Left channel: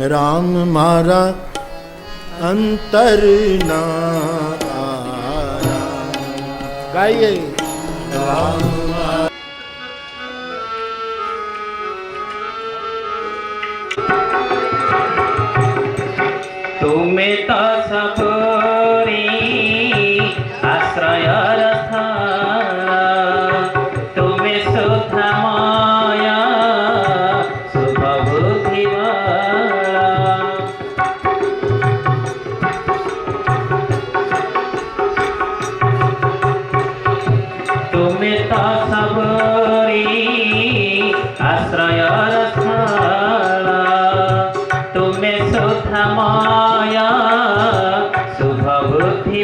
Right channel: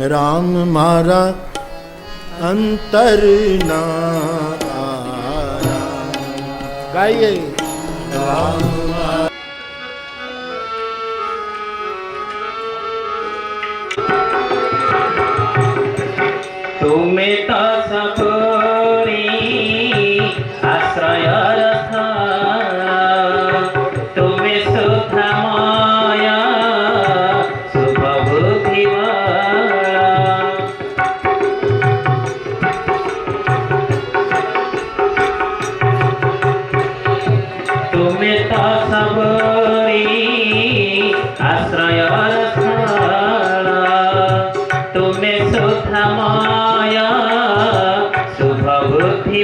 राम मारा अंतर ना आया। गाइए राम तुम्हें तो सबरी आश्रय रथ, तुम्हें सुख माया शुभ बुद्धि तुम्हें तो सबरी आश्रय रथ, तुम्हें सुख माया शुभ बुद्धि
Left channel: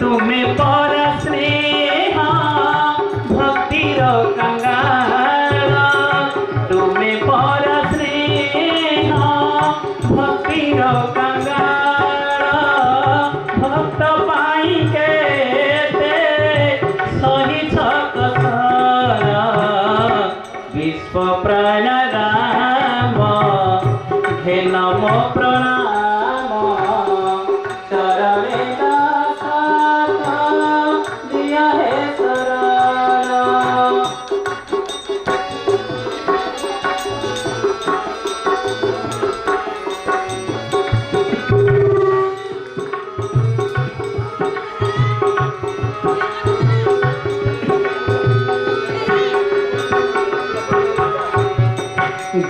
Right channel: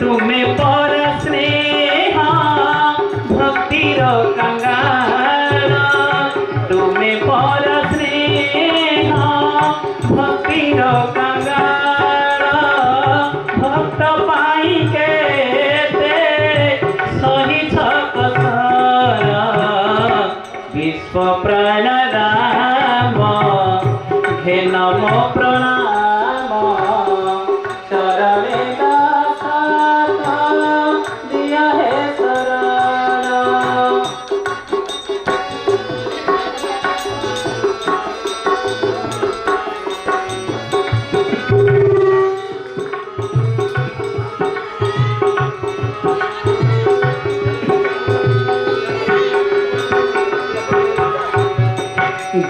तुम्हें पर स्नेह भक्तिर कंगाल, तुम्हें पर स्नेह भक्तिर कंगाल, भक्त पाई के सही छकसर विश्व प्राण राम हे नमो प्रणाम। चरणे दास दिया है शरण।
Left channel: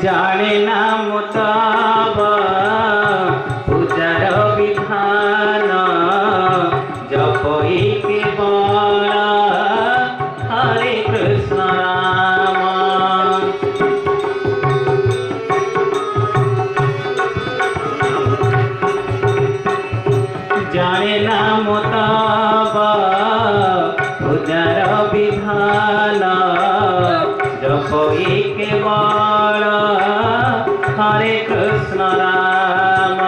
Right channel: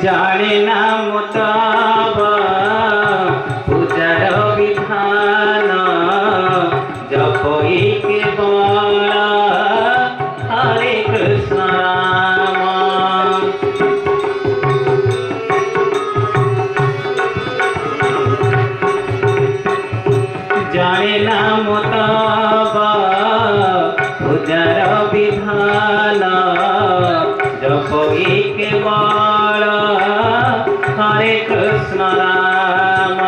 जाने ना मुताब पूजार विधान, जपई केवल हरे कृष्ण राम। जाने ना मुताब पूजार विधान, जपई केवल हरे कृष्ण राम।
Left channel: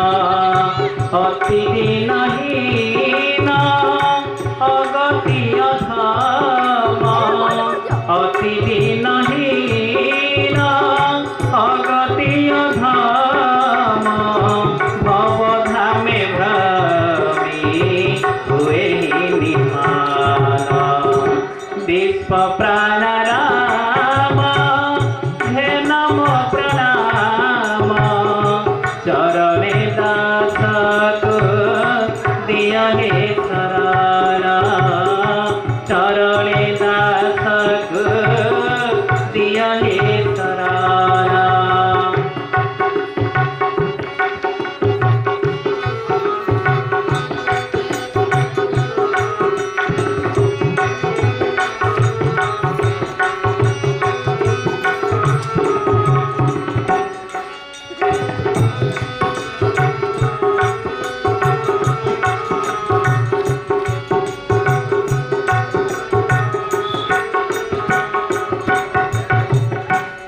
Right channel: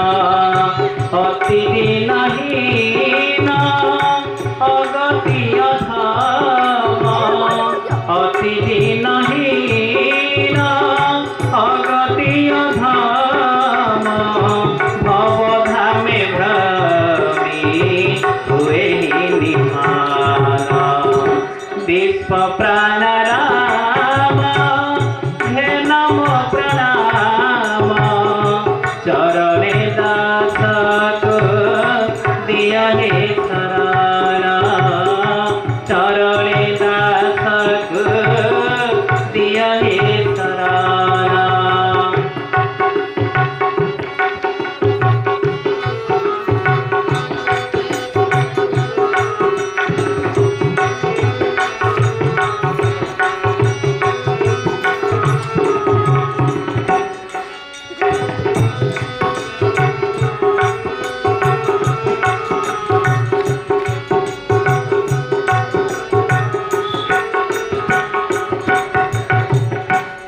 अति दीनहीन अगति अधम, अति दीनहीन अगति अधम, भवधामे भ्रमी हुए निहाल। विश्व प्राण राम हे नमो प्रणाम। चरणे दास दिया हे शरण, चरणे दास दिया हे शरण।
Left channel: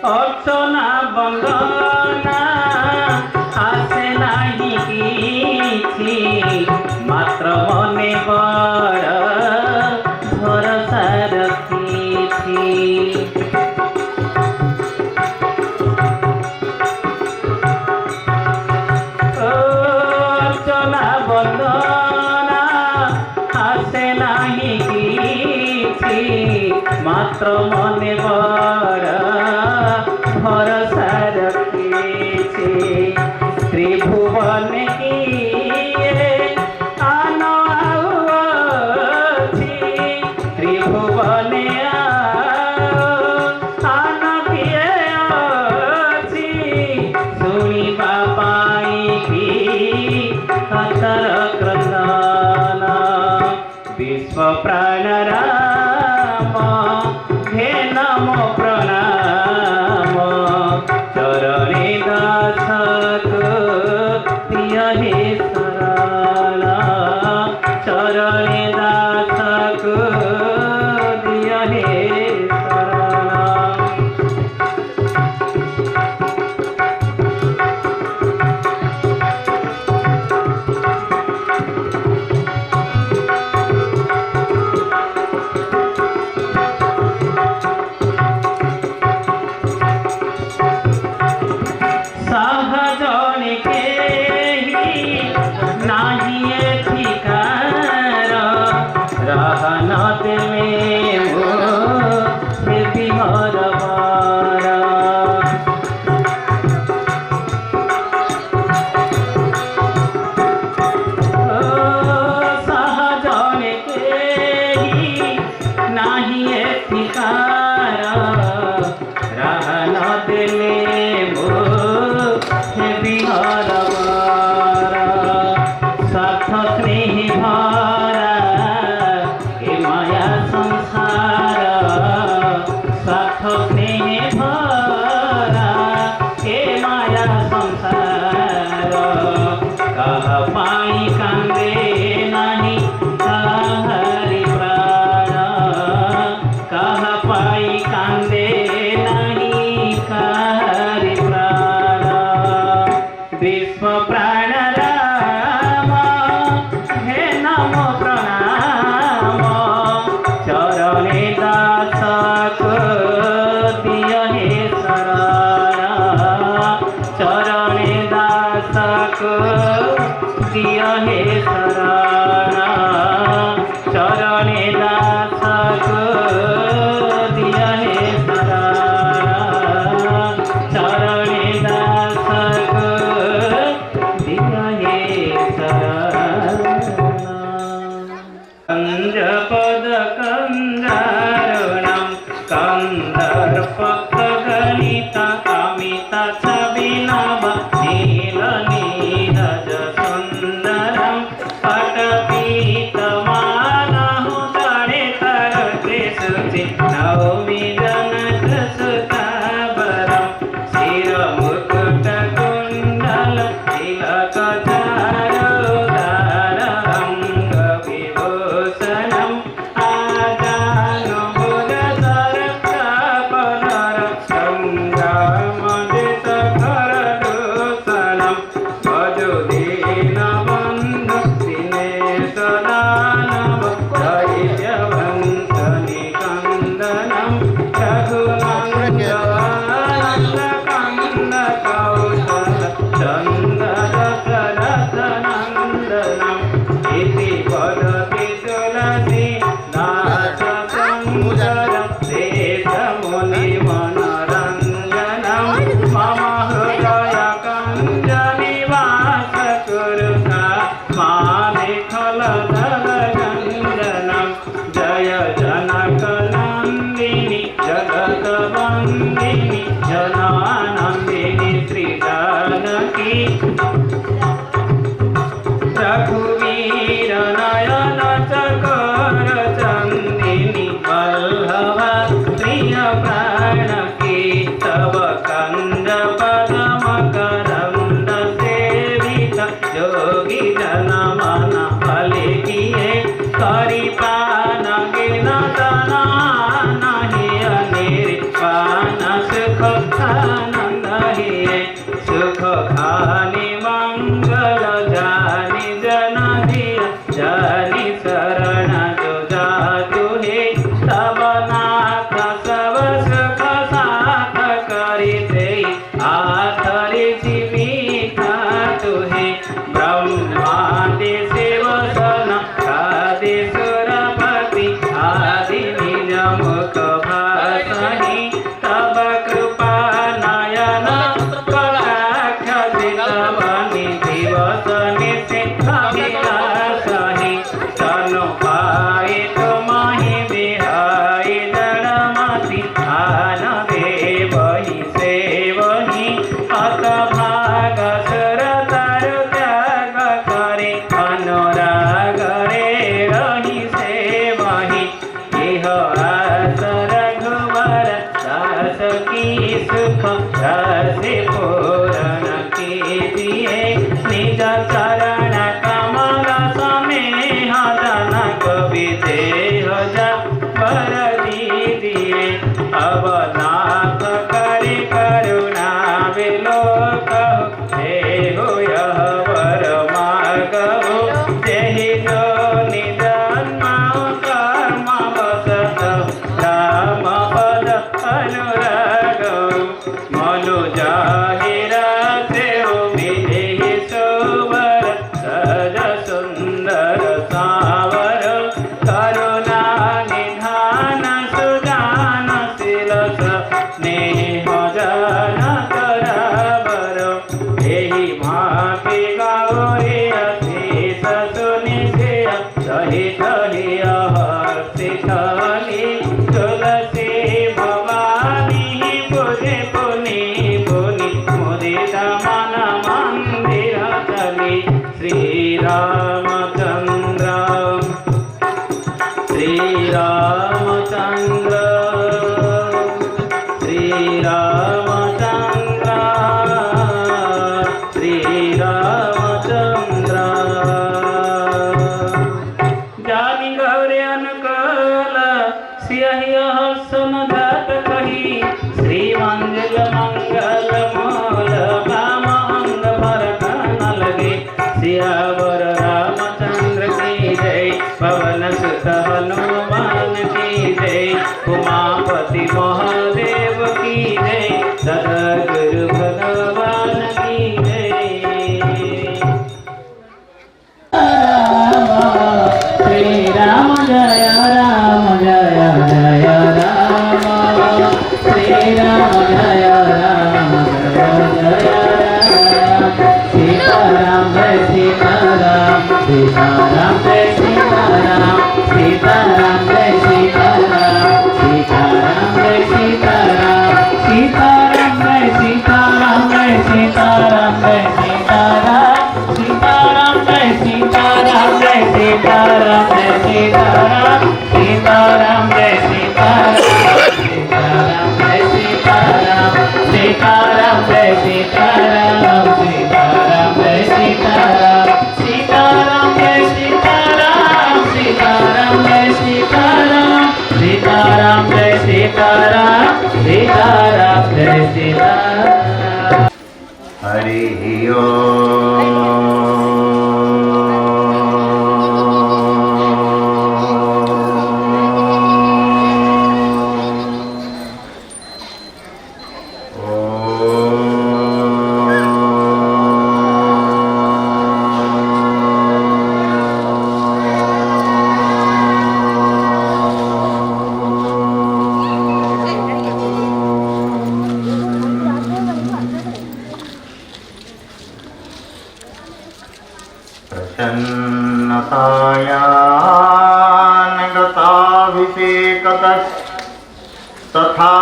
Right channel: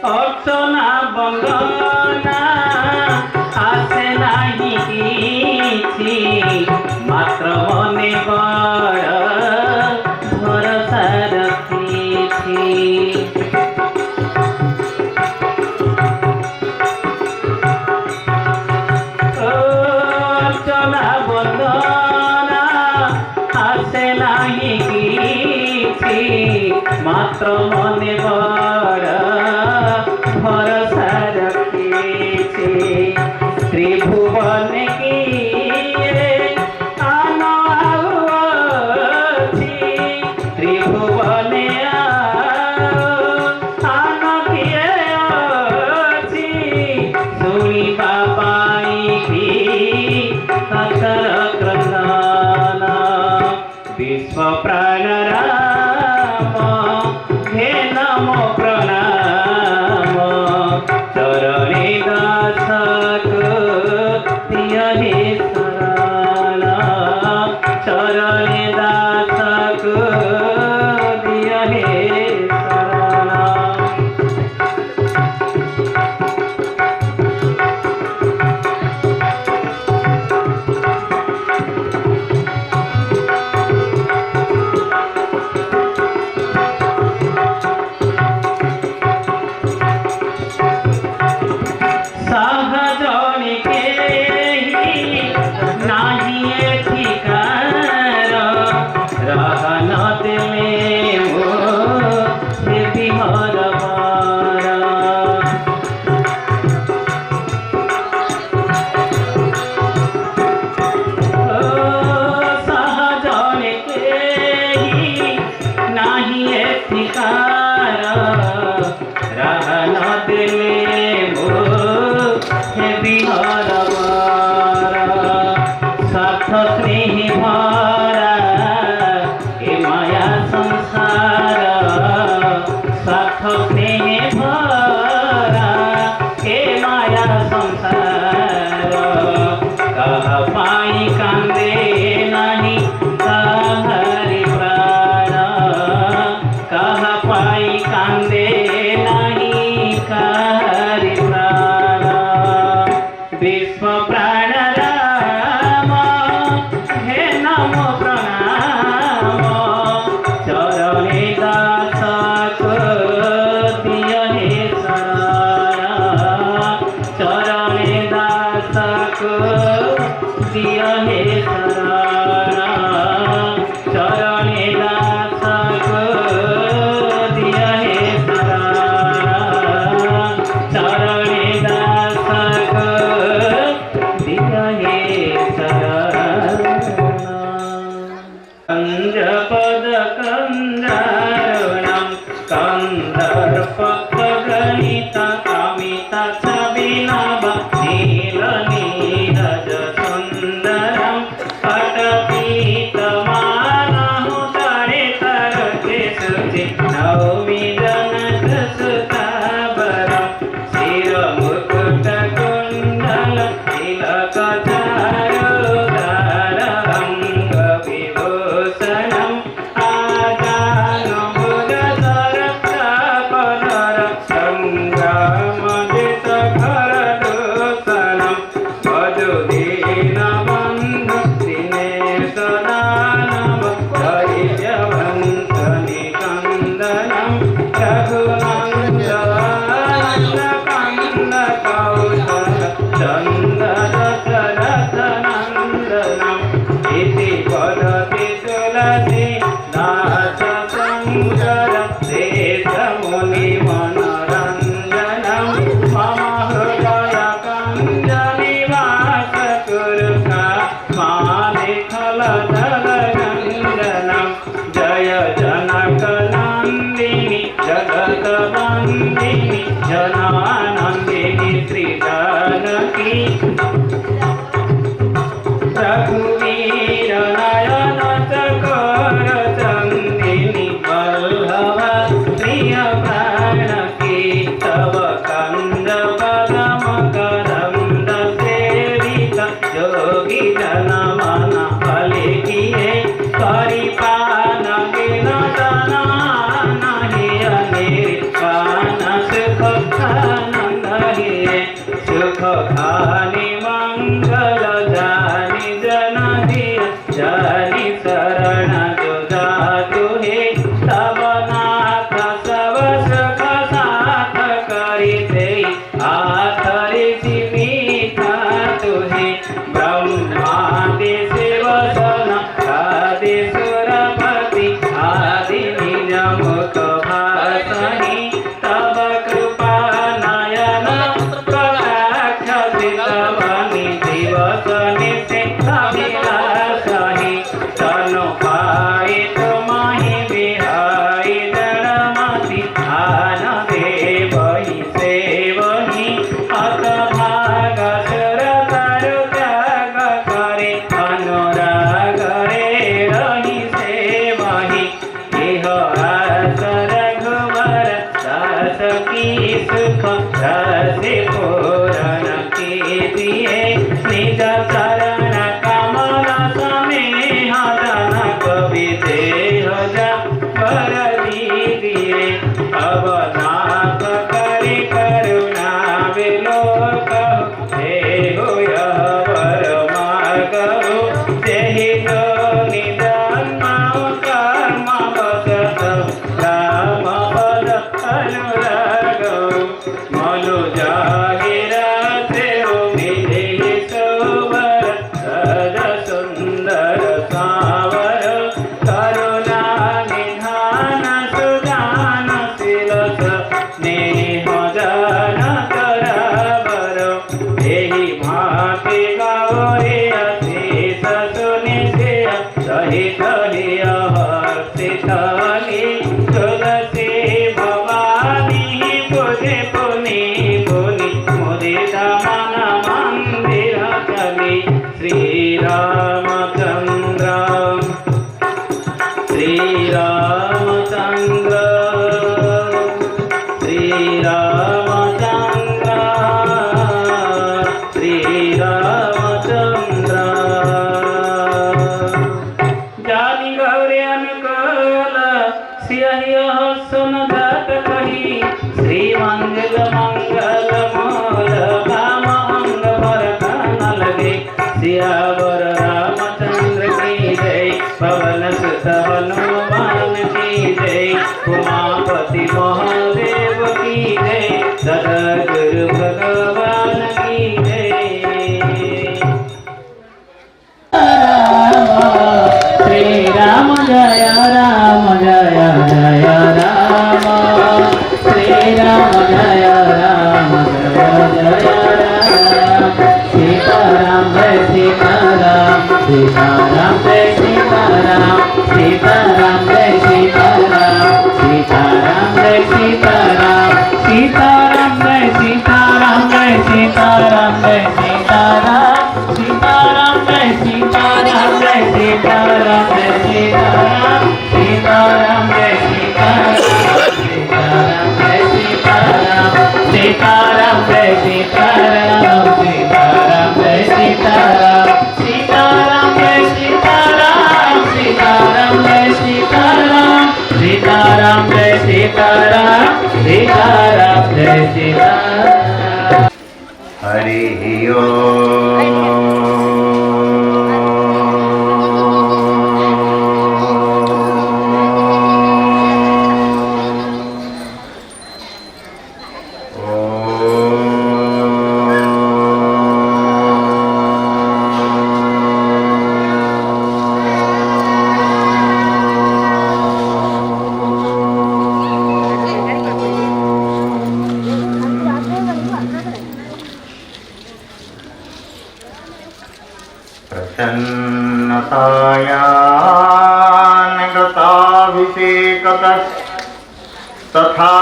अर्चना बंदना आसे नाही किछि, मात्र मने बड़ भरोसा रखिछि। अर्चना बंदना आसे नाही किछि, मात्र मने बड़ भरोसा रखिछि। त्रिभुवन किए आन आउछि, त्रिभुवन आन किए अछि, शुणिबा पाइबी हतर क्रंदन। विश्व प्राण राम हे नमो प्रणाम। चरणे दास दिया हे शरण, चरणे दास दिया हे शरण। छविनव नील नीरज सुन्दरं पटपीतमानहु तरे तरते शुचि नौमि जनकसुतावरं शिरमुकुटकुण्डल तिलकचारुदारं कविभूषणम् जय जनक नंदिनी जगत वंदिनी जनानंदिनी श्री जानकी रघुवीर नयन चकोर चंदिनी वल्लभ प्रिय प्राणकी तव कंद पदम करंद सेवित योगी जन मन फलिकिए करिपान गिन तना नहीं अनिर्वाण सुख आनंद हिए सुख खानि मंगल जानि जन दिय जानि शरण जो जातु हे तब नाथ सब सुख साथ करिते आथरि जीविता तुहे ब्रह्मादि शिवसन आदि सुरपति आदि निज मुख भाषहि तब कृपा नयन कटाक्ष सितवनि दिवस निशिथ अभिलाषहि तनु पाहि तुमहि बिहाई जड़मति आन देवहि सेवहि अत भाग सुर तरु त्याग करे अनुराग रे रहि सेवहि इह आस रघुवर दास की सुख रसि पूरण कीजिए निज चरण कमल सनेह जनक विदेह वर दीजिए अवनाथ करि करुणा विलोक हे हो यह वर मार्गो जेहि जो निजन्मौ कर्म वसत राम पद अनुरागौ मनु जाहिरा सेहो विधि सोवर सज सुंदर सावर करुणा निधान सुजान शिलस स्नेह जन करावर एहि भांति गौरी अशेष सुनिश्चय सहित हिय हर्षितहि तुलसी भवानी पूजे पुनि पुनि मुदित मन मंदिर चली श्री रामचंद्र श्री रामचंद्र श्री रामचंद्र श्री रामचंद्र जानी गौरे अनुकूल सियहि सुन जात कही श्री मंगल मंगल मोर भाम अंग भरत न लगे सियावर रामचंद्र की जय पवन सुत हनुमान की जय उमापति महादेव की जय सदगुरु भगवान की जय श्री राम जय राम जय जय राम श्री राम जय राम जय जय राम सीताराम जय सीताराम सीताराम जय सीताराम सीताराम जय सीताराम सीताराम जय सीताराम सीताराम जय सीताराम सीताराम सीताराम जय सीताराम सीताराम जय सीताराम सीताराम जय सीताराम सीताराम जय सीताराम सीताराम जय सीताराम हरि ओम। प्रसन्नतायानगताभिषेकतः तथा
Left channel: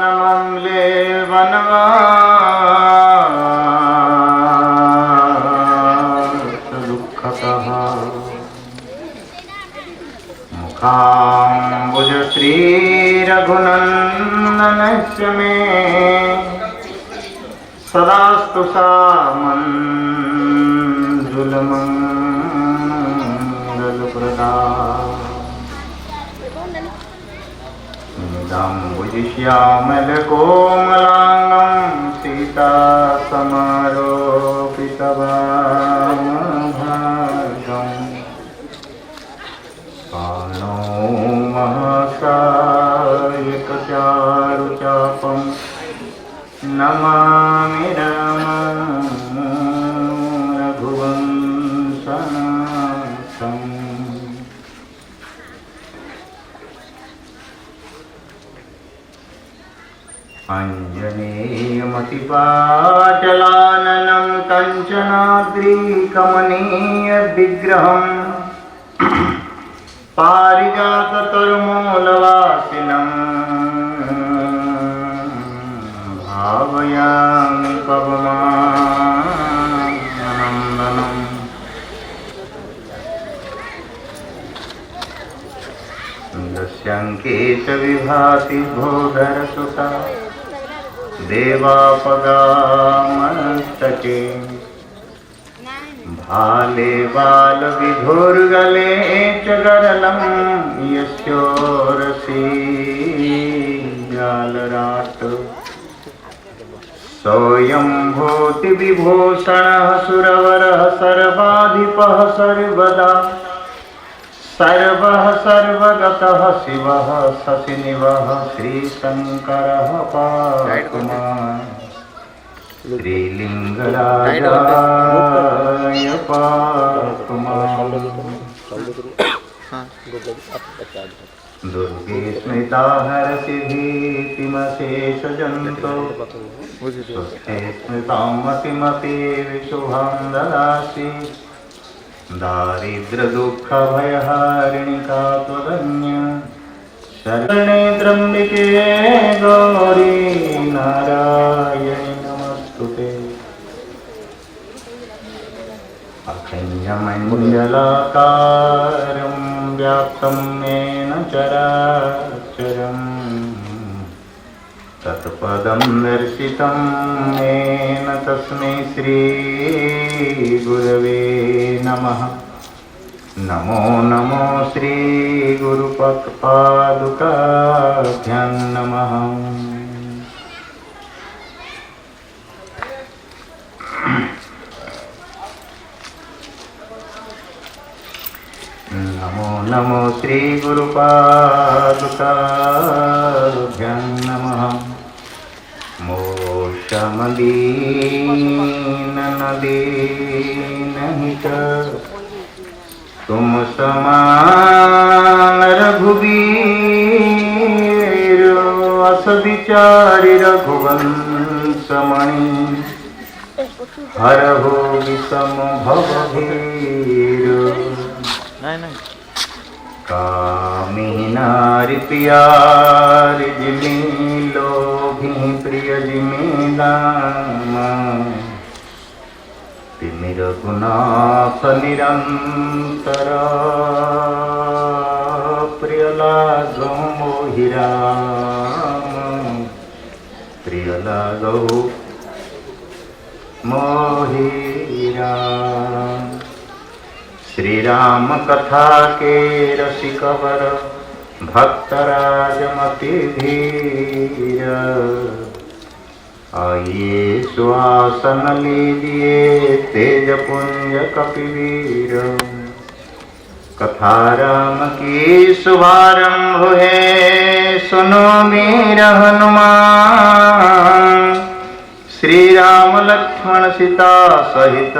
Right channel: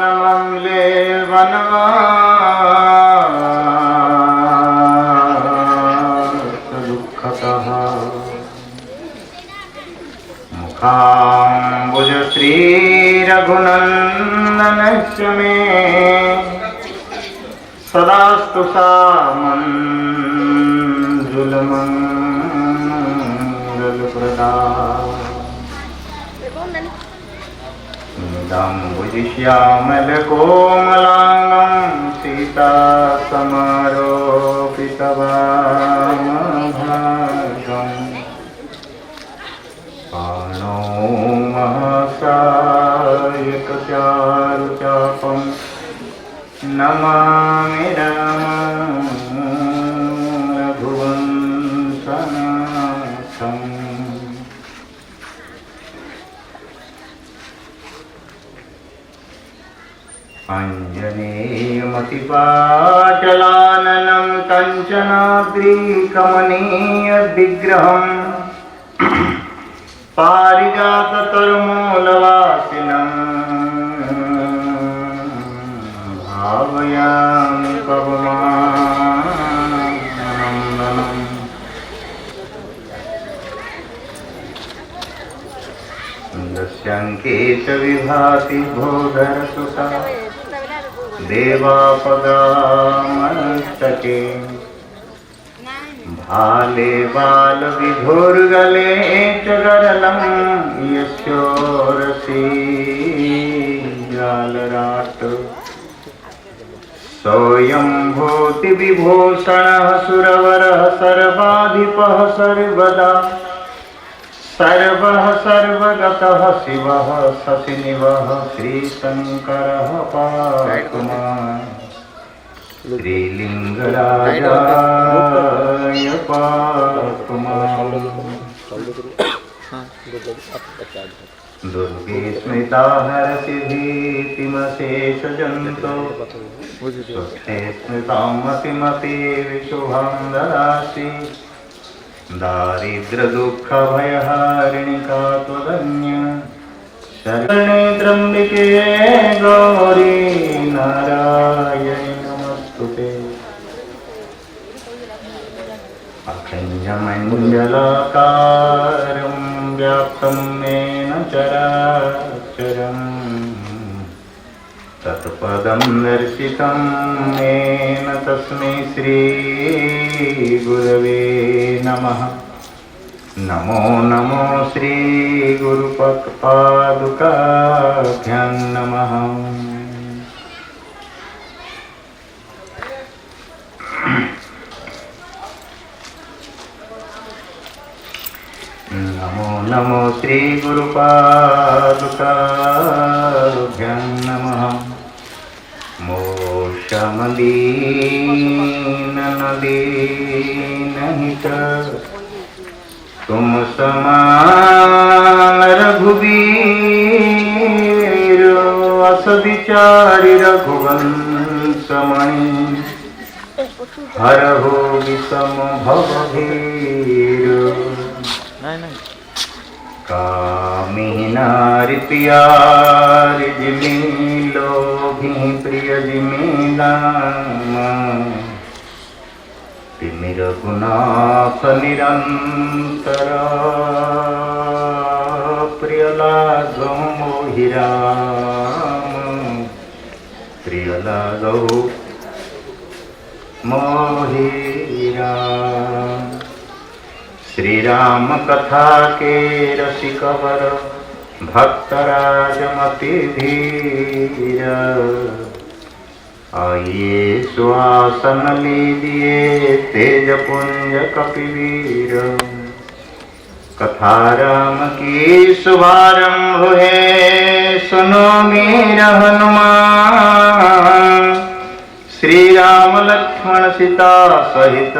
न मङ्गले वनवासदुःखतः मुखाम्बुज श्रीरघुनन्दनस्य मे सदास्तु सामञ्जुलमङ्गलप्रदा दाम्बुजश्यामलकोमलाङ्गं सीतासमारोपितवामभागम् पाणौ महसायकचारुचापं नमामि रघुवंशनाथम् अञ्जनेयमतिपाटलाननं कञ्चनाद्रिकमनीयविग्रहम् पारिजाततरुमूलवासिनं भावयामि पवमानन्दनम् दस्यङ्केशविभाति भोधरसुता देवापगामस्तके भाले बालविधुर्गले च गरलं यस्योरसी जालराट सोऽयं भूतिविभूषणः सुरवरः सर्वाधिपः सर्वदा सर्वः सर्वगतः शिवः शशिनिवः श्रीशङ्करः पातु माम् श्रीलिङ्गराजाय पातु माम् दुर्गे स्मृता हरसि भीतिमशेषजन्तो स्वस्ते स्मृतां मतिमतीविशुभां ददासि दारिद्र्यदुःखभयहारिणिका त्वदन्य शरणे त्र्यम्बिके गौरी नारायणि नमस्तुते अखण्डमण्डलाकारं व्याप्तं येन चराचरम् तत्पदं दर्शितं येन तस्मै श्रीगुरवे नमः। नमो नमो श्रीगुरुपादुकाभ्यां नमः। नमो नमो श्रीगुरुपादुकाभ्यां नमः। मोक्षमदीननदीनहित तुम समान रघुवीर असविचारि रघुवंशमणि हरहु विषम भवभीर कामिनी नारि प्यारि जिमि लोभी प्रिय जिमि नाम तिमि रघुनाथ निरंतर प्रिय लागो मोहि राम प्रिय लागो मोहि राम। श्री राम कथा के रसिक वर भक्तराजमति धीर। आइए सुहासन लीजिए तेज पुंज कपिवीर। कथा राम की शुभारंभ है सुनो मीर हनुमान। श्री राम लक्ष्मण सीता सहित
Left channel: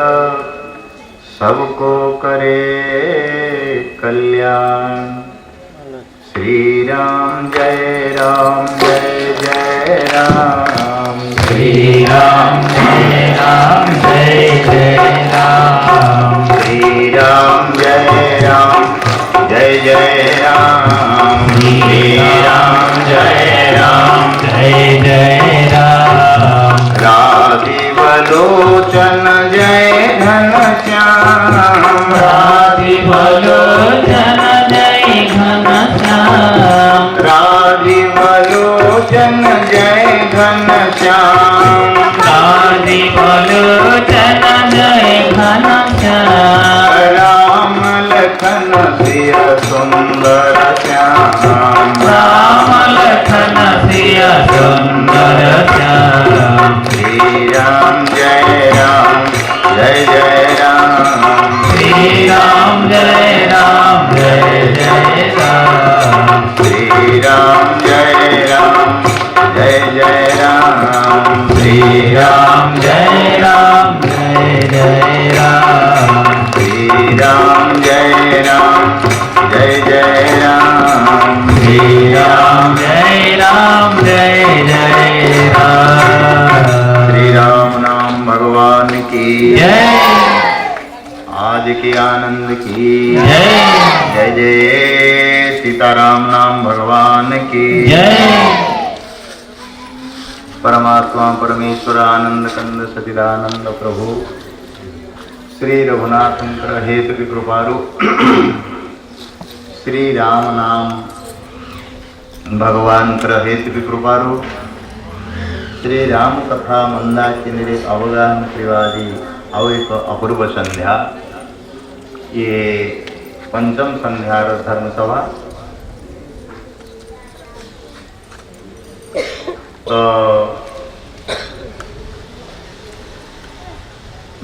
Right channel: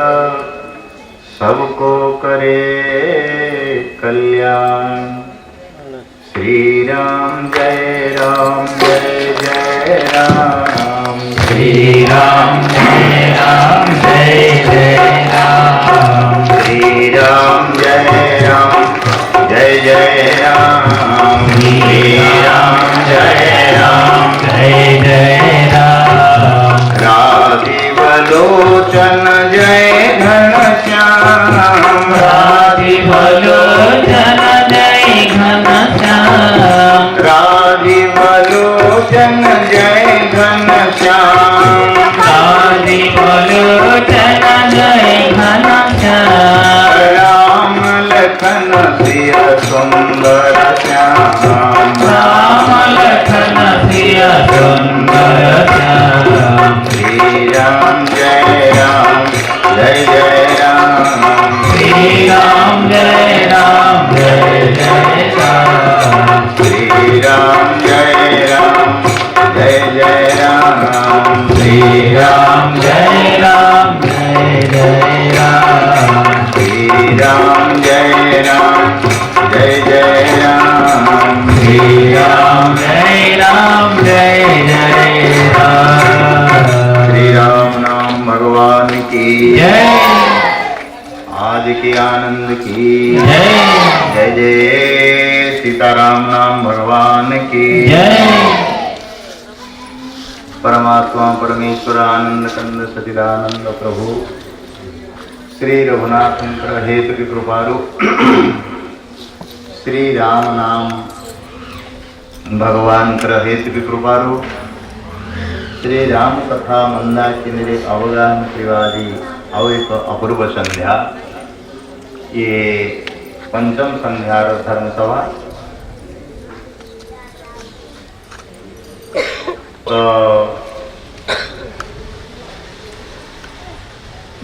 सबको करे कल्याण। श्री राम जय जय राम। श्री राम जय जय राम। श्री राम जय जय राम। श्री राम जय जय राम। राजीव लोचन जय घनश्याम। राजीव लोचन जय घनश्याम। राजीव लोचन जय घनश्याम। राजीव लोचन जय घनश्याम। राम लखन सिय सुंदर श्याम। राम लखन सिय सुंदर श्याम। श्री राम जय जय राम। श्री राम जय जय राम। श्री राम जय जय राम। श्री राम जय जय राम। श्री राम जय जय राम। श्री राम जय जय राम। श्री राम नाम भगवान की जय। आज के आनंद की जय जय जय। सीताराम नाम भगवान की जय। परमात्मा परमेश्वर आनंद कंद सचिदानंद प्रभु श्री रघुनाथ हेतु की कृपारु श्री राम नाम भगवान कर हेतु की कृपारु श्री राम कथा मंदाकिनी अवगाहन त्रिवादी और एक अपूर्व संध्या ये पंचम संध्या धर्मसभा। तो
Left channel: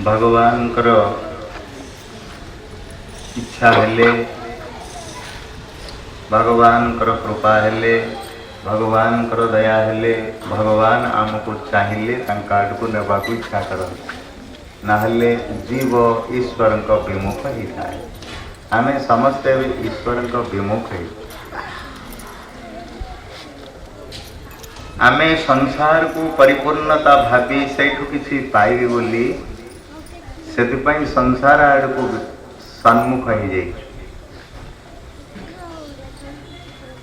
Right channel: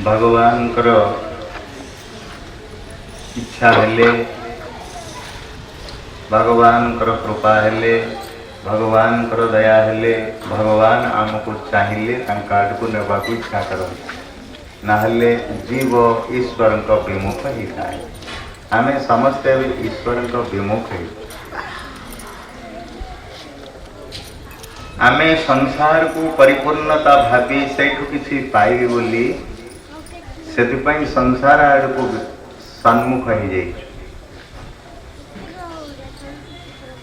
भगवान कर इच्छा हेले भगवान कर कृपा हेले भगवान कर दया हेले भगवान आमको चाहिए को नेबा को इच्छा करते नाहले जीव ईश्वर को विमुख ही थाए। आम समस्ते ईश्वर को विमुख ही आम संसार को परिपूर्णता भावी सेठू किसी पाइबी बोली से संसार आड़ को सन्मुख हो जाए।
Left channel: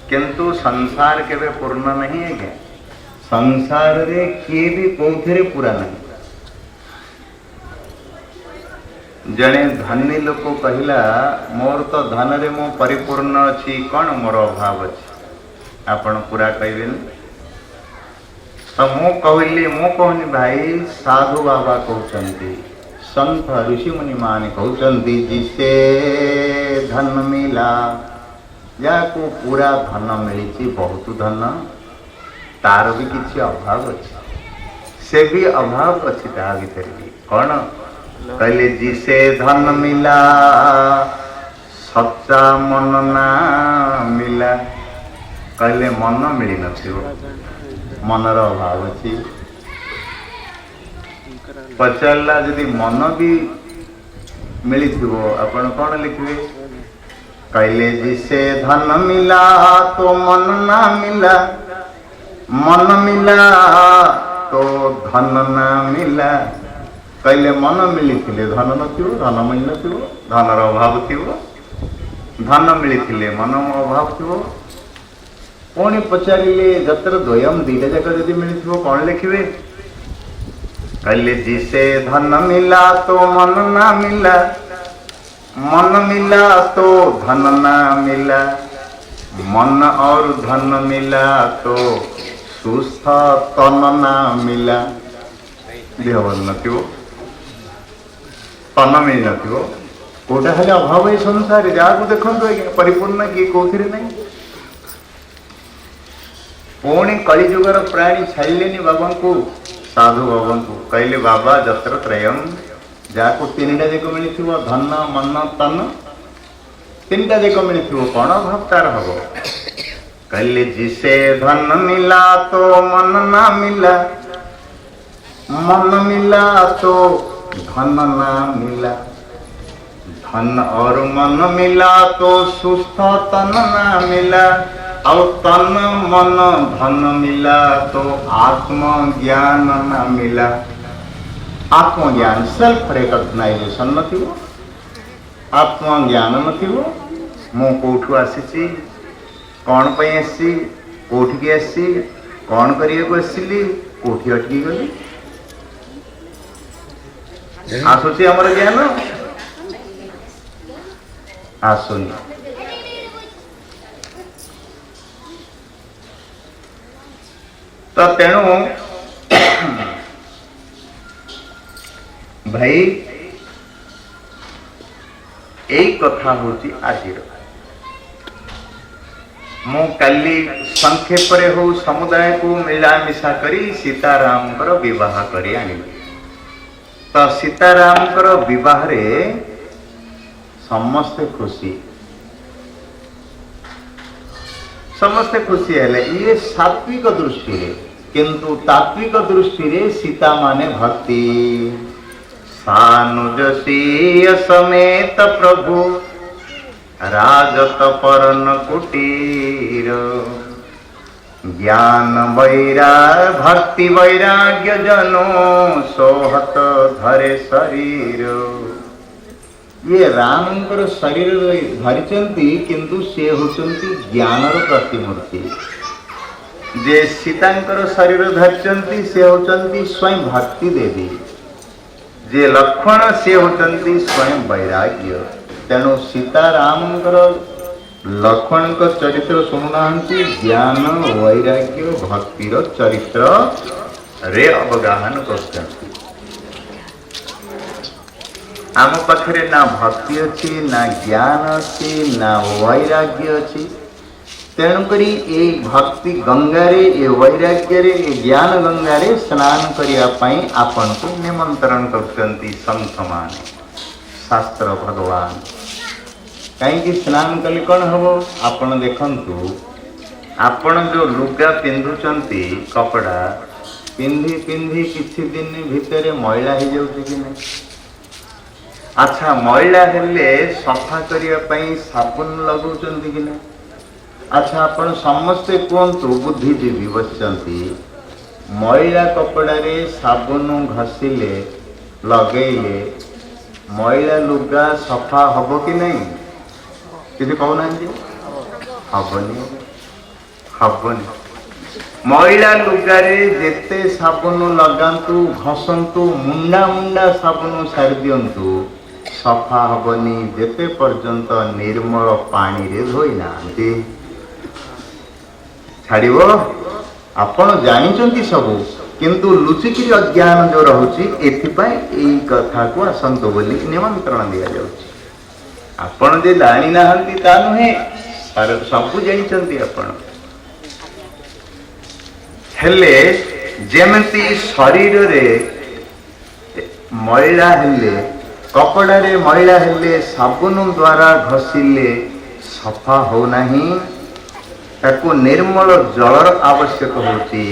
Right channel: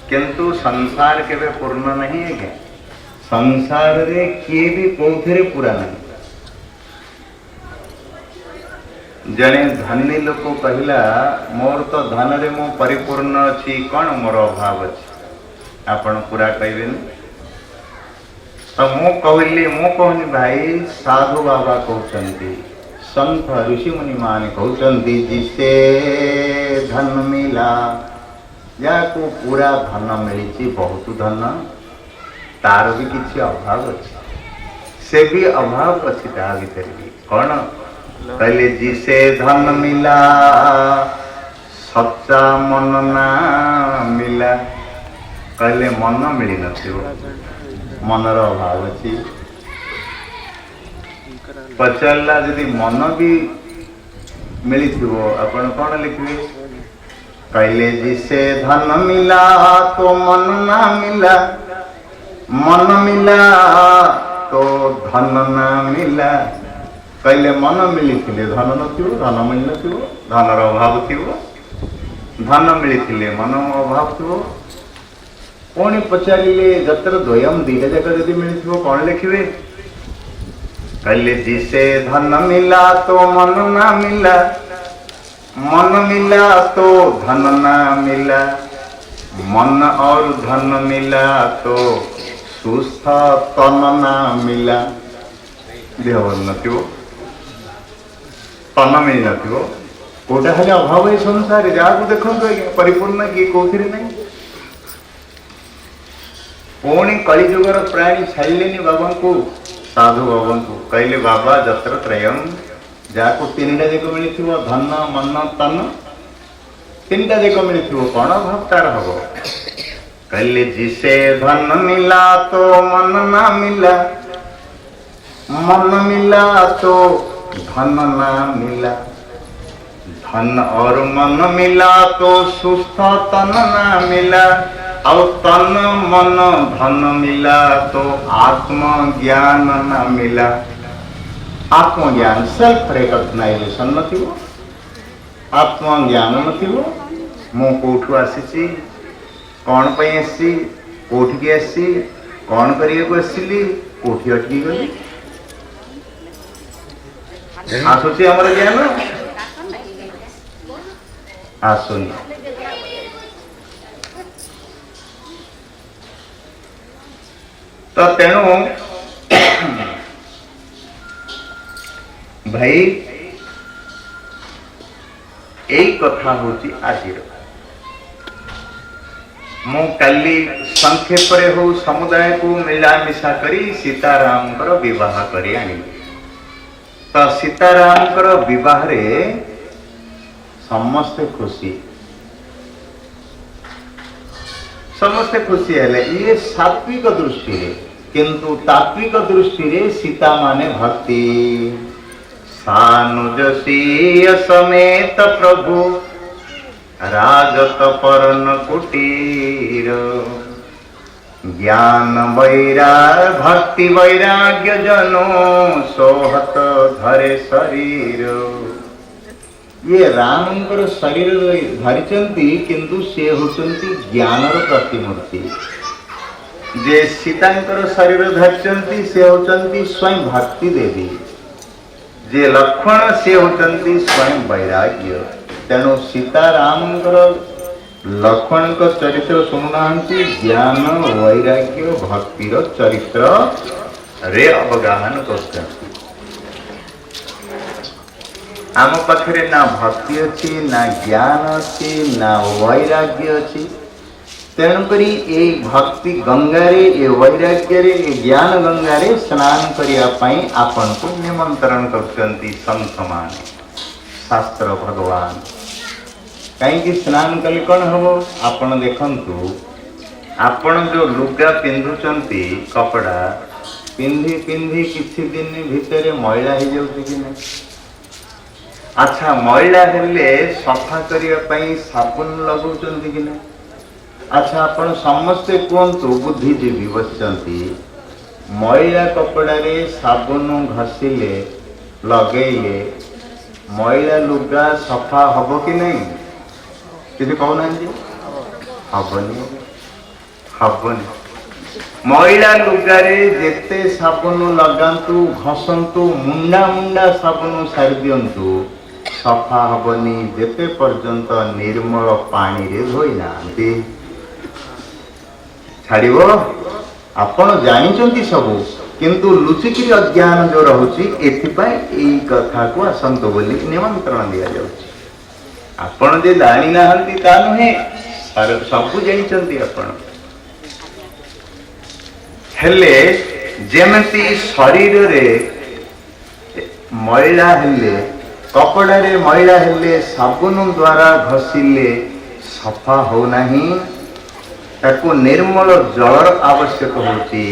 किंतु संसार केवे पूर्ण नहीं है क्या? संसार रे किए भी कौथे पूरा नहीं। जने धनी लोक कहला मोर तो धन रे मो परिपूर्ण अच्छी कौन मोर अभाव अच्छी आपण पूरा कहबे तो मु कहनी भाई साधु बाबा कहते संत ऋषि मुनि मान कहते जिसे धन मिला या को पूरा धन मिली बहुत धन तार भी किसी अभाव अच्छी से भी अभाव अच्छी ता भीतर भी कौन कहले जिसे धन मिला सच्चा मन ना मिला कहले मन मिली नथिबो मनर अभाव अच्छी पचारा यदि मन भी मिली आपण कौन लिखिए कहले जिसे धन मिला तो मन ना मिला मन मिला तो धन ना मिला कहले मन मिली धन नथिबो धन मिल नथिबो धनर अभाव थिबो धन मिली मन अभाव थिबो पुणी पचारे जत्र द्वयम दीटा जाक जदि मिली कौन लिखिए कहले जिसे धन मिला तो मन ना मिला मन मिला तो धन ना मिला मन और धन मिला तो सुस्थ तन ना मिला देह नथिबो तन मिल न कोटा खाली अभाव है संसार जहाँ देखो आज्ञा परिपूर्ण किए कौन नहीं पुणी कलिजुगर प्राणी छाड़िले बाबा को साधु बाबा को कहले बाबा जत्र त्रयम जहाँ को तीन टा जाक मिली धन मन तन तीन टा जाक मिली कौन अभाव तार हम कहले जिसे धन मिला तो मन ना मिला मन मिला तो धन ना मिला धन और मन मिला तो सुस्थ तन ना मिला और तन मन धन मिला तो आत्मज्ञान ना मिला आत्मज्ञान सेल्फ रिकग्नाइजेशन न आत्मज्ञान न मु कौठू आसी कौन पे आसी कौटिकी आसी कौन करने आसली कौटी अटकी गली आसूची आमर ज्ञान आसुनी तो तेणु भाई यही कथा हूँ आज मु काली संक्षेप हो समुदाय को मिलामिशा करी सीताराम विवाह करी आनी तो सीताराम विवाह रे समस्ते खुशी है ये सात्विक दृष्टि रे किंतु तात्विक दृष्टि रे सीता माने भक्ति सानुजसीय समेत प्रभु राजत परन कुटीर ज्ञान भक्ति वैराग्य जनो सोहत धरे शरीर ये रामंकर शरीर धरिचंती किंतु से होचंती ज्ञानर प्रतिमूर्ति जे सीतांकर शरीर धरिचंती से होचंती स्वयं भक्ति देवी जे लक्ष्मण से होचंती स्वयं वैराग्य तेणु सीतारामंकर लक्ष्मण का चरित्र शुणुना ज्ञान वैराग्य भक्तिर चरित्र रे अवगाहन करते आम पाखे ना भक्ति अच्छी ना ज्ञान अच्छी ना वैराग्य अच्छी तेणुकरी ये भक्ति गंगारे ये वैराग्य रे ये ज्ञान गंगारे स्नान करने आपन को निमंत्रण करते संत माने शास्त्र भगवान कहीं स्नान कले कौन हम आपण देखंतु आपण जो लुगा पिंधुचंती कपड़ा पिंधि पिंधि किछि दिन भितर मैला हो जाउछि कि नहीं अच्छा मैला हेले सफा करने साबुन लगाउछंती कि नहीं अच्छा आपण समस्ते कहतु बुद्धिजीवी बसचंती मैला कपड़ा रे साबुन घसिले लगेले मैला लुगा सफा हब कि नहीं किसी कहना हबनी हबनी मैला लुगारे जेते साबुन लगांतु घसंतु मुंडा मुंडा साबुन सारी दियंतु सफा हबनी जेते पर्यंत निर्मल पानी रे धोई नांती छाड़िबो आपण जानिचंती सबु किंतु लुचिकिरी अज्ञान जो रहुची एथिपाई एई कथा को आसंतो बोली निमंत्रण दिया जाउची आपण जे जानी नाहंती ता नुहे सबु जानिचंती आपण हेले जेमती शरीर रे मैला हेले कपड़ा रे मैला हेले साबुन द्वारा घसिले सफा हो नहीं ताको निर्मल जलर आवश्यक होती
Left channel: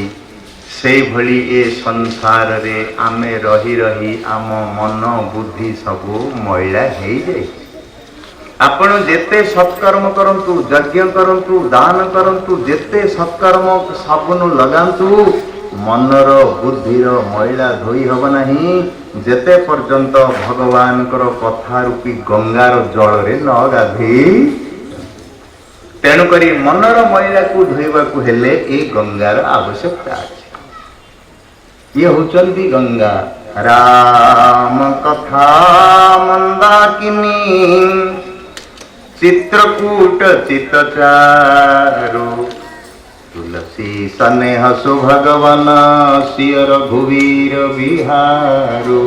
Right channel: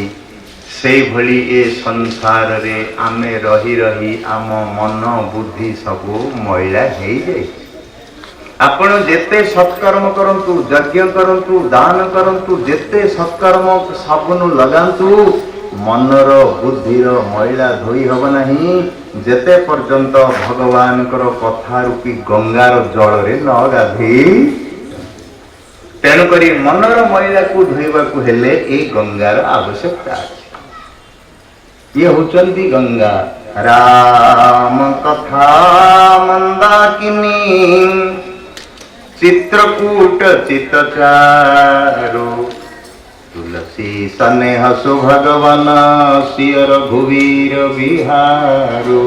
से भली ए संसार रे आमे रही रही आम मन बुद्धि सबू मैला हो जाए आपण जेते सत्कर्म करंतु यज्ञ करंतु दान करंतु जेते सत्कर्म साबुन लगांतु मनर बुद्धिर मैला धोई हब नहीं जेते पर्यंत भगवान कथा रूपी गंगार जल रे न गाधी तेणुकरी मनर मैला को धोइबा को हेले ए गंगार आवश्यकता अच्छे ये होचंती गंगा राम कथा मंदाकिनी चित्रकूट चितचारु तुलसी स्नेह सु भगवन सियर भुवीर बिहारू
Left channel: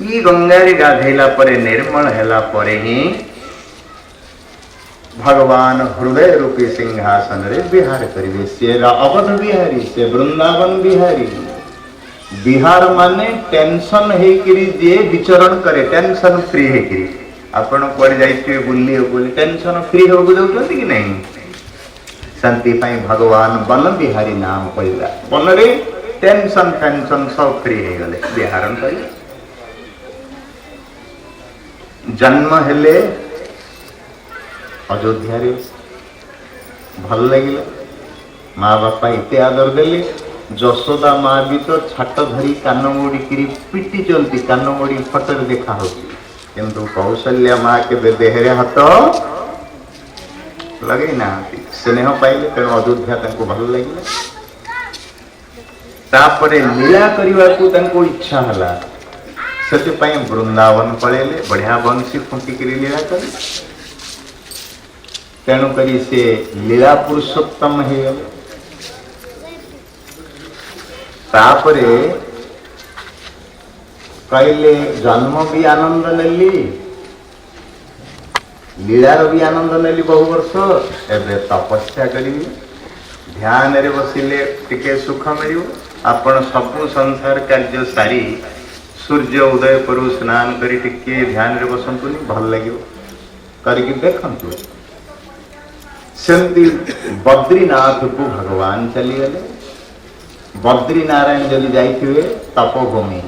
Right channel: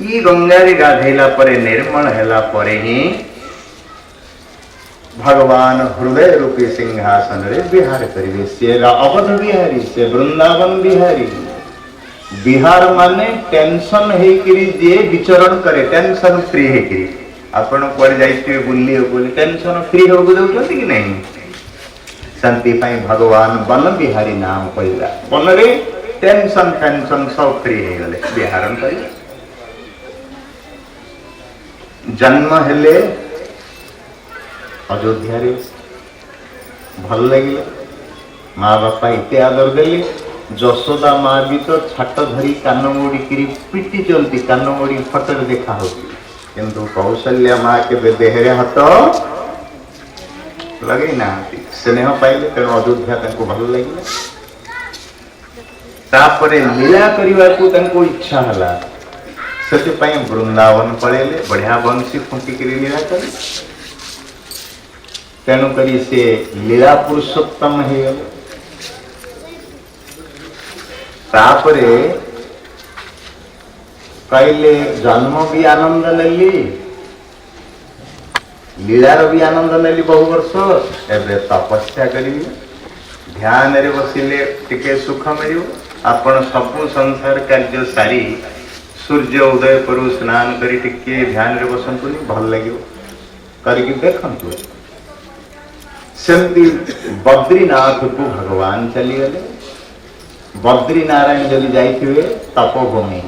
ई गंगारे गाधेला परे निर्मल हेला परे ही भगवान हृदय रूपी सिंहासन रे विहार करिवे। से अवध बिहारी, से वृंदावन बिहारी। बिहार माने टेंशन हेकरी जे विचरण करे, टेंशन फ्री हेकरी। आपण कुआडे जाइथिबे बुल्ली बोले टेंशन फ्री हो जाउछंती कि नहीं? शांति पाई भगवान वन बिहारी नाम पड़ला। वन रे टेंशन टेंशन सब फ्री हो गले, बिहारन करिवे। जन्म हेले अयोध्या रे, भल लगे माँ बापा इते आदर देले। जशोदा माँ भी तो छाट धरी कान मोड़ी किरी पिटी चलती, कान मोड़ी फटर देखा होती, किंतु कौशल्या माँ के देहरे हाथ लगे ना, स्नेह पाइले, तेणु अयोध्या तंको भल लगे। तापरे लीला करने को इच्छा हला, से वृंदावन पड़ेले, बढ़िया बंशी फुंकिक लीला करे। तेणु करी से लीला पुरुषोत्तम हो गले। तापरे कहले जन्म भी आनंद नेली, लीलार भी आनंद नेली बहु वर्ष। एबे तपस्या करी, ध्यान रे बसिले टिके सुख मिल। आपण सबु संसार कार्य सारी सूर्य उदय करू स्नान करी टिके ध्यान रे बसंतु, भल लगे करके देखंतु। सेमती बद्रीनाथ को भगवान चली गले। बद्रीनारायण जदि जाइथिबे तपोभूमि,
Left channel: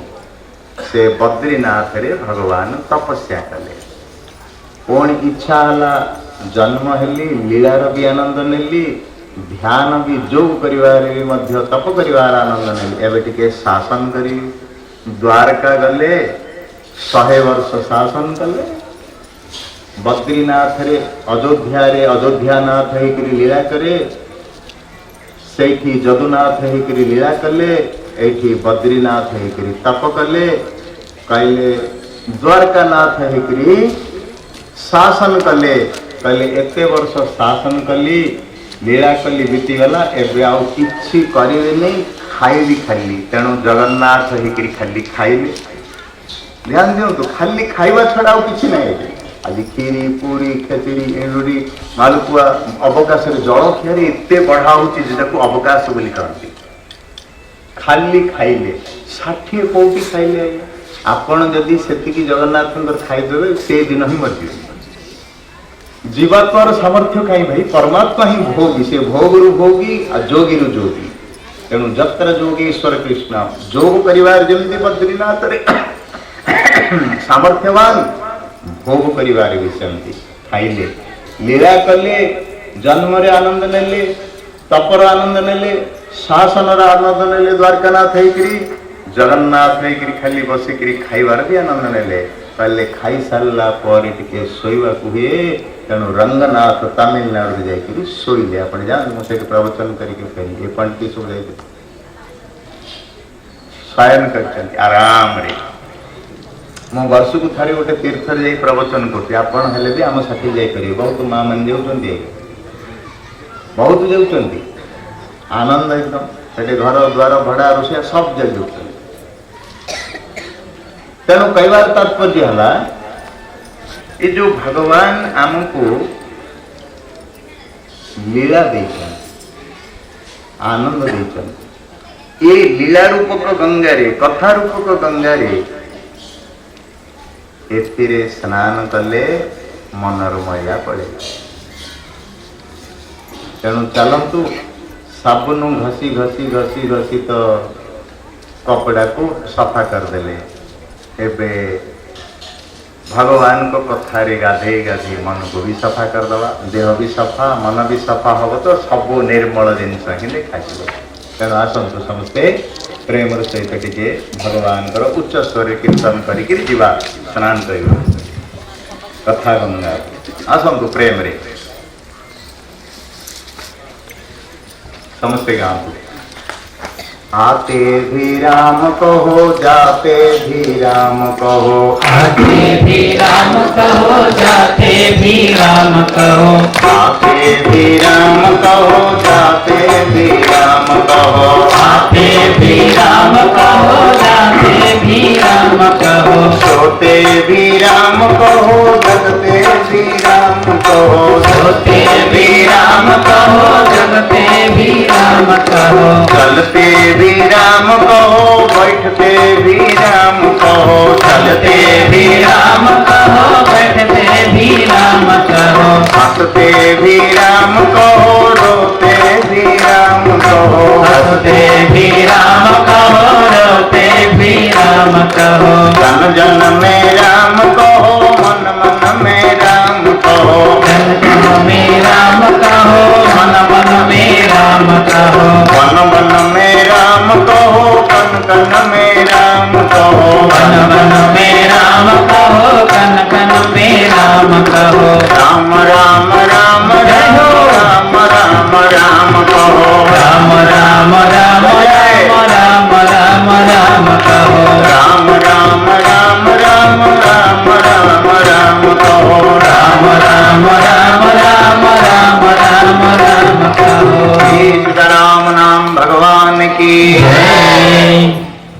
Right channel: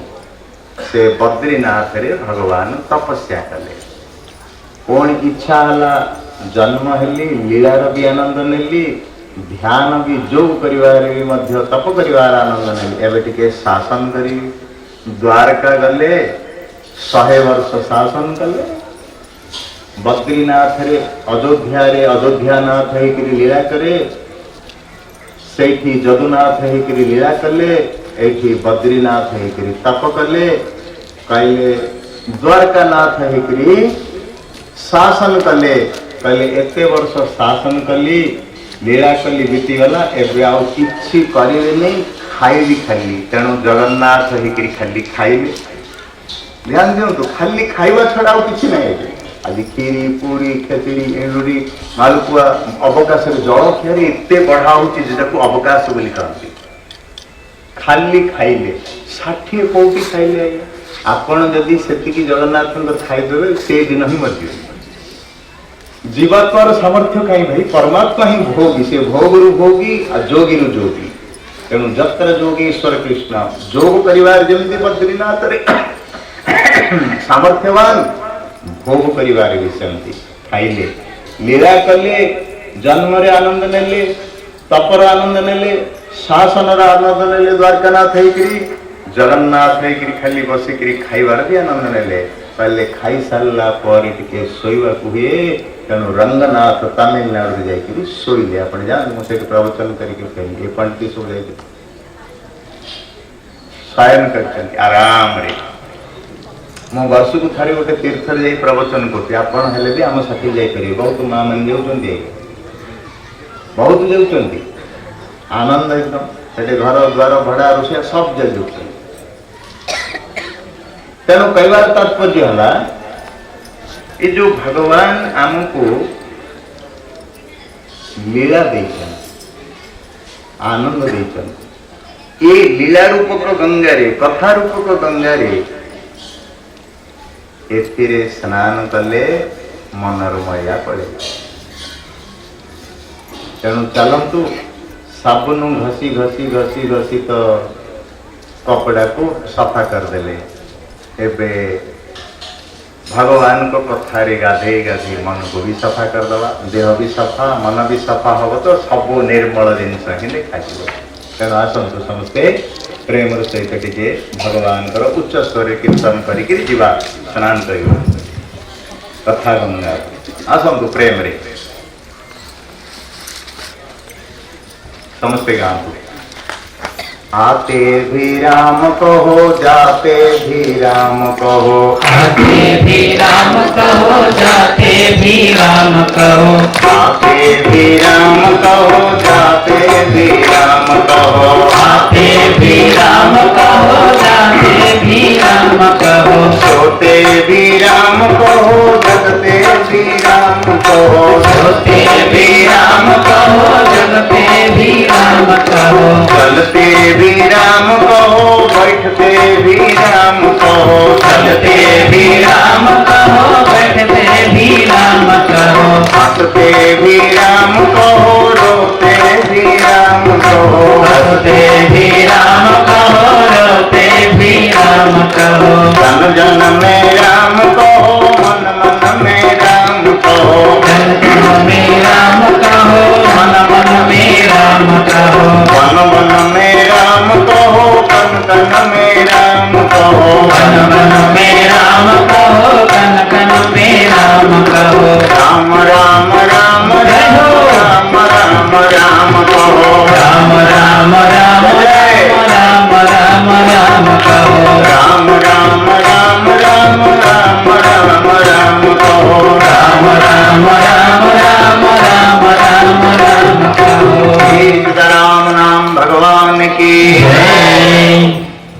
से बद्रीनाथ रे भगवान तपस्या कले। कौन इच्छा हला, जन्म हेली, लीलार भी आनंद नेली, ध्यान भी जोग करिवार भी मध्य तप करिवार आनंद नेली। एबे टिके शासन करी द्वारका गले, 100 वर्ष शासन कले। बद्रीनाथ रे अयोध्या रे अयोध्यानाथ हेकरी लीला करे, सेठी जदुनाथ हेकरी लीला कले, एठी बद्रीनाथ हेकरी तप कले। कहले द्वारकानाथ हेकरी शासन कले। कहले एते वर्ष शासन कली, लीला कली, बीतीगला, एबे आउ किछि करिवे नहीं, खाइबी खाली। तेणु जगन्नाथ हेकरी खाली खाइबे। ध्यान दियंतु, खाली खाइबा छड़ा आउ किछि नहीं। आज खीरी पूरी खेचड़ी एंडुरी मालपुआ अवकाश जल खियारे एते बढ़ा होती अवकाश बोली कहती। खाली खाइले 60 कोटी खाइले, आपण जदि सेतिकी जगन्नाथ खाइदेवे से दिन ही मरजिवे। जीवात्मार सामर्थ्य कहीं भाई, परमात्मा ही भोगी, से भोगरु भोगी आ जोगी रु जोगी। तेणु जत्र जोगेश्वर कृष्ण जोग परिवार जमी बद्रीनाथ रे सामर्थ्यवान, भोग परिवार भी सेमती खाइले, लीला कले, जन्म रे आनंद नेले, तपर आनंद नेले, शासन रा आनंद नेले। द्वारकानाथ हेकरी जगन्नाथ हेकरी खाली बसिकरी खाइबार भी आनंद नेले। पहले खाई सारा पर टिके शोवा हुए। तेणु रंगनाथ तमिलनाडु जाकर शोले। आप जान मुझे प्रवचन करके फेरी ये पंडित सब जाए शयन कर आराम रे। मो वर्ष को थारी गोटे तीर्थ जा प्रवचन करते भी आम साथी जापर। बहुत माँ मैंने जाऊँगी, बहुत जाऊँगी, आनंद एकदम। से घर द्वार भड़ा रोषिया सब जाऊँ। तेणु कहवार तात्पर्य है, ये जो भगवान आमको लीला देते, आनंद देते, ये लीला रूपक गंगारे, कथा रूपक गंगारे एथिरे स्नान कले मनोरमया पड़े। तेणु चलतु साबुन घसी घसी घसी घसी तो कपड़ा को सफा करदे। एबे भगवान को कथारे गाधे गाधे मन को भी सफा करदवा, देह भी सफा, मन भी सफा हम तो सब निर्मल जिनस ही देखा। तेणु आसतु समस्ते प्रेम सहित टे भगवान उच्च स्वर कीर्तन करके स्नान कर कथा गंगा। आसतु प्रेम रे समस्ते गाँव। आते भी राम कहो, जाते भी राम कहो, आते भी राम कहो, जाते भी राम कहो, आते भी राम कहो, जाते भी राम कहो, आते भी राम कहो, जाते भी राम कहो। रोते भी राम कहो, जगते भी राम कहो, रोते भी राम कहो, जगते भी राम कहो, चलते भी राम कहो, बैठते भी राम कहो, चलते भी राम कहो, बैठते भी राम कहो, हंसते भी राम कहो, रोते भी राम कहो, हंसते भी राम कहो, रोते भी राम कहो, जन जन में राम कहो, मन मन में राम कहो, जन जन में राम कहो, मन मन में राम कहो, वन वन में राम कहो, कन कन में राम कहो, मन मन में राम कहो, कन कन में राम कहो, राम राम राम रहो, राम राम राम कहो, राम राम राम राम राम राम राम कहो, राम राम राम राम राम राम राम कहो, राम राम राम राम राम राम राम कहो। सीताराम नाम भगवान की जय।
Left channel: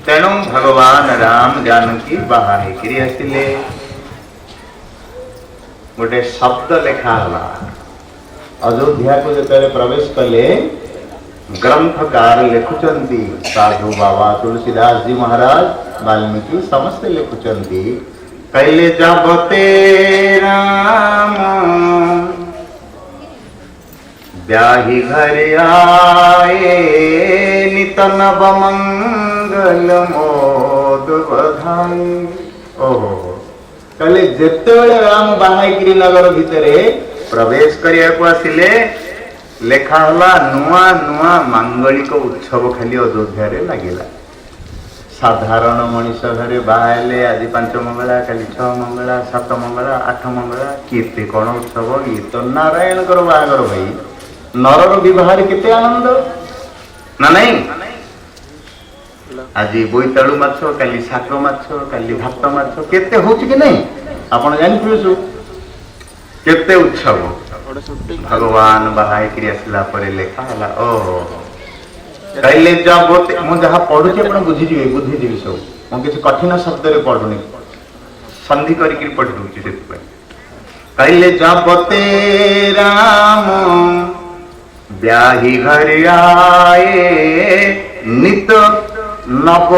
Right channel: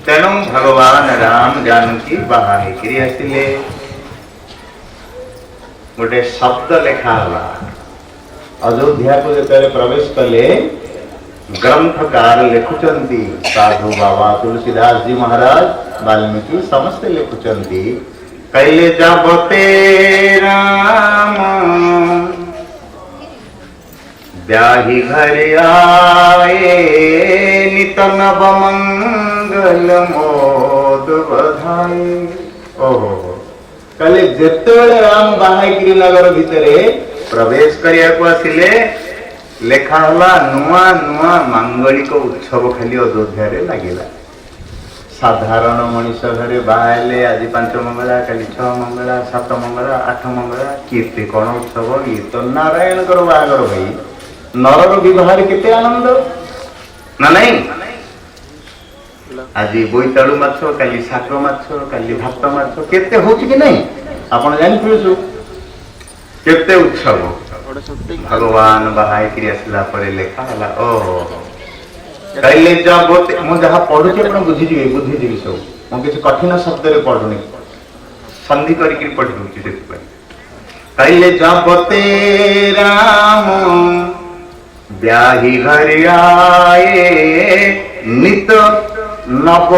तेणु भगवान राम जानकी बाहारिकी आसिले गोटे शब्द लेखा हला अयोध्या को जेतले प्रवेश कले ग्रंथकार लिखुचंती साधु बाबा तुलसीदास जी महाराज वाल्मीकि समस्ते लिखुचंती कैले जबते राम ब्याही घर आए नित नव मंगल मोद बधाई। ओहो कले जेतेबेले राम बाहाईगिरी नगर भितरे प्रवेश करिया को आसिले लेखा हला नुआ नुआ मांगलिक उत्सव खाली अयोध्या रे लागिला। साधारण मनीष घरे बाहले आज 5 मंगला काली 6 मंगला 7 मंगला 8 मंगला केते कोन उत्सव ये तो नारायण करो बागर भाई नरर विवाह केते आनंद ना नहीं। आज बोईतालु माछ काली शाक माछ काली भात माछ केते होउछ कि नहीं आपण जानिथिबे सु केते उत्सव भगवान बाहाई करी आसला परे लेखा हला। ओ कहले जब मु जहा पढुचे आपण बुझिजिबे सब मु किछ कठिन शब्द रे पढुनी संधि करी के पढ दूची से कहले जब ते राम ब्याही घर आए नित नव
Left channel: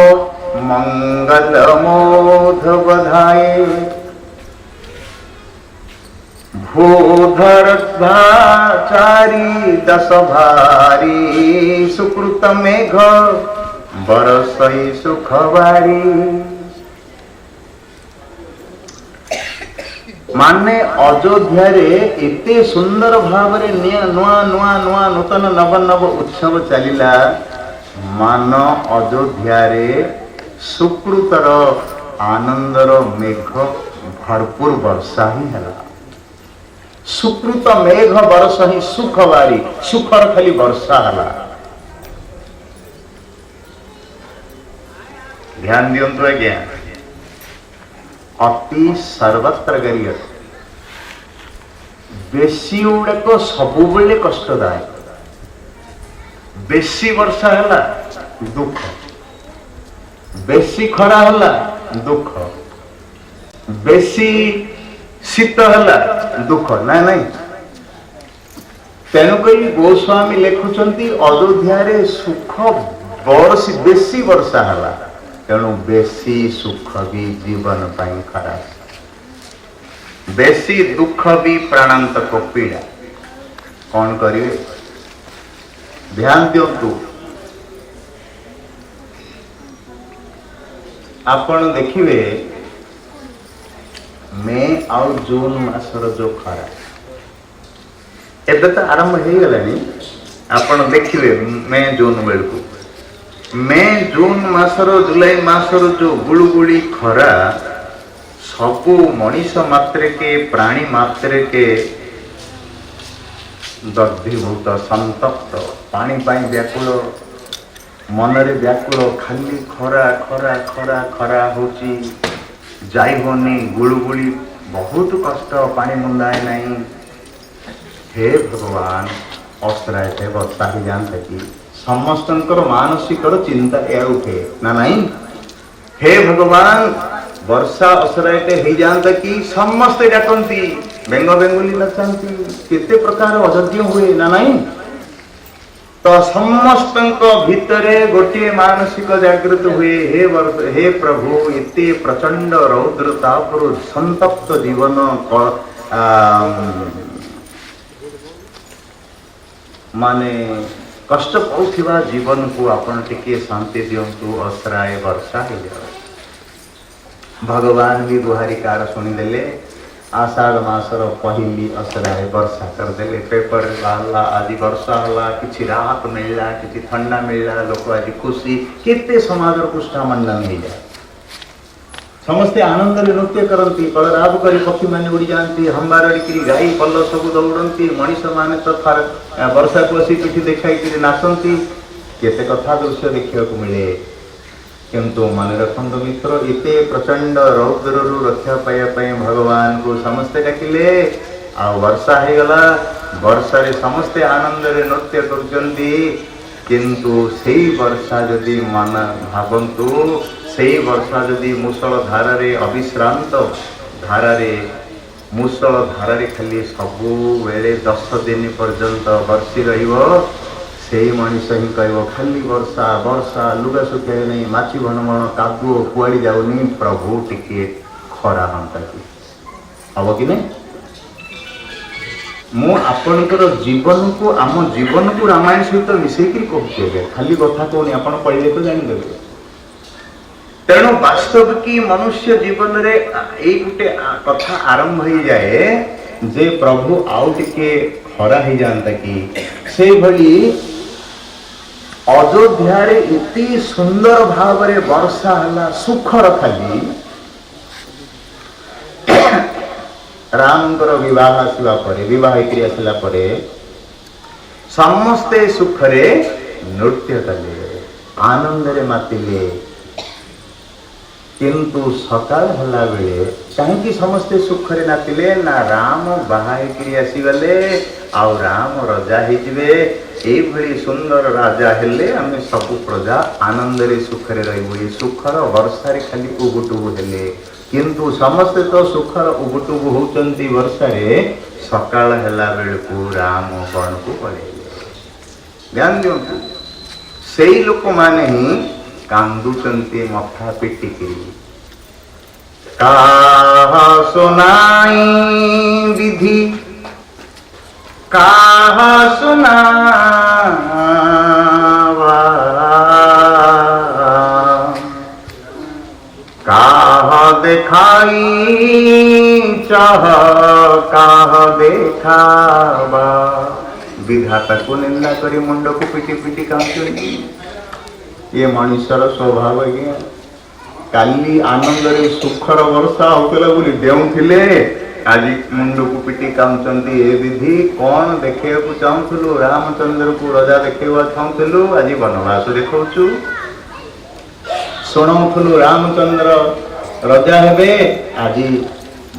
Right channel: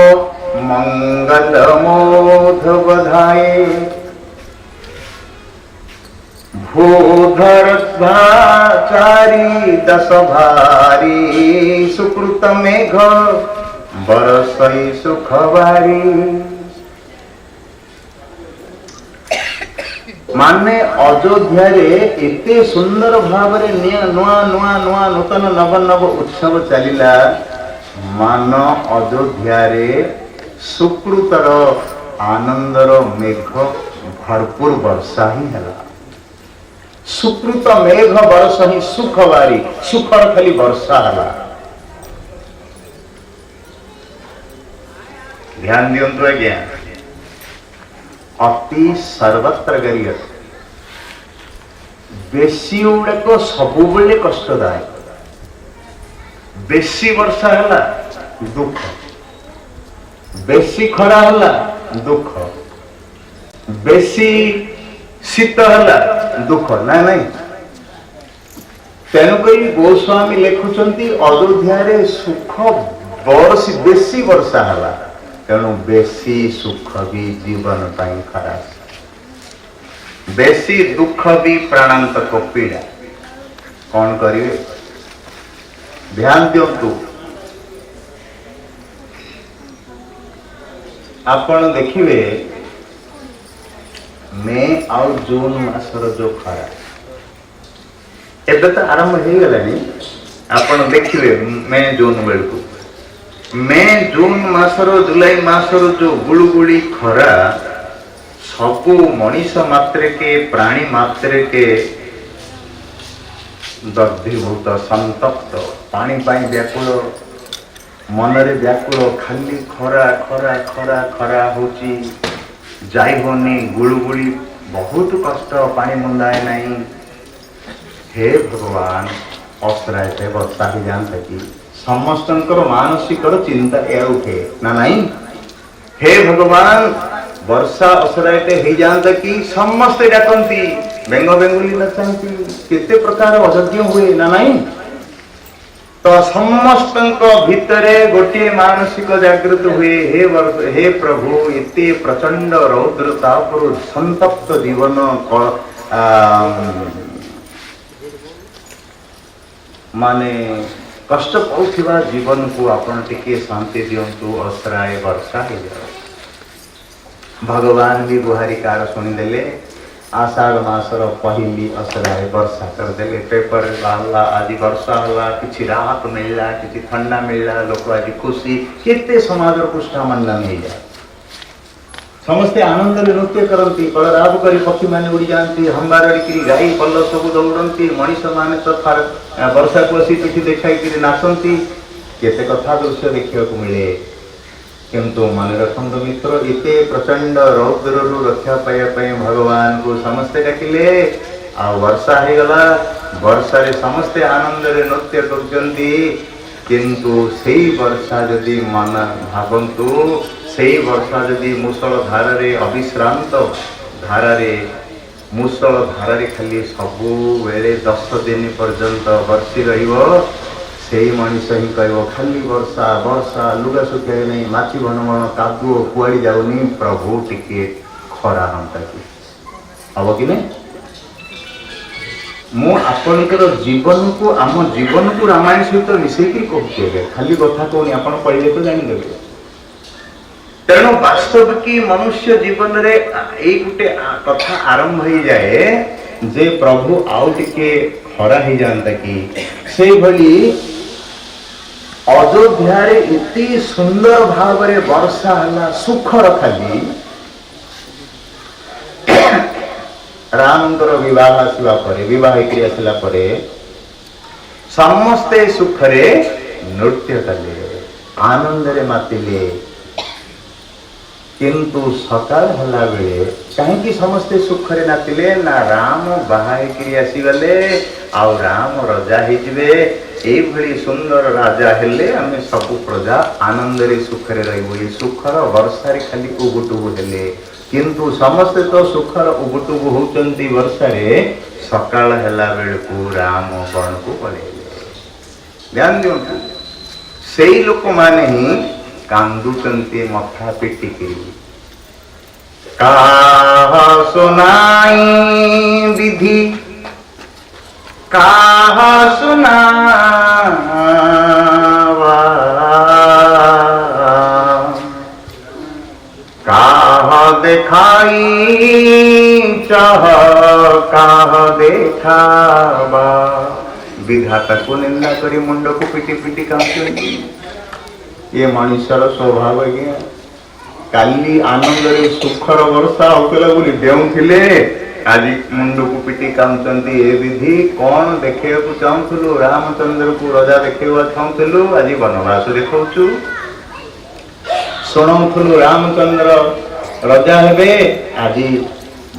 मंगल मोध बधाए भूधर चारी 10 भारी सुकृत मेघ बरसई सुखवारी। माने अयोध्या रे एते सुंदर भाव रे नुआ नुआ नुआ नूतन नव नव उत्सव चलिला मान अयोध्या रे सुकृतर आनंदर मेघ भरपूर वर्षा ही हला। सुकृत मेघ बरस ही सुखवारी सुखर खाली वर्षा हला। ध्यान दियंतु आज्ञा अति सर्वत्र गरियत बेसी उड़ाक सबु बेले कष्टदायक। बेसी वर्षा हला दुख बेसी खरा हला दुख बेसी शीत हला दुख ना नहीं। तेणुक गोस्वामी लिखुचंती अयोध्या रे सुख बरसी बेसी वर्षा हला तेणु बेसी सुख भी जीवन पाई खराब बेसी दुख भी प्राणांतक पीड़ा कौन करिए ध्यान दियंतु। आपण देखिए मे आउ जून मासर जो खरा एबे तो आरंभ हो गलानी। आपण देखिए मे जून बेलकू मे जून मासर जुलाई मासर जो गुड़गुड़ी खरा सबू मनीष मात्रे के प्राणी मात्रे के दग्धीभूत संतप्त पानी पाई व्याकुल मनरे व्याकुल खाली खरा खरा खरा खरा होची जाई होनी गुड़गुड़ी बहुत कष्ट पानी मुंदाए नहीं। हे भगवान असराय थे वर्षा ही जानते कि समस्तंकर मानसिक चिंता या उठे ना नहीं। हे भगवान वर्षा असराटे हो जाता कि समस्ते डाकती बेंग बेंगुली नचाती केते प्रकार अयोग्य हुए ना नहीं तो समस्त भितरे गोटे मानसिक जागृत हुए हे प्रभु एते प्रचंड रौद्रता पर संतप्त जीवन माने कष्ट पाउथिबा जीवन को आपण टिके शांति दियंतु असराय वर्षा हो जाए भगवान भी गुहारिकार शुणिदेले आषाढ़ मासर पहली असराय वर्षा करदेले पेपर बाहला आज वर्षा होला किछि राहत मिलला किछि ठंडा मिलला लोक आज खुशी केते समाज पुष्टा मन्ना मिल जाए समस्ते आनंद नृत्य करती कलराब करी पक्षी मैंने उड़ी जाती हंबारी गाई पल्ल सब दौड़ती मनीष मैंने तो वर्षा को असी पिठी देखा नाचती केते कथा दृश्य देखा मिले किंतु मन रखंत मित्र इते प्रचंड रौद्र रक्षा पाइबा भगवान को समस्ते डाकिले आ वर्षा हो गला वर्षा रे समस्ते आनंद रे नृत्य करजंती किंतु सेई वर्षा जदि मन भावंतु सेई वर्षा जदि मुसल धारा रे अविश्रांत धारा रे मुसल धारा रे खाली सबु बेले 10 दिन पर्यंत वर्षी रहिबो सेई मनीष ही कह खाली वर्षा वर्षा लुगा सुखाई नहीं माछी भन भन कादुओ कुआड़ी जाऊनी प्रभु टिके खरा हंता कि हम कि नहीं मु आपणकर जीवन को आम जीवन को रामायण सहित मिसेकी कहते खाली कथा कहनी आप पढ़े तो जानीदेवे तेणु वास्तव की मनुष्य जीवन रे एक गोटे कथा आरंभ हो जाए जे प्रभु आउ टिके खरा हो जाता कि से भली अयोध्या इति सुंदर भाव रे वर्षा हला सुखर खाली रामकर विवाह आसला परे विवाह क्रिया आसला परे समस्ते सुखरे नृत्य कले आनंद रे मातिले किंतु सकाल हला बेले कहीं समस्ते सुखरे नातिले ना राम बाहा क्रिया आसीगले आउ राम राजा होइजिवे एई भली सुंदर राजा हेले आमे सब प्रजा आनंद रे सुखरे रहबो ये सुखर वर्षा रे खाली उबुटुबु हेले किंतु समस्ते तो सुखर उबुटुबु होचंती वर्षा रे सकाल हेला बेलकु राम वन को पळेले ध्यान दियंतु सेई लोक माने ही कांदुचंती मथा पिटिके काहा सुनाई विधि काहा सुनावा काहा देखाई चाह काहा देखावा विधाता को निंदा करी मुंड को पिटी पिटी कांचुंती ये मनुष्यर स्वभाव है काली आनंद रे सुखर वर्षा होतला बोली देउथिले आज मुंड को पिटी कांचंती ए विधि कौन देखे को चाहूलु रामचंद्र को राजा देखेवा चाहूलु आज वनवास देखौचु सुनाउलु रामचंद्र राजा हेबे आज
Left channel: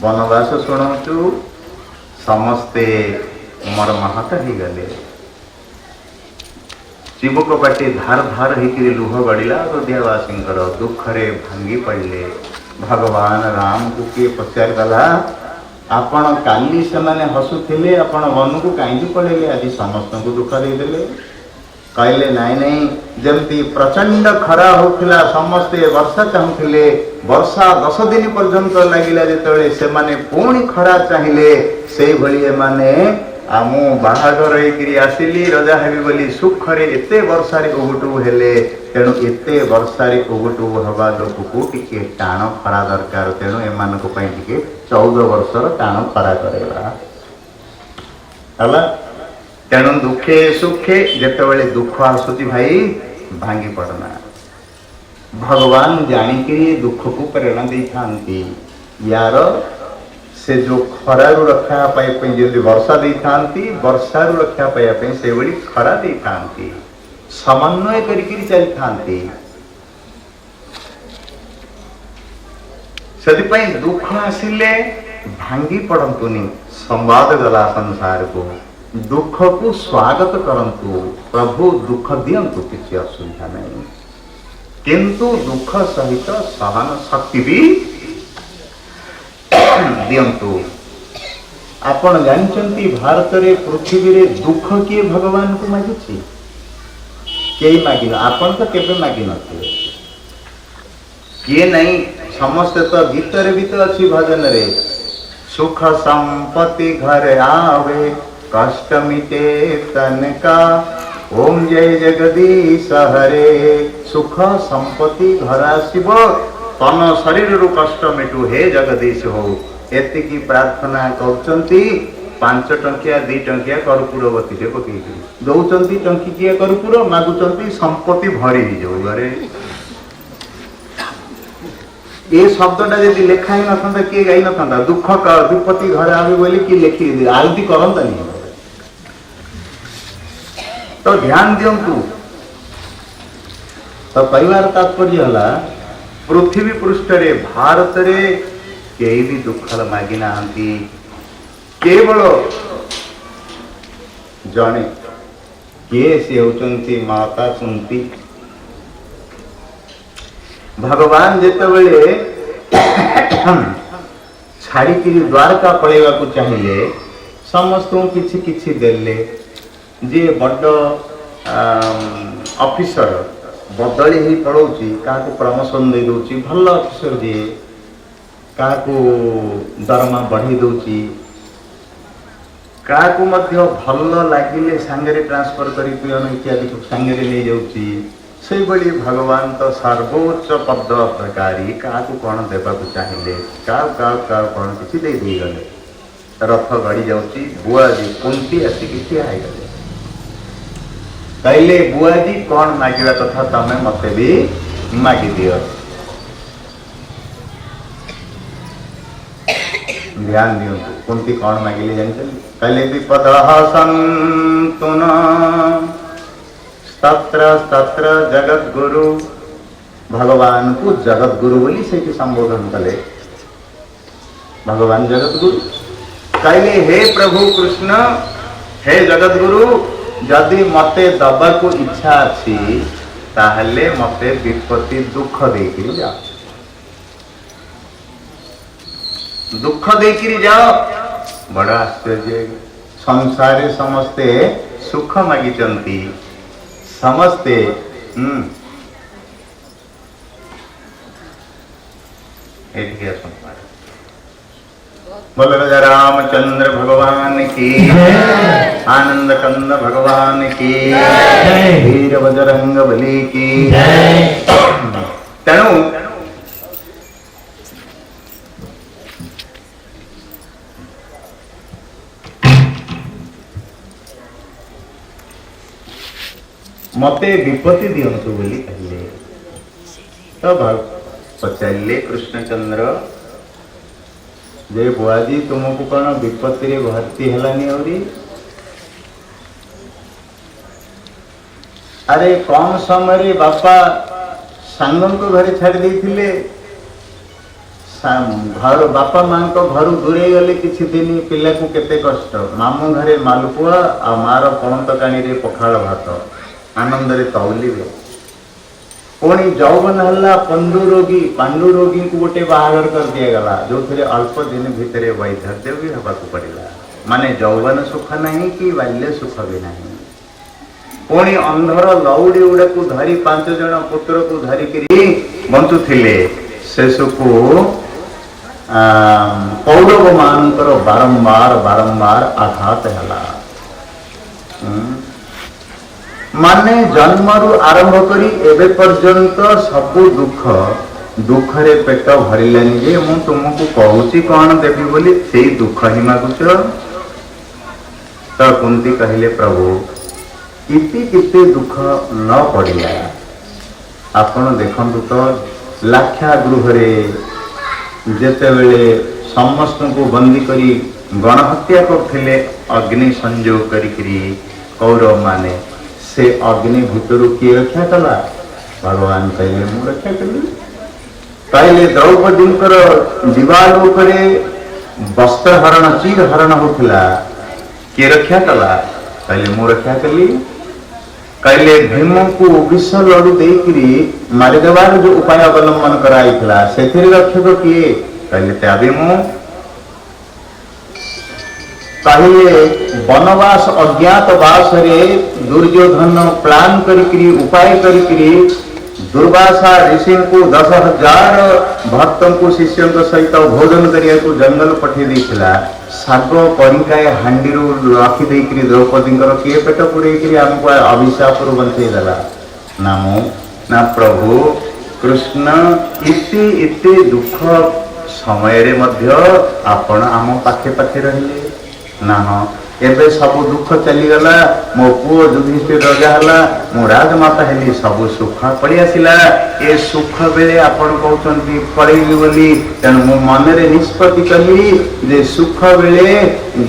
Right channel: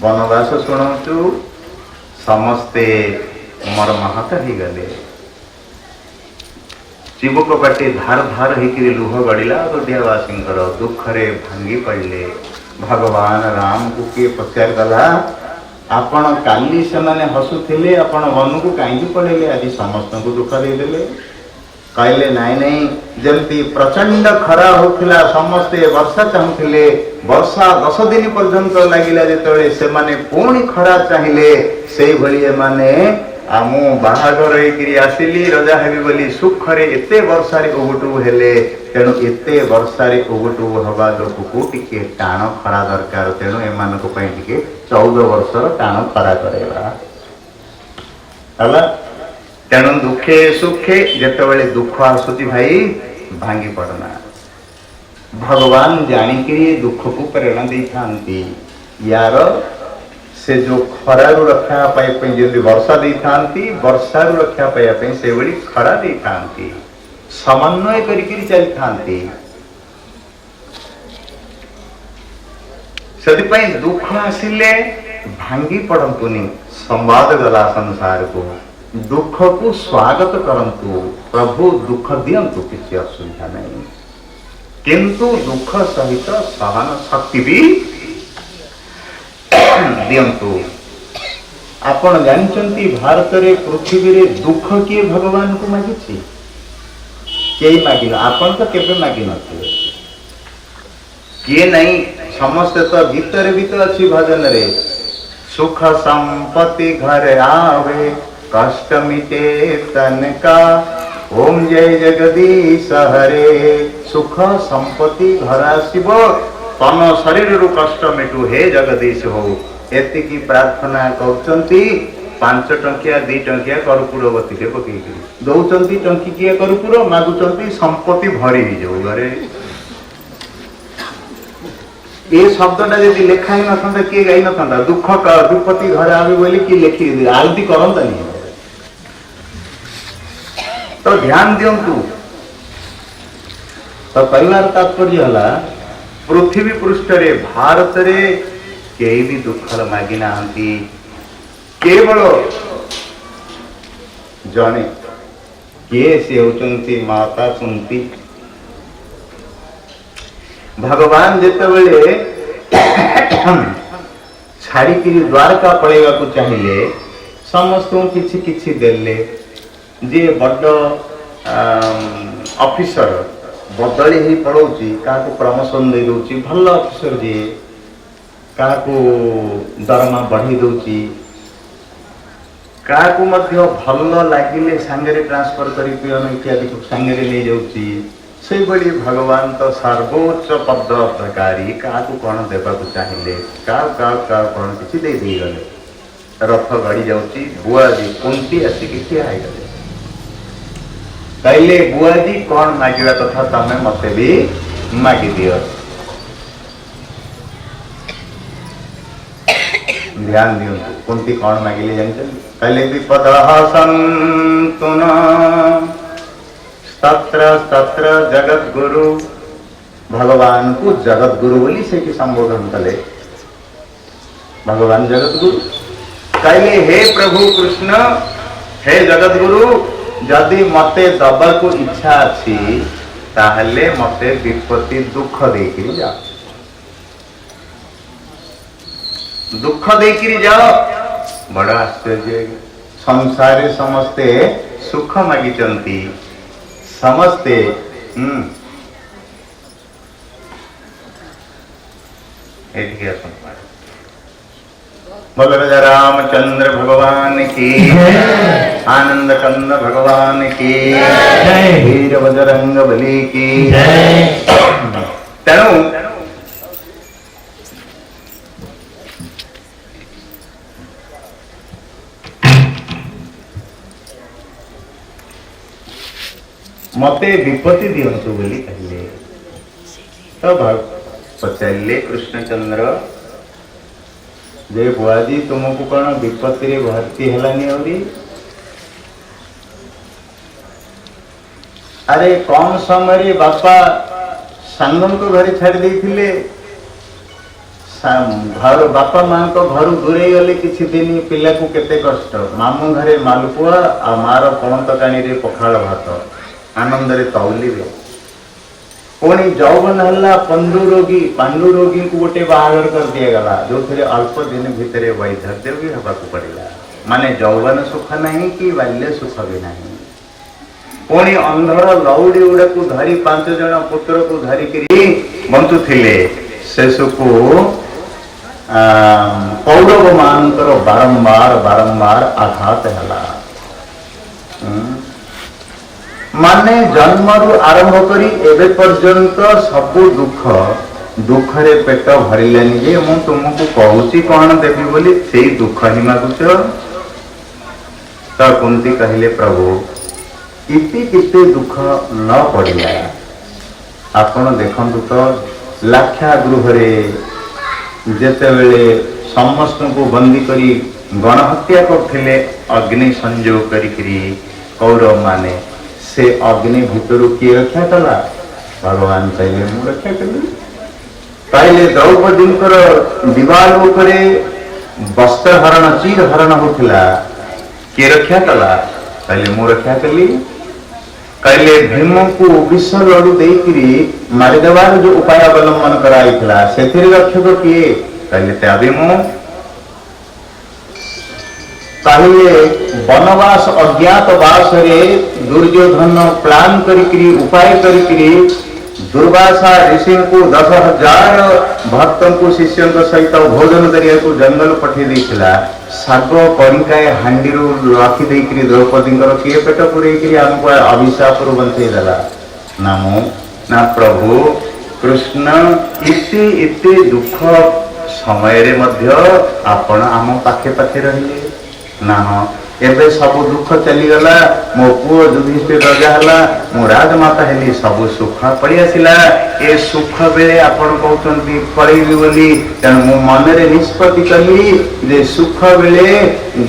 वनवास सुनाउचु समस्ते मोर महाता ही गले शिवक बाटे धार धार होकर लुह गड़िला अयोध्यावासी दुख रे भांगी पड़े भगवान राम को किए पचार गला आपण काली से माने हसुथिले आपण मन को कहीं पड़े आज समस्त को दुख देदेले कहले नाई नहीं जमती प्रचंड खरा होता समस्ते वर्षा चाहूले वर्षा 10 दिन पर्यंत लगिला जेतले से माने पुणी खरा चाहिए से भली माने आमु बाहागर होइकरी आसिली रजा हेबी बोली सुखरे एते वर्षारे उबुटुबु हेले तेणु एते वर्षारे उबुटुबु हवा लोक को टिके टाण खरा दरकार तेणु एमान को पई टिके 14 वर्षर टाण खरा करेबा हला तेणु दुखे सुखे जेतेबेले दुख आसुती भाई भांगी पड़ना भगवान जानिकरी दुख को प्रेरणा दे थांती यार से जो खरारु रक्षा पाइप जदि वर्षा दे थांती वर्षारु रक्षा पाइप से बड़ी खरा दे थांती समन्वय करिकरी चल थांती सदिपाई दुख आसिले भांगी पड़ंतुनी संवाद गला संसार को दुख को स्वागत करंतु प्रभु दुख दियंतु किसी असुविधा नहीं किंतु दुख सहित सहन शक्ति भी दियंतु। आपण जानचंती भारत रे पृथ्वी रे दुख किए भगवान को मागिछि? केही मागिन, आपण तो केबे मागिन नथिले। किए नहीं, समस्ते तो गीतर भी तो अच्छी भजन रे, सुख संपत्ति घर आवे कष्ट मिटे तन का, ओम जय जगदीश हरे। सुख संपत्ति घर आसीबो, तन शरीर रु कष्ट मिटू, हे जगदीश हो। एतिकी प्रार्थना करचंती। 5 टंकिया 2 टंकिया कर्पूरवती रे पकेई दौचंती, टंकिया कर्पूर मागुचंती, संपत्ति भरी जाऊ घरे। ये शब्दटा यदि लेखा ही नथा किए गाई नथा, दुख विपत्ति घर आवे बोली कि लिखी आलती करंतानी। तो ध्यान दियंतु। तो परिवार तात्पर्य हला, पृथ्वी पृष्ठ रे भारत रे केही भी दुख मागी नाहंती। केवल जने किए से होचंती माता कुंती। भगवान जेतेबेले छाड़ी द्वारका पळेवा को चाहिए, समस्त किछि किछि देले। जे बड़ ऑफिसर बदली ही पड़ोची, काको प्रमोशन दे दोची, भल ऑफिसर जे काको दरमा बढ़ी दोची, काको मध्य भल लागिले सांगरे ट्रांसफर करी पियन इत्यादि को सांगरे ले जाउची। से बड़ी भगवान तो सर्वोच्च पद प्रकारी, काको कौन देवा को चाहिए, का कौन किसी दे दी गले। रथ गड़ी जाउची, बुआजी कुंती आसिक ठिया है गले। कहले बुआजी कौन मागिवा कथा तमे मते भी मागी दियो। ध्यान दियो, कुंती कौन मागिले जानते? कहले विपदः सन्तुन तत्र तत्र जगत गुरु। भगवान को जगत गुरु बोली से कि संबोधन कले। भगवान जगत गुरु कहले, हे प्रभु कृष्ण, हे जगत गुरु, जदि मते दबा को इच्छा अच्छी ताहले मते विपत्ति दुख देकरी जाओ, दुख देकरी जाओ। बड़ा आश्चर्य, संसारे समस्ते सुख मागिचंती, समस्ते बोल राजा रामचंद्र भगवान की, आनंद कंद भगवान की, वीर बजरंग बली की। तेणु मते विपत्ति दियंतु बोली कहले। तो पचारे कृष्णचंद्र, जे बुआजी तुमको कौन विपत्ति रे भर्ती हेलानी होरी? अरे कौन समय बापा सांगन को घरे छाड़ देथिले, घर बापा मां को घर दूरे गले किछि दिन, पिला को केते कष्ट। मामू घरे मालपुआ आ मार पणत कानी रे पखाल भात आनंद रे तौलिबे। पुणी जौवन हल्ला पांडु रोगी को गोटे बाहागर कर दिया गला, जो थे अल्प दिन भितर वैधव्य भी हवा को पड़ेगा। माने जौवन सुख नहीं कि बाल्य सुख भी नहीं। पुणी अंधर लौड़ी उड़ा को धरी 5 जन पुत्र को धरिकी बंचुथिले, शेषकु कौरव मानकर बारंबार आघात हला। माने जन्मरु आरंभ करी एबे पर्यंत सबु दुख रे पेट भरिलानी जे मु तुमको कहूची कौन देवी बोली, से दुख ही मागुच। तो कुंती कहले, प्रभु इति किते दुख न पड़िला। आपण देखंतु तो लाक्षा गृह रे जेते बेले समस्त को बंदी करी गणहत्या करथिले, अग्नि संजोग करी कौरव माने, से अग्नि भितर किए रक्षा कला? भगवान कहले, मु रक्षा कली। कहले द्रौपदी दिवाल उपरे वस्त्र हरण चीर हरण होता, किए रक्षा कला? कहले, मु रक्षा कली। कहले भीम को विष लड़ू देकरी मारिदेवार जो उपाय अवलंबन कराई, से रक्षक किए? कहले त्याबे मु। कहिले वनवास अज्ञातवास रे दुर्योधन प्लान करी उपाय करी दुर्वासा ऋषि को 10,000 भक्त को शिष्यों सहित भोजन करिया को जंगल पठे देइथिला साग करिकाय हांडी रखी देकरी द्रौपदी किए पेट पुड़े आमको अभिशाप बंचई देला नामो ना प्रभु कृष्ण इति दुख समय रे मध्य आपण आम पाखे पाखे रहिले ना हाँ एबे सब दुख चलीगला मो पुओ युधिष्ठिर राजा हला मो राजमाता हेली सब सुख पड़ी आसिला ए सुख बेले आपण कहउछंती पळेबी बोली तेणु मो मन रे निष्पत्ति कली जे सुख बेले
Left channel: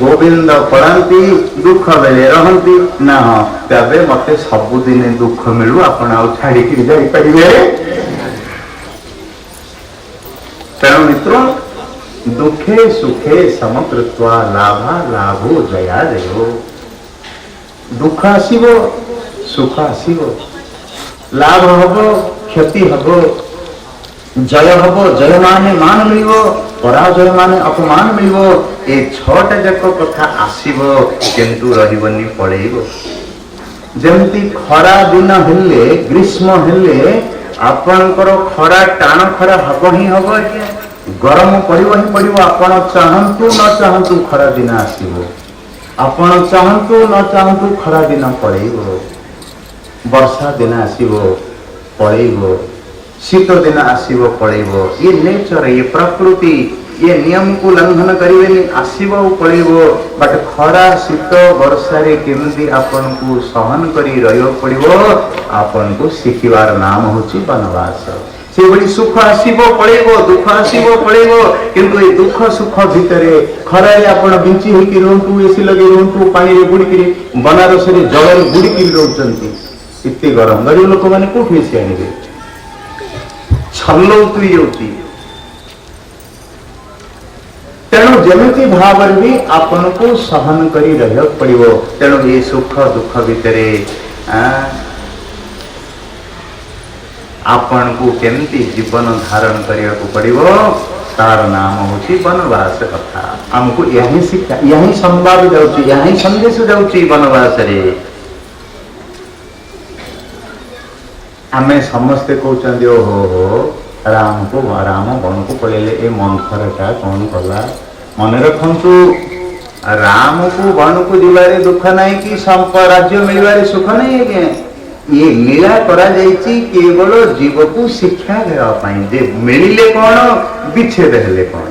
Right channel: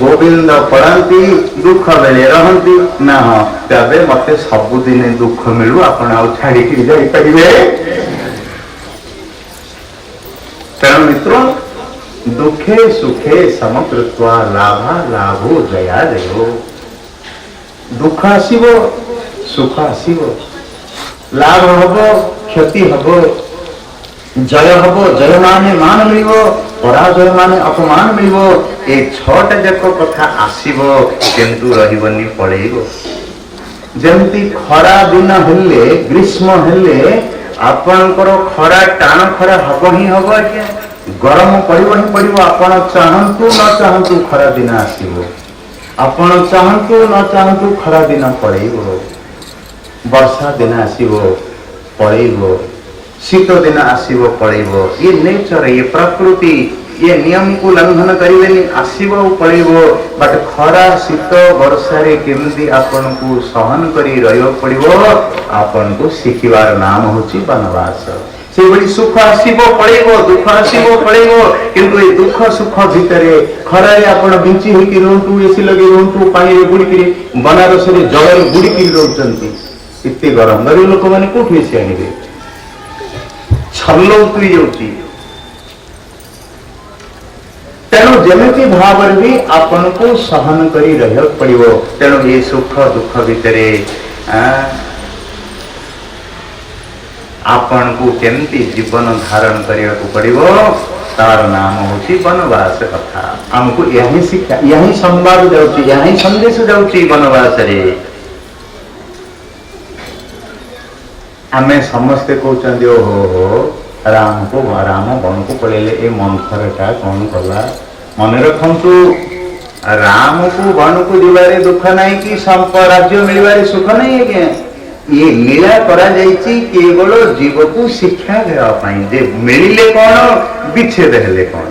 गोविंद पड़ांती दुख बेले रहंती ना हाँ तबे मते सब दिन दुख मिलू आपण आ छाड़ी कि जाई परिबे तेणु मित्रों दुखे सुखे समकृत्वा लाभा लाभो जया जयो दुख आसीबो सुख आसीबो लाभ हबो क्षति हबो जय हबो जय माने मान मिलिबो पराजय माने अपमान मिलिबो ए छटा जाक कथा आसीबो किंतु रहिबनी पड़ेइबो जेमती खरा दिन हेले ग्रीष्म हेले आपणकर खरा टाण खरा हबो ही हबो के गरम पड़ो ही पड़ो आपण चाहतु न चाहतु खरा दिन आसो आपण चाहतु न चाहतु खरा दिन पड़ो वर्षा दिन आसो पड़ो शीत दिन आसो पड़ो ये नेचर ये प्रकृति ये नियम को लंघन करें आसो पड़ो बट खरा शीत वर्षा केमती आपन को सहन कर पड़ो आपन को शिखिबार नाम होची वनवास से बड़ी सुख आसीबो पड़ेबो दुख आसीबो पड़ेबो किंतु ए दुख सुख भितरे खरारे आपण बिंची होई कि रहंतु एसी लगे रहंतु पानी रे बुड़ी कि बनारस रे जल रे बुड़ी कि रहउचंती इत्ते गरम गरीब लोक माने कोठी एसी आनिबे छल्लो तुई जाउची तेणु जेमिति भाव रे भी आपण को सहन करी रहय पड़िबो तेणु ए सुख दुख भितरे आपण को केमती जीवन धारण करिया को पड़िबो तार नाम होची वनवास कथा हमको यही शिक्षा यही संवाद जाउची यही संदेश जाउची वनवास रे हमें समस्ते कहउचंदी हो राम वन को पळेले ए मंथरटा कौन कला मन रखंतु राम को वन को दिवारे दुख नहीं कि राज्य मिलवारे सुख नहीं है के ये लीला करा जाइछि केवल जीव को शिक्षा देवा पाई जे मिलिले कौन विच्छेद हेले कौन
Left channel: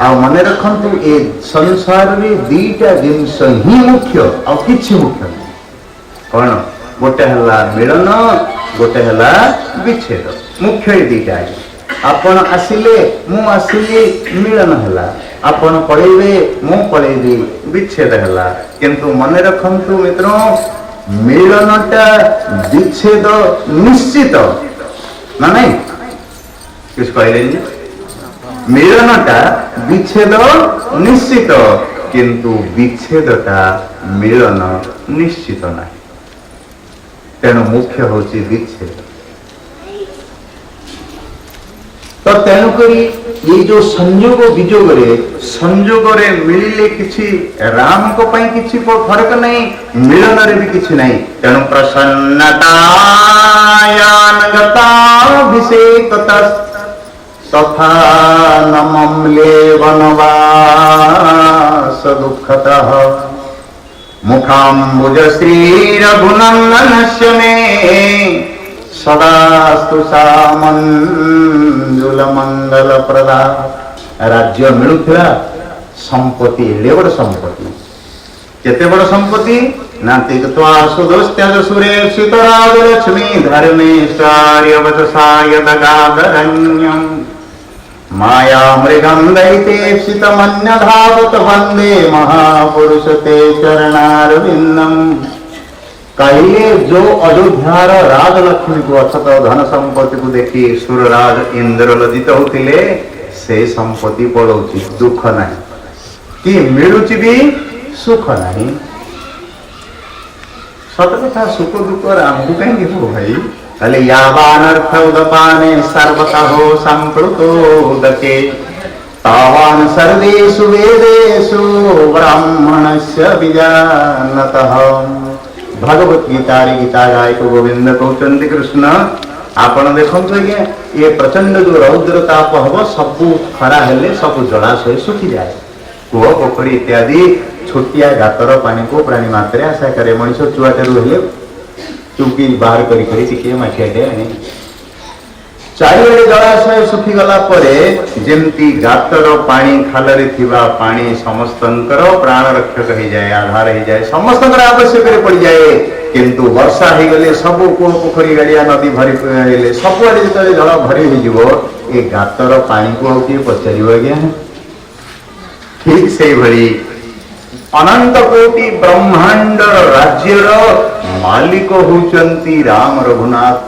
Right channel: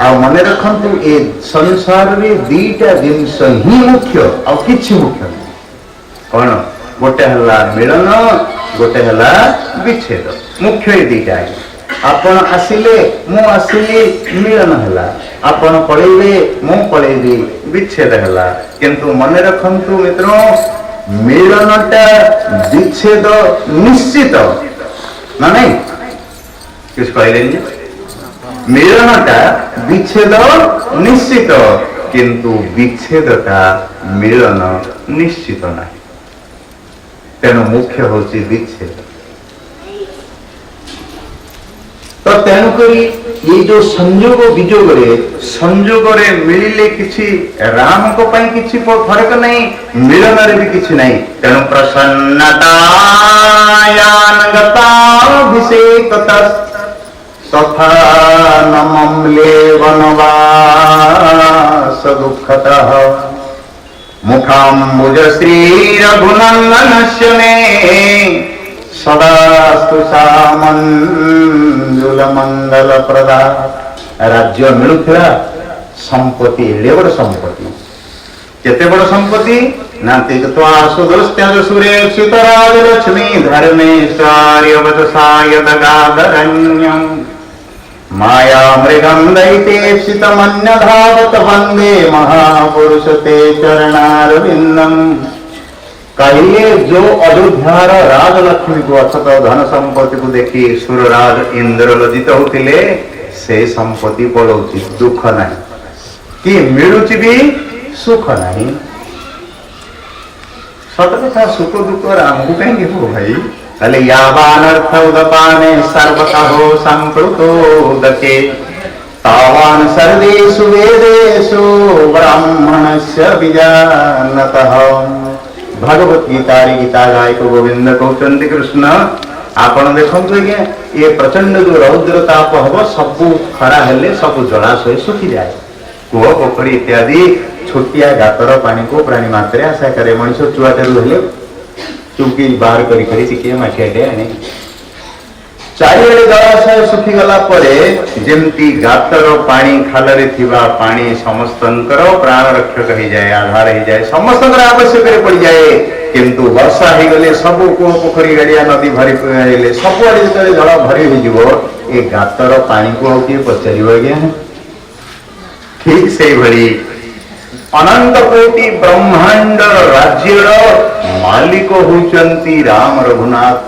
आ मन रखंतु ए संसार रे दीटा जिनस ही मुख्य आ किछि मुख्य कौन गोटे हला मिलन गोटे हला विच्छेद मुख्य ए दीटा आपण आसिले मु आसिली मिलन हला आपण पळेबे मु पळेबी विच्छेद हला किंतु मन रखंतु मित्रों मिलनटा विच्छेद निश्चित ना नहीं किस कहले मिलनटा विच्छेद निश्चित किंतु विच्छेदटा मिलन निश्चित नहीं तेणु मुख्य होची विच्छेद तो तेणुकरी ये जो संयोग विजोग रे मिलिले किछि राम को पई किछि फरक नहीं मिलन रे भी किछि नहीं तेणु प्रसन्नतायानगताभिषेकतः तथा नमम्ले वनवास दुःखतः मुखाम्बुज श्री रघुनंदनस्य मे सदास्तु सामंजुल मंगल प्रदा राज्य मिलुथिला संपत्ति एडे बड़ संपत्ति केते बड़ संपत्ति नाति तत्वा सुदोस्त्यज सुरेक्षित राज लक्ष्मी धर्मेश्वर्य वचसाय दगादरण्यं माया मृगं दैतेप्सित मन्य धावत वंदे महापुरुष ते चरणारविंदम कहिले जो अयोध्यार राजलक्ष्मी को अथत धन संपत्ति को देखी सुरराज इंद्र लज्जित होतिले से संपत्ति पड़ोची दुख नहीं कि मिलुची भी सुख नहीं सत कथा सुख दुख राम को कहेंगे हो भाई कले यावानर्थ उदपाने सर्वतः संप्लुतो दके तावान् सर्वेषु वेदेषु ब्राह्मणस्य विजानतः। भगवत गीता गीता गायक गोविंद कहते कृष्ण आपण देखते आज्ञा ये प्रचंड जो रौद्र ताप हम सबू खरा हेले सब जलाशय सुखी जाए। कूह पोखरी इत्यादि छोटिया गातर पानी को प्राणी मात्रे आशा करे मनीष चुआटे हेले चुकी बाहर करी माठिया आने चारिआडे जलाशय सुखी गला परे जेमती गातर पानी खालरे थिबा पानी समस्तंकर प्राण रक्षक हो जाए आधार हो जाए समस्तंकर आवश्यक पड़ जाए। किंतु वर्षा हो गले सब कूह पोखरी गाड़िया नदी भरी सब आड़े जो जल भरी हो ये गातर पानी को किए पचार आज्ञा। ठीक से भली अनंत कोटि ब्रह्मांड राज्यर मालिक होचंती राम रघुनाथ।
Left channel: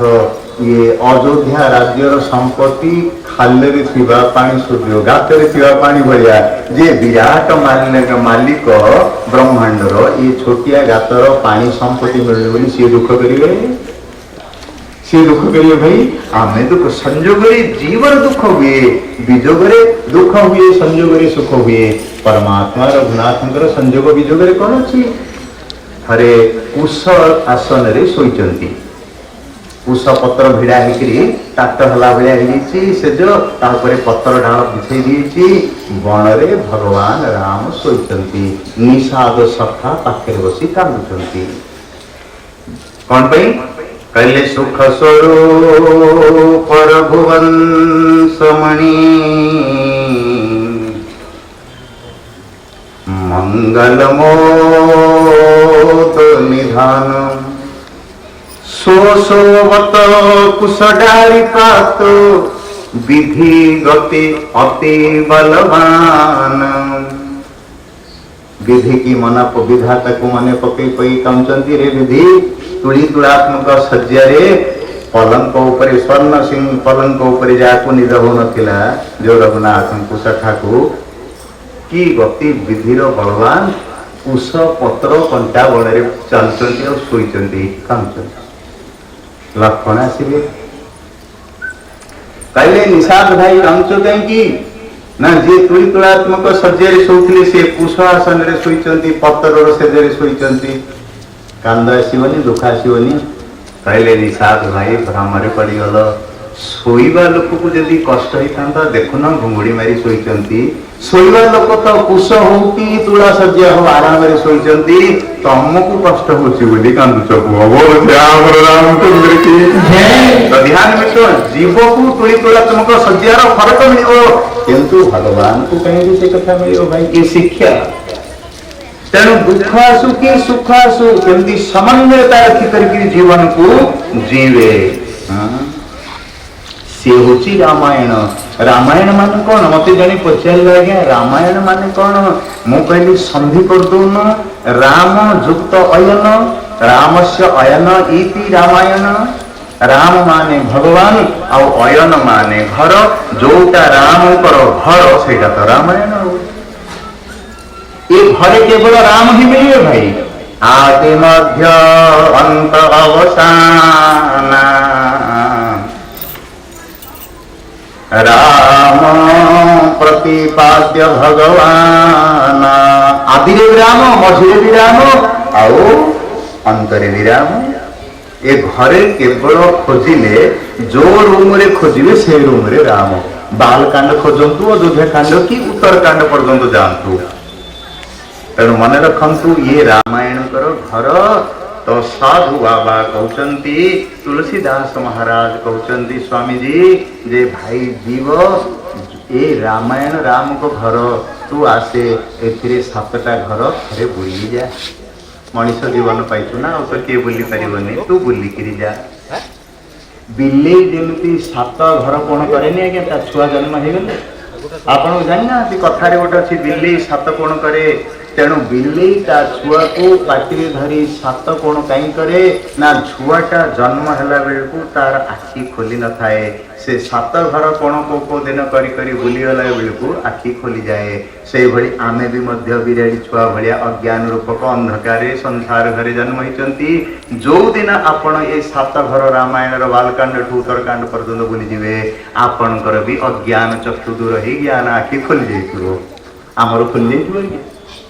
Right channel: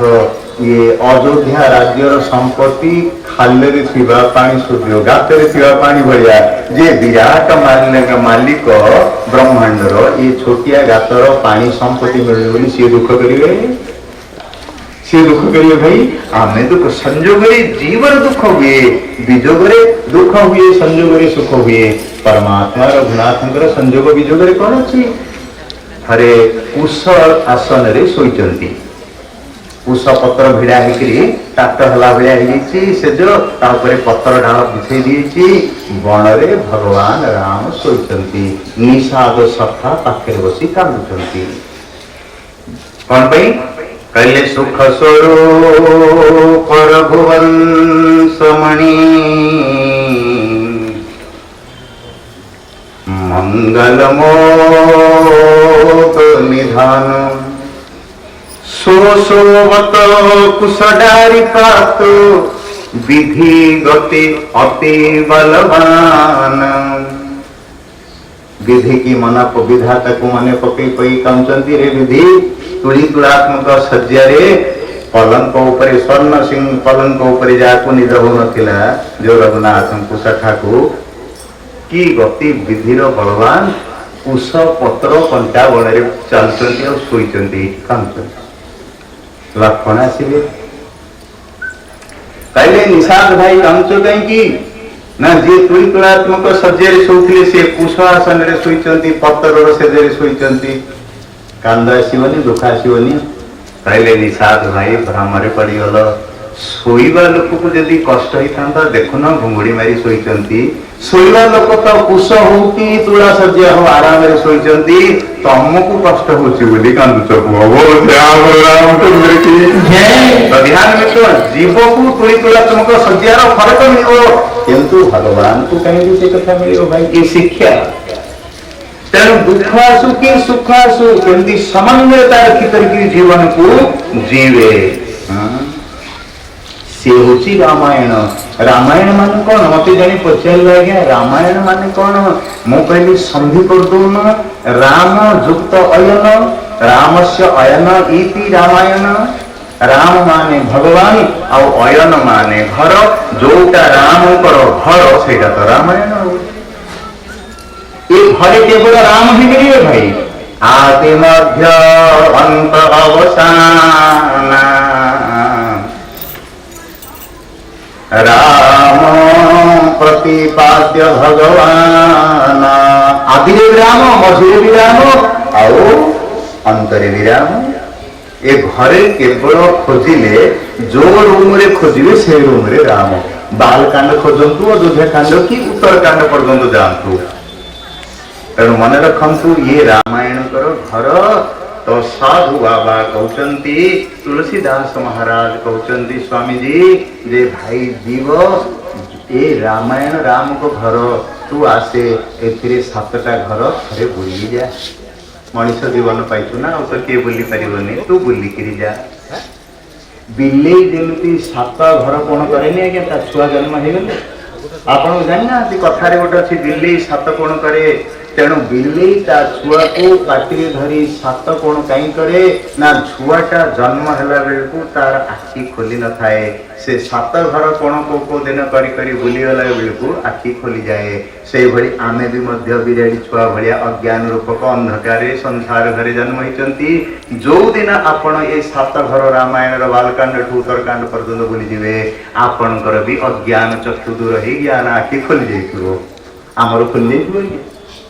ये अयोध्या राज्यर संपत्ति खालरे थिबा पानी सूर्य गातरे थिबा पानी भलिया जे विराट मालिक ब्रह्मांडर ये छोटिया गातर पानी संपत्ति मिले बोली सी दुख करिवे। सी दुख करिए भाई आमे दुख संजोगरे जीवन दुख हुए विजोगरे दुख हुए संजोगरे सुख हुए। परमात्मा रघुनाथंकर संजोग विजोगरे कौन अच्छी हरे कुश आसन रे सोईचंती कुश पत्र भिड़ा होकरी टाट हला भाया से जो तापर पत्र डाल बिछे दी बन रे भगवान राम सोईचंती निषाद सखा पाखे बसी कांदुचंती कौन पई कहले सुख स्वरूप रघुवंशमणि मंगलमोद निधान सोवत कुशडारी पात विधि गति अति बलवान। विधि की मना विधाता को मने पकई पई कामचंती रे विधि तुली तुलात्मक सज्जारे पलंक उपरे स्वर्ण सिंह पलंक उपरे जाको निद हो नथिला जो रघुनाथ कुश ठाकु की गति विधिर बलवान कुश पत्र कंटा बड़े चलचंती और सोईचंती कामचंती। लक्षण आसवे कहले निषाद भाई कांच कहीं ना जे तुली तुलात्मक सज्जारे शोले से कुश आसन रे सोईचंती पत्र सेजरे सोईचंती कांद आसवनी दुख आसवनी। कहले निषाद भाई भ्रमरे पड़गल शोवा लोक को जदि कष्ट होता देखुन घुंगुड़ी मारी शोईचंती शोवा लोक तो कुश हो कि तुला सज्जा हो आराम रे शोईचंती तुमको कष्ट होची बोली कांदुच रामचंद्र की तो ध्यान में तो जीव को तुली तुलात्मक सज्जार फरक मिल किंतु भगवान को कहीं से कथा मिल भाई ये शिक्षा। तेणु दुख आसु कि सुख आसु केमती समन्वयता रखी करके जीवन को जीवे से होची रामायण। रामायण मान कौन मत जने पचारे आज्ञा रामायण मान कौन मु कहली संधि कर दौन राम युक्त अयन राम से अयन इति रामायण। राम माने भगवान आउ अयन माने घर जोटा राम घर से रामायण। ये घरे केवल राम ही मिले भाई आदि मध्य अंत अवसान राम प्रतिपाद्य भगवान। आदि भी राम मझे भी राम आओ अंतरे भी राम। ए घरे केवल खोजिले जो रूम रे खोजिबे से रूम रे राम। बाल कांड खोजंतु अयोध्या कांड की उत्तर कांड पर्यंत जातु। तेणु मन रखु ये रामायण कर घर तो साधु बाबा कहते तुलसीदास महाराज कहते स्वामी जी जे भाई जीव ए रामायण राम को घर तू आसे ए 7टा घर घरे बुली जा मनीष जीवन पाइचु ना तो किए बुली पारिबनी तू बुली करी जा। बिल्ली जमी 7 घर कौन करे आज्ञा ता छुआ जन्म हो गले आप जाना कथार गोटे अच्छी बिल्ली 7 कोण करे तेणु बिल्ली ता छुआ को पाटी धरी 7 कोण कहीं करे ना छुआटा जन्म हैला बेलू तार आखि खोली न थाए से 7 घर कोण को दिन करी करी बुली गला बेलू आखि खोली जाए से भली आमे भी मध्य बिराड़ी छुआ भलिया अज्ञान रूपक अंधकार संसार घरे जन्म होती जो दिन आपण ये 7 घर रामायण बालकांड ठू उत्तरकांड पर्यंत बुली जीवे आपणकर भी अज्ञान चक्षु दूर ही ज्ञान आखि खोली जाइथिबो आमर खोली जाइथिबो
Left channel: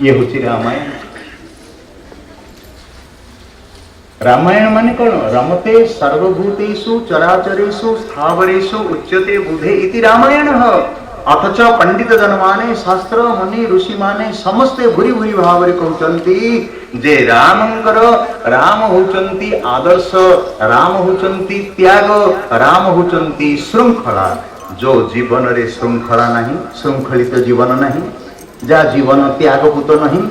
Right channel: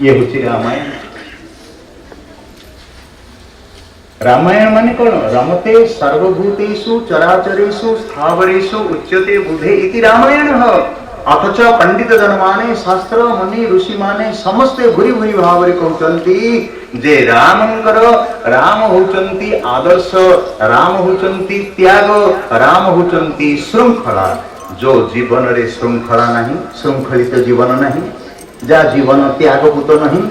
ये हूँ रामायण रामायण माने कौन रमते सर्वभूतेषु चराचरेषु स्थावरेषु उच्यते बुधे इति रामायण अथच पंडित जनमाने शास्त्र मुनि ऋषि माने समस्ते भूरी भूरी भाव कहते जे रामंकर राम होचंती आदर्श राम होचंती त्याग राम होचंती श्रृंखला जो जीवन रे श्रृंखला नहीं श्रृंखलित जीवन नहीं जा जीवन त्यागपूत नहीं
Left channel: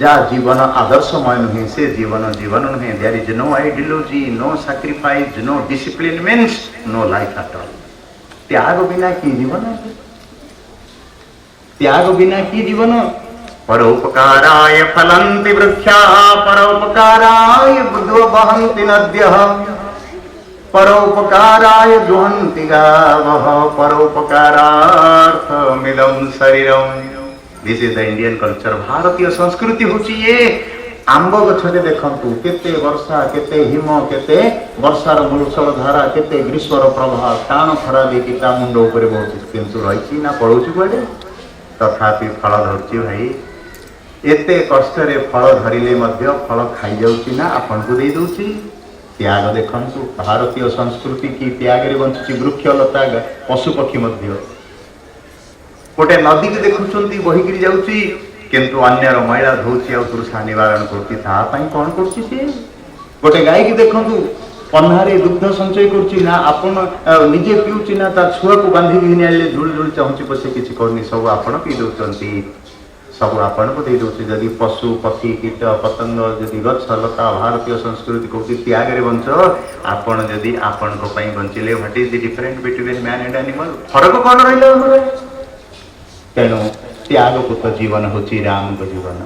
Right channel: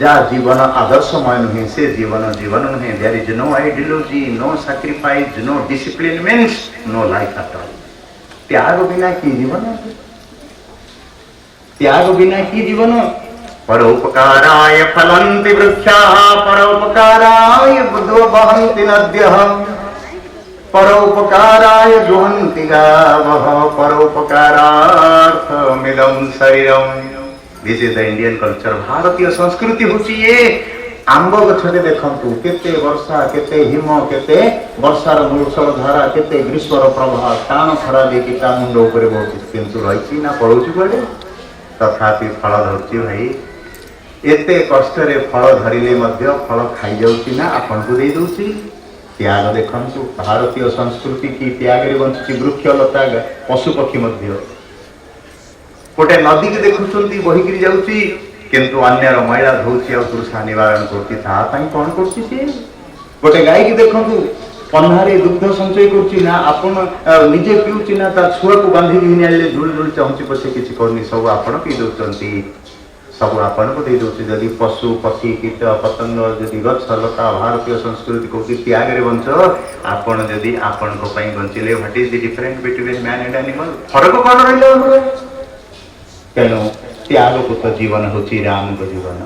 जा जीवन आदर्शमय नुहे से जीवन जीवन नुहे there is no ideology no sacrifice no discipline means no life at all त्याग बिना की जीवन त्याग बिना की जीवन परोपकाराय फलन्ति वृक्षाः परोपकाराय बुद्धो वहन्ति नद्यः परोपकाराय जुहन्ति गावः परोपकारार्थमिदं शरीरम् this is the Indian culture भारतीय संस्कृति होची ये आंब गछरे देखंतु केते वर्षा केते हिम केते वर्षार मूषल धारा केते ग्रीष्मर प्रभाव टाण खरा देकी ता मुंड ऊपर बहुत किंतु रहिची ना पड़ोची पड़े तथापि फल धरची भाई एते कष्ट रे फल धरिले मध्य फल खाई जाउची ना आपन को दे दोची त्याग देखंतु भारतीय संस्कृति की त्याग रे बंची वृक्ष लता पशु पक्षी मध्य गोटे नदी की देखुंती बहिकी जाऊँगी किंतु अन्यर मैला धोची और तृषा निवारण करती कौन कर गोटे गाय की देखु पन्हारे दुग्ध संचय कर निजे पीऊँ ना तार छुआ को बांधिक आने झुल झुल चाहूँगी पछे किसी करनी सब आपड़ पी दौरान सब आपण को दे दौर जदि पशु पक्षी कीट पतंग जदि गछ लता भारतीय संस्कृति कहती त्याग रे बंच आपण जदि आपण बंचिले what is the difference between man and animal फरक कौन रहा तेणु त्यागपूत जीवन होची राम को जीवन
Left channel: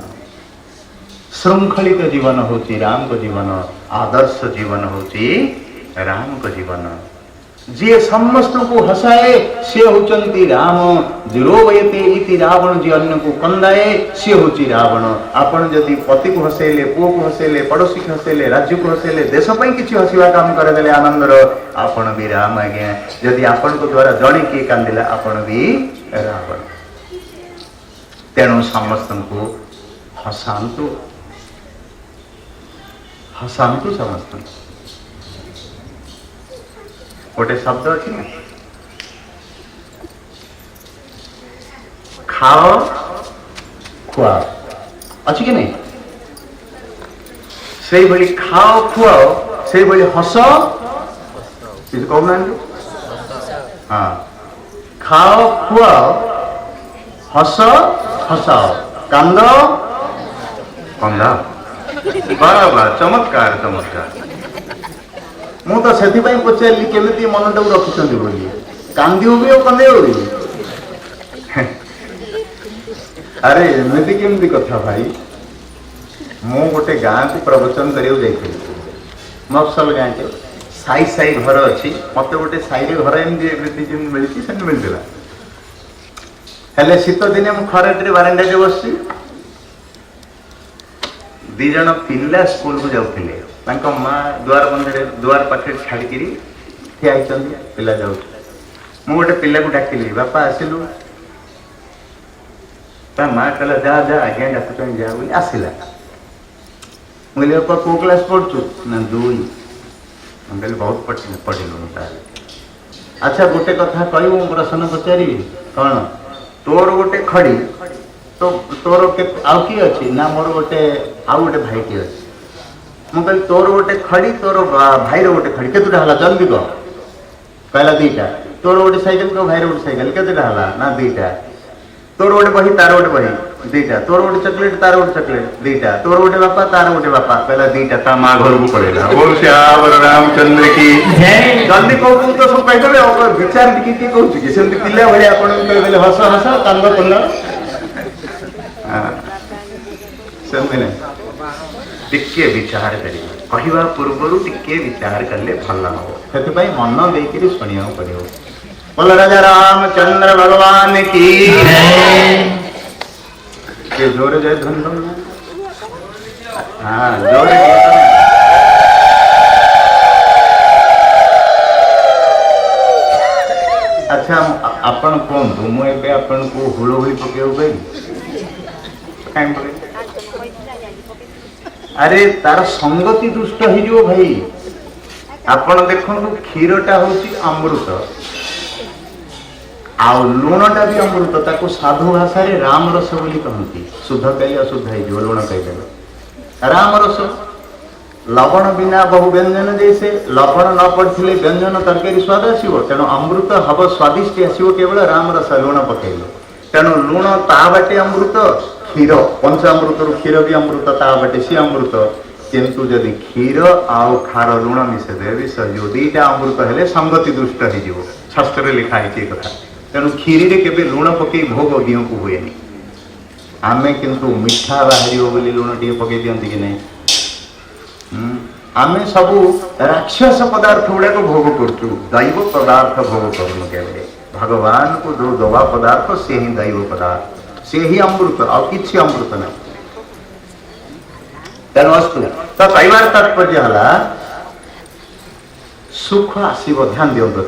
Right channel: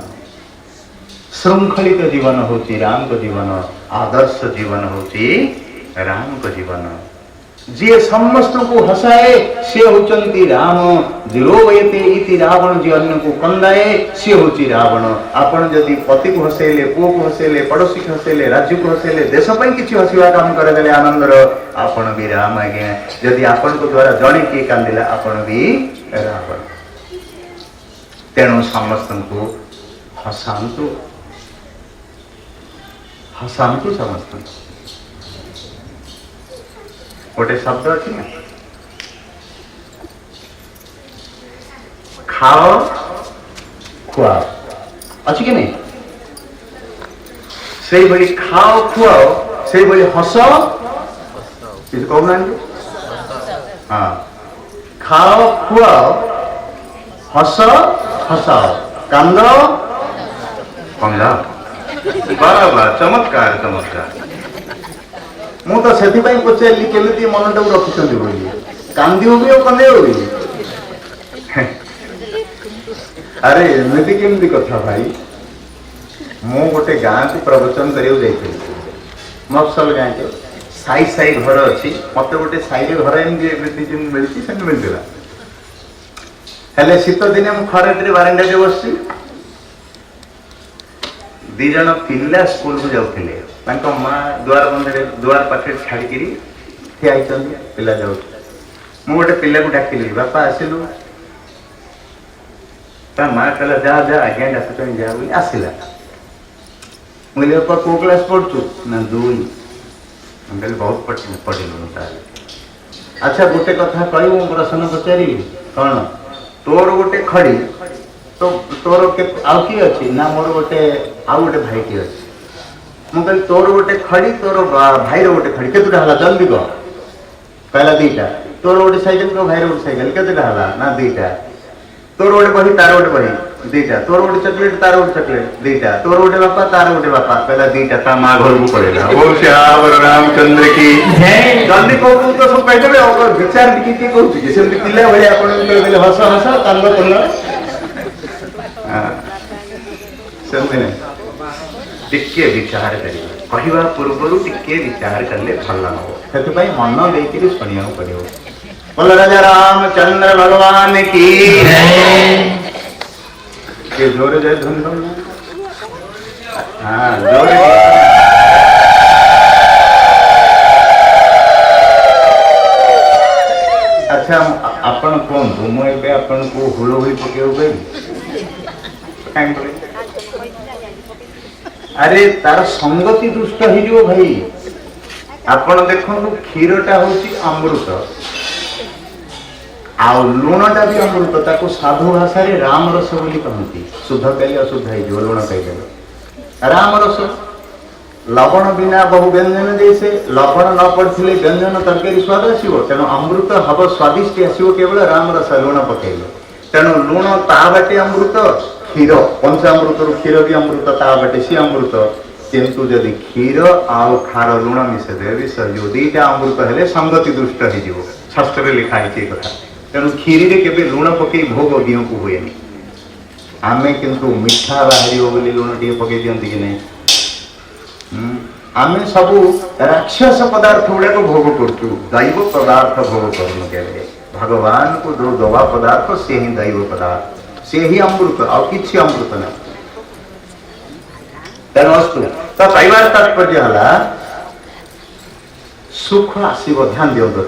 श्रृंखलित जीवन होची राम को जीवन आदर्श जीवन होची राम को जीवन जी समस्त को हसाए से होचंती राम जिरोवयते इति रावण जी अन्य को कंदाए से होची रावण आपण जदि पति को हसेले पुओ को हसेले पड़ोसी को हसेले राज्य को हसेले देश पई किछि हसिवा काम करे देले आनंदर आपण भी राम आज्ञा जदि आपण को द्वारा जणे के कांदिला आपण भी रावण तेणु समस्त को हसांतु हसांतु समस्त गोटे शब्द अच्छी ना खाओ खुआओ अच्छी कि नहीं से भली खाओ खुआओ से भली हस कहना हाँ खाओ खुआओ हस हसाओ कांद कंदा बाबा चमत्कार चमत्कार मु तो से पचारि केमी मनटा रखुच्च बोली कांदी भी और कंदे भी अरे एमती केमती कथा भाई मु गोटे गाँ को प्रवचन कर मफसल गाँ के साई साई घर अच्छी मत गोटे साई घर एमती मिली से मिलता हेले शीत दिने मु खराटे बारंडा बस दी जन पिला स्कूल को जाऊे माँ दुआर बंधे दुआर पाखे छाड़ी ठिया पिला जाऊ मु गोटे पिला को डाकिली बापा आसिलु ता माँ कहला जा जा आज्ञा डाकुच जा बोली आसला मुझे बापा को क्लास पढ़ु ना 2 कहली बहुत पढ़िलु अच्छा गोटे कथा कह प्रश्न पचारि कौन तोर गोटे खड़ी तो तोर आउ किए अच्छी ना मोर गोटे आउ गोटे भाई किए अच्छी मु कहली तोर गोटे खड़ी तोर भाई गोटे खड़ी केतुटा हला जल्दी कह कहला 2टा तोर गोटे साइकिल तो भाई गोटे साइकिल केतुटा हला ना 2टा तोर गोटे बही तार गोटे बही 2टा तोर गोटे चॉकलेट तार गोटे चॉकलेट 2टा तोर गोटे बापा तार गोटे बापा कहला 2टा ता माँ घर को पड़ेगा बोल श्यावर रामचंद्र की जल्दी कहू तो सब कहीदेवे विचार टी कहूँ कि सेमती पिला भाई आप हस हस कांद कल ସେମିତି ନାହିଁ, ଟିକେ ବିଚାର କରିବେ, କହିବା ପୂର୍ବରୁ ଟିକେ ବିଚାର କଲେ ଭଲ ହବ। ସେଥିପାଇଁ ମନ ଦେଇକିରି ଶୁଣିବାକୁ ପଡ଼ିବ। ବୋଲ ରାଜା ରାମଚନ୍ଦ୍ର ଭଗବାନ କି ଟିକେ ଜୋରେ ଯାଇ ଧନ ହଁ ଜୋରେ ଆଚ୍ଛା ଆପଣ କୁହନ୍ତୁ, ମୁଁ ଏବେ ଆପଣଙ୍କୁ ହୁଳହୁଳି ପକେଇବାକୁ କହିବି? କାହିଁ ପକେଇବି? ଆରେ ତାର ସଙ୍ଗତି ଦୁଷ୍ଟ ହେଇଯିବ ଭାଇ। ଆପଣ ଦେଖନ୍ତୁ, କ୍ଷୀରଟା ହଉଛି ଅମୃତ ଆଉ ଲୁଣଟା ବି ଅମୃତ। ତାକୁ ସାଧୁ ଭାଷାରେ ରାମ ରସ ବୋଲି କହନ୍ତି। ଶୁଦ୍ଧ ଖାଇଲେ ଅଶୁଦ୍ଧ ହେଇଯିବ, ଲୁଣ ଖାଇଦେଲେ ରାମ ରସ। ଲବଣ ବିନା ବହୁ ବ୍ୟଞ୍ଜନ ଦେଇছে, ଲବଣ ନ ପଡ଼ିଥିଲେ ବ୍ୟଞ୍ଜନ ତରକାରୀ ସ୍ୱାଦ ଆସିବ। ତେଣୁ ଅମୃତ ହବ ସ୍ୱାଦିଷ୍ଟ ଆସିବ କେବଳ ରାମ ରସ, ଲୁଣ ପକେଇଲେ। ତେଣୁ ଲୁଣ ତା ବାଟେ ଅମୃତ, କ୍ଷୀର ପଞ୍ଚାମୃତରୁ କ୍ଷୀର ବି ଅମୃତ, ତା ବାଟେ ସିଏ ଅମୃତ। କିନ୍ତୁ ଯଦି କ୍ଷୀର ଆଉ ଖାର ଲୁଣ ମିଶାଇଦେବେ ବିଷ ହେଇଯିବ। ଦୁଇଟା ଅମୃତ ହେଲେ ସଙ୍ଗତି ଦୁଷ୍ଟ ହେଇଯିବ। ଶାସ୍ତ୍ରରେ ଲେଖା ହେଇଛି ଏ କଥା। ତେଣୁ କ୍ଷୀରିରେ କେବେ ଲୁଣ ପକେଇ ଭୋଗ ଦିଅଙ୍କୁ ହୁଏନି। ଆମେ କିନ୍ତୁ ମିଠା ବାହାରିବ ବୋଲି ଲୁଣ ଟିକେ ପକେଇ ଦିଅନ୍ତି କି ନାହିଁ? ଆମେ ସବୁ ରାକ୍ଷସ ପଦାର୍ଥ ଗୁଡାକ ଭୋଗ କରୁଛୁ, ଦୈବ ପଦାର୍ଥ ଭୋଗ କରୁନୁ କେବେ। ଭଗବାନଙ୍କୁ ଯୋଉ ଦବା ପଦାର୍ଥ ସେ ହିଁ ଦୈବ ପଦାର୍ଥ, ସେ ହିଁ ଅମୃତ, ଆଉ କିଛି ଅମୃତ ନାହିଁ। ତେଣୁ ଅସ୍ତୁ ତ କହିବାର ତାତ୍ପର୍ଯ୍ୟ ହେଲା ସୁଖ ଆସିବ। ଧ୍ୟାନ ଦିଅନ୍ତୁ,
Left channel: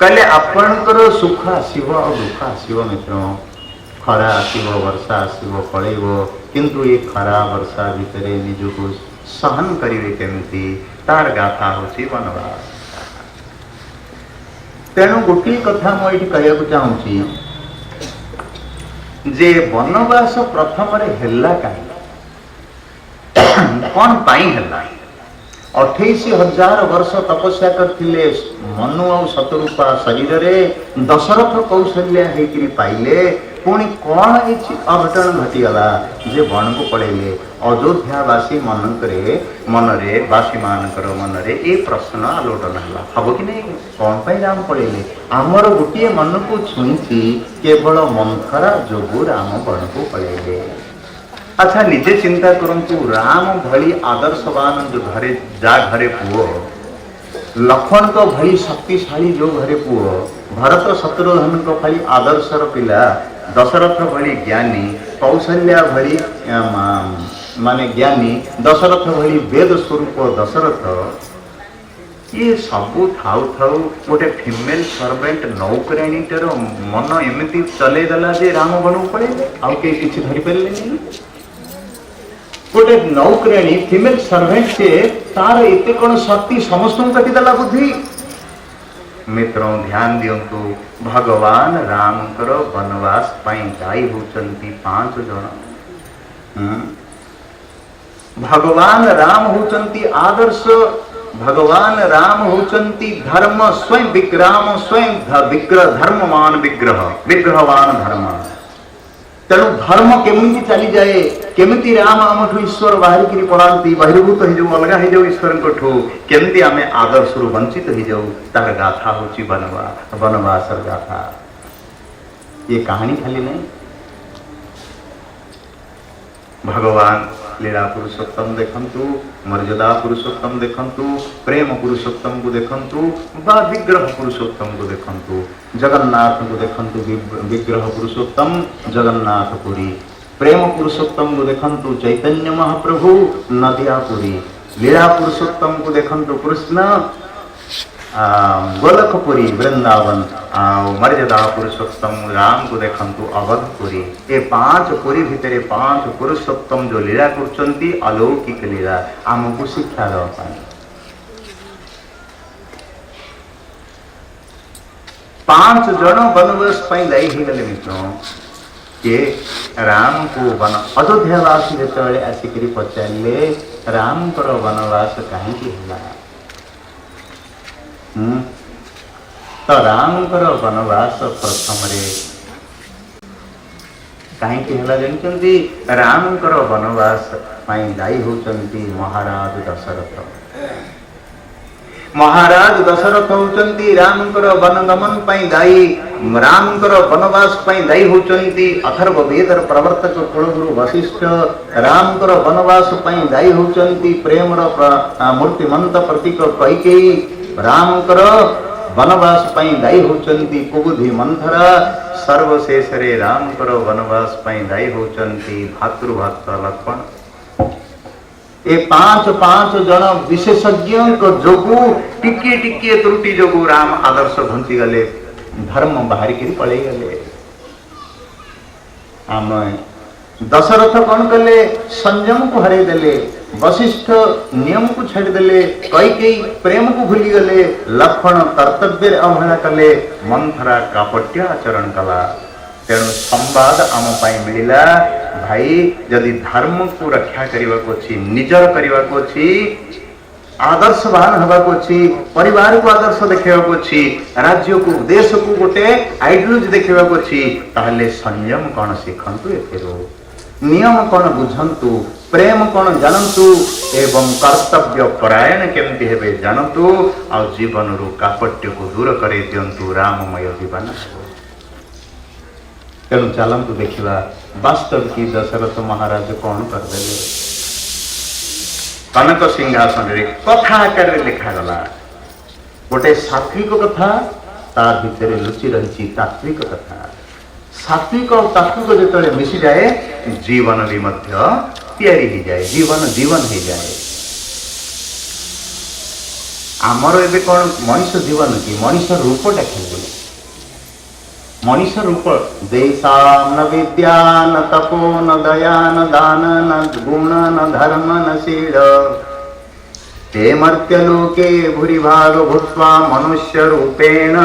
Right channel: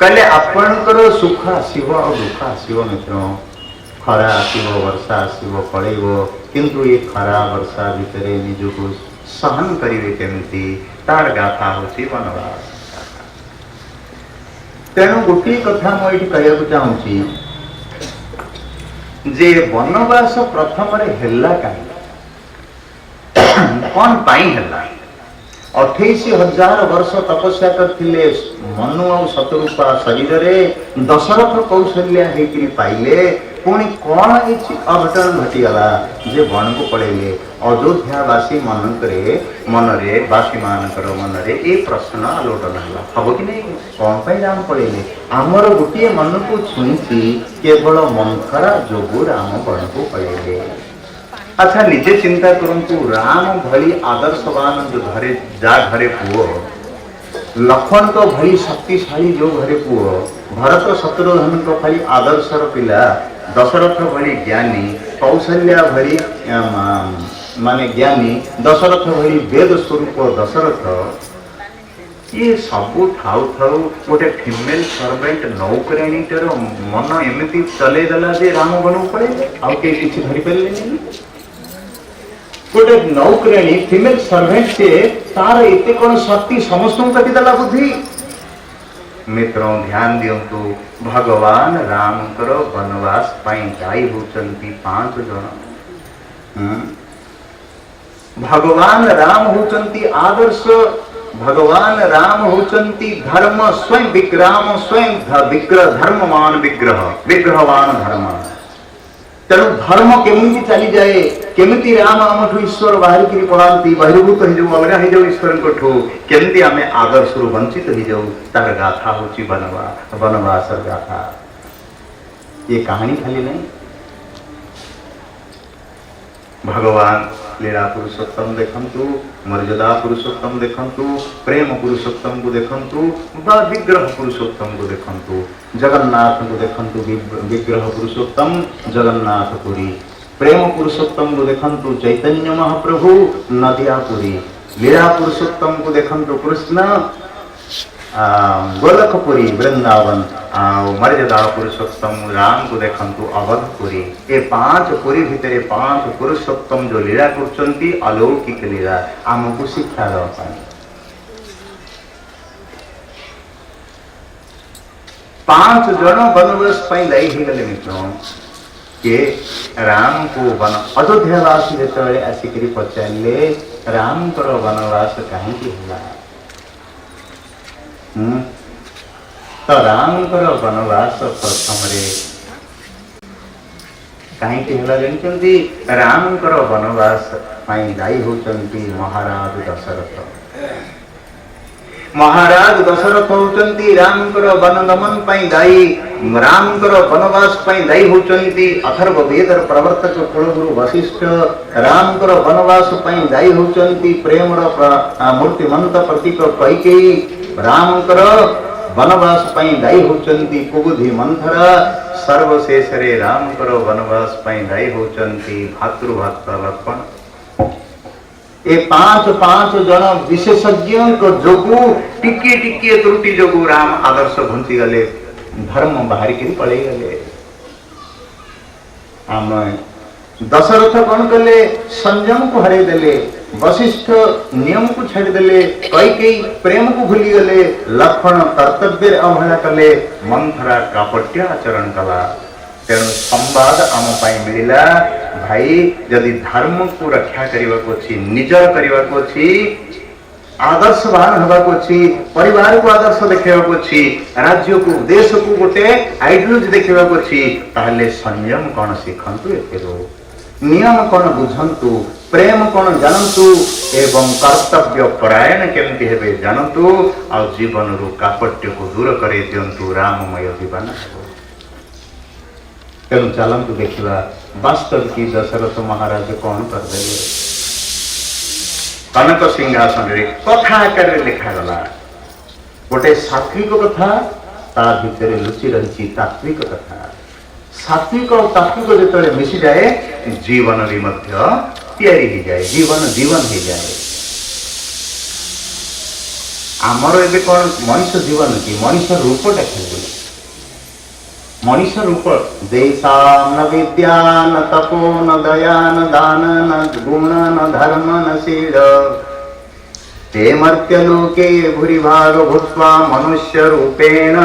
କହିଲେ ଆପଣଙ୍କର ସୁଖ ଆସିବ ଆଉ ଦୁଃଖ ଆସିବ ମିତ୍ର। ଖରା ଆସିବ, ବର୍ଷା ଆସିବ, ପଳେଇବ। କିନ୍ତୁ ଏ ଖରା ବର୍ଷା ଭିତରେ ନିଜକୁ ସହନ କରିବେ କେମିତି, ତାର ଗାଥା ହଉଛି ବନବାସ। ତେଣୁ ଗୋଟିଏ କଥା ମୁଁ ଏଇଠି କହିବାକୁ ଚାହୁଁଛି ଯେ ବନବାସ ପ୍ରଥମରେ ହେଲା କାହିଁକି, କଣ ପାଇଁ ହେଲା? 28,000 ବର୍ଷ ତପସ୍ୟା କରିଥିଲେ ମନୁ ଆଉ ଶତରୂପା ଶରୀରରେ, ଦଶରଥ କୌଶଲ୍ୟା ହେଇକିରି ପାଇଲେ। ପୁଣି କଣ କିଛି ଅଘଟଣ ଘଟିଗଲା ଯେ ବଣକୁ ପଳେଇଲେ? ଅଯୋଧ୍ୟାବାସୀ ମନରେ ବାସୀମାନଙ୍କର ମନରେ ଏ ପ୍ରଶ୍ନ ଆଲୋଟନ ହେଲା, ହବ କି ନାହିଁ, କଣ ପାଇଁ ରାମ ପଳେଇଲେ? ଆମର ଗୋଟିଏ ମନକୁ ଛୁଇଁଛି, କେବଳ ମନ୍ଥରା ଯୋଗୁ ରାମ ବଣକୁ ପଳେଇଲେ। ଆଚ୍ଛା ନିଜେ ଚିନ୍ତା କରନ୍ତୁ, ରାମ ଭଳି ଆଦର୍ଶବାନ ଘରେ ଯାହା ଘରେ ପୁଅ, ଲକ୍ଷ୍ମଣଙ୍କ ଭଳି ଶକ୍ତିଶାଳୀ ଯୋଉ ଘରେ ପୁଅ, ଭରତ ଶତ୍ରୁଘ୍ନଙ୍କ ଭଳି ଆଦର୍ଶର ପିଲା, ଦଶରଥ ଭଳି ଜ୍ଞାନୀ, କୌଶଲ୍ୟା ଭଳି ମାନେ ଜ୍ଞାନୀ, ଦଶରଥ ଭଳି ବେଦ ସ୍ୱରୂପ ଦଶରଥ, ଇଏ ସବୁ ଥାଉ ଥାଉ ଗୋଟେ ଫିମେଲ ସର୍ଭେଣ୍ଟ ନୌକରାଣୀଙ୍କର ମନ ଏମିତି ଚଲେଇ ଦେଲା ଯେ ରାମ ବନକୁ ପଳେଇଲେ, ଆଉ କେହି କିଛି ଧରିପାରିଲେନି। ଗୋଟେ ନୌକରାଣୀ ଫିମେଲ ସର୍ଭେଣ୍ଟ ସେ, ତାର ଏତେ କଣ ଶକ୍ତି ସମସ୍ତଙ୍କୁ କାଟିଦେଲା ବୁଦ୍ଧି? ମିତ୍ର ଧ୍ୟାନ ଦିଅନ୍ତୁ, ଭଗବାନ ରାମଙ୍କର ବନବାସ ପାଇଁ ଦାୟୀ ହଉଛନ୍ତି 5 ଜଣ। ଭଗବାନ ରାମ ହଉଛନ୍ତି ଆଦର୍ଶ, ଭଗବାନ ରାମ ହଉଛନ୍ତି ଧର୍ମ ସ୍ୱୟଂ ବିଗ୍ରାମ, ସ୍ୱୟଂ ଧର୍ମମାନ ବିଗ୍ରହବାନ ଧର୍ମ। ତେଣୁ ଧର୍ମ କେମିତି ଚାଲିଯାଏ, କେମିତି ରାମ ଆମଠୁ ଈଶ୍ୱର ବାହାରିକିରି ପଳାନ୍ତି, ବହିର୍ଭୂତ ହେଇଯାଉ, ଅଲଗା ହେଇଯାଉ ଈଶ୍ୱରଙ୍କଠୁ, କେମିତି ଆମେ ଆଦର୍ଶରୁ ବଞ୍ଚିତ ହେଇଯାଉ, ତାର ଗାଥା ହଉଛି ବନବାସର ଗାଥା। ये कहानी खाली नहीं। भगवान लीला पुरुषोत्तम देखंतु, मर्यादा पुरुषोत्तम देखंतु, प्रेम पुरुषोत्तम को देखंतु, बा विग्रह पुरुषोत्तम को देखंतु, जगन्नाथ को देखंतु, विग्रह पुरुषोत्तम जगन्नाथपुरी, प्रेम पुरुषोत्तम को देखंतु, चैतन्य महाप्रभु नदियापुरी, लीला पुरुषोत्तम को देखंतु, कृष्ण गोलखपुरी वृंदावन, मर्यादा पुरुषोत्तम राम को देखंतु अवधपुरी। ये 5 पुरी भितर 5 पुरुषोत्तम जो लीला करछंती अलौकिक लीला आमको शिक्षा दवा पाई। 5 जन वनवास पाई दायी ही गले मित्रों के राम को वन अयोध्यावासी जेतबेले आसिकरी पचारले राम कर वनवास कहीं होला। तो रामकर वनवास प्रथम कहीं जानते, रामकर वनवास दायी होती महाराज दशरथ। महाराज दशरथ होचंती रामकर वनगमन पाई दायी रामकर वनवास पाई दायी होचंती अथर्व वेदर प्रवर्तक कुलगुरु वशिष्ठ रामकर वनवास पाई दायी होचंती प्रेमर मूर्तिमंत प्रतीक कैकेयी रामकर वनवास पाई दायी होचंती कुबुद्धि मंथरा सर्वशेष रे रामकर वनवास पाई दायी होचंती भातृभक्त लक्ष्मण ए पांच पांच जन विशेषज्ञ जोगु टिके टिके त्रुटि जोगु राम आदर्श घुंची गले धर्म बाहर की पड़े गले आम दशरथ कौन कले संयम को हरे देले वशिष्ठ नियम को छाड़ देले कैकेयी प्रेम को भूली गले लक्ष्मण कर्तव्य अवहेला कले मंथरा कापट्य आचरण कला तेणु संवाद आम मिलला भाई जदि धर्म को रक्षा करने को अच्छी निजर करने को अच्छी आदर्शवान हवा को अच्छी परिवार को आदर्श देखा को अच्छी राज्य को देश को गोटे आइडियोलॉजी देखा को अच्छी ताहले संयम कौन शिखंतु एथिरो नियम कौन बुझंतु प्रेम कौन जानतु एवं कर्तव्य परायण केमती हेबे जानतु आ जीवन रु कापट्य को दूर करे दियंतु राममय जीवन तेणु चलतु देखा वास्तव की दशरथ महाराज कौन करदे कनक सिंहासन रे कथा आकार लिखागला गोटे सात्विक कथा ता भितर लुचि रही तात्विक कथा सात्विक और तात्विक जो मिसी जाए जीवन भी तैयारी हो जाए जीवन जीवन हो जाए आमर एबे कौन मनुष्य जीवन की मनुष्य रूप देखा मनुष्य रूप देशा न विद्या न तपो न दया न दान न गुण न धर्म न शील ते मर्त्यलोके भूरिभाग भूत्वा मनुष्य रूपेण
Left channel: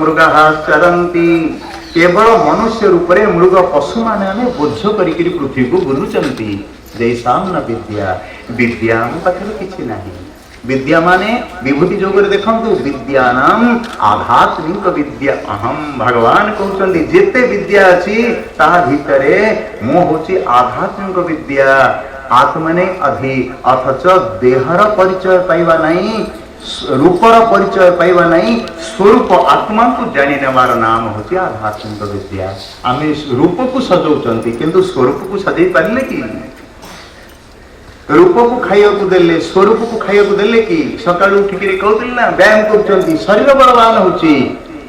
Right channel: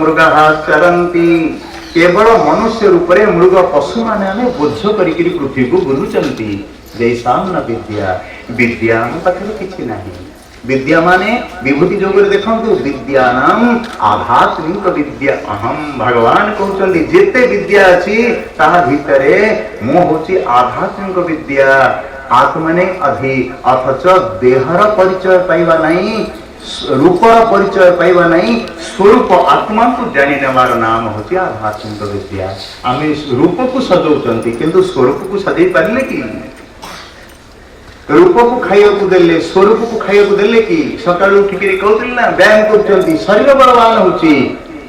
मृगः चरन्ति केवल मनुष्य रूप रे मृग पशु माने बोझ करिकरी पृथ्वी को बुलुचंती देशा न विद्या विद्या पाखरे किछि नाही विद्या माने विभूति जोगरे देखंतु विद्यानाम आध्यात्मिक विद्या अहम भगवान कहउचंदी जेते विद्या अछि ताहा भितरे मो होची आध्यात्मिक विद्या आत्मने अधि अथच देहर परिचय पाइबा नहीं रूपर परिचय पाइबा नहीं स्वरूप आत्मा को जानि नेबार नाम होची आध्यात्मिक विद्या आमे रूप को सजौचंती किंतु स्वरूप को सजै पारले कि रूप को खाइया को देले स्वरूप को खाइया को देले कि सकाळ उठिकरी कहउतिल ना व्यायाम करचंती शरीर बलवान होची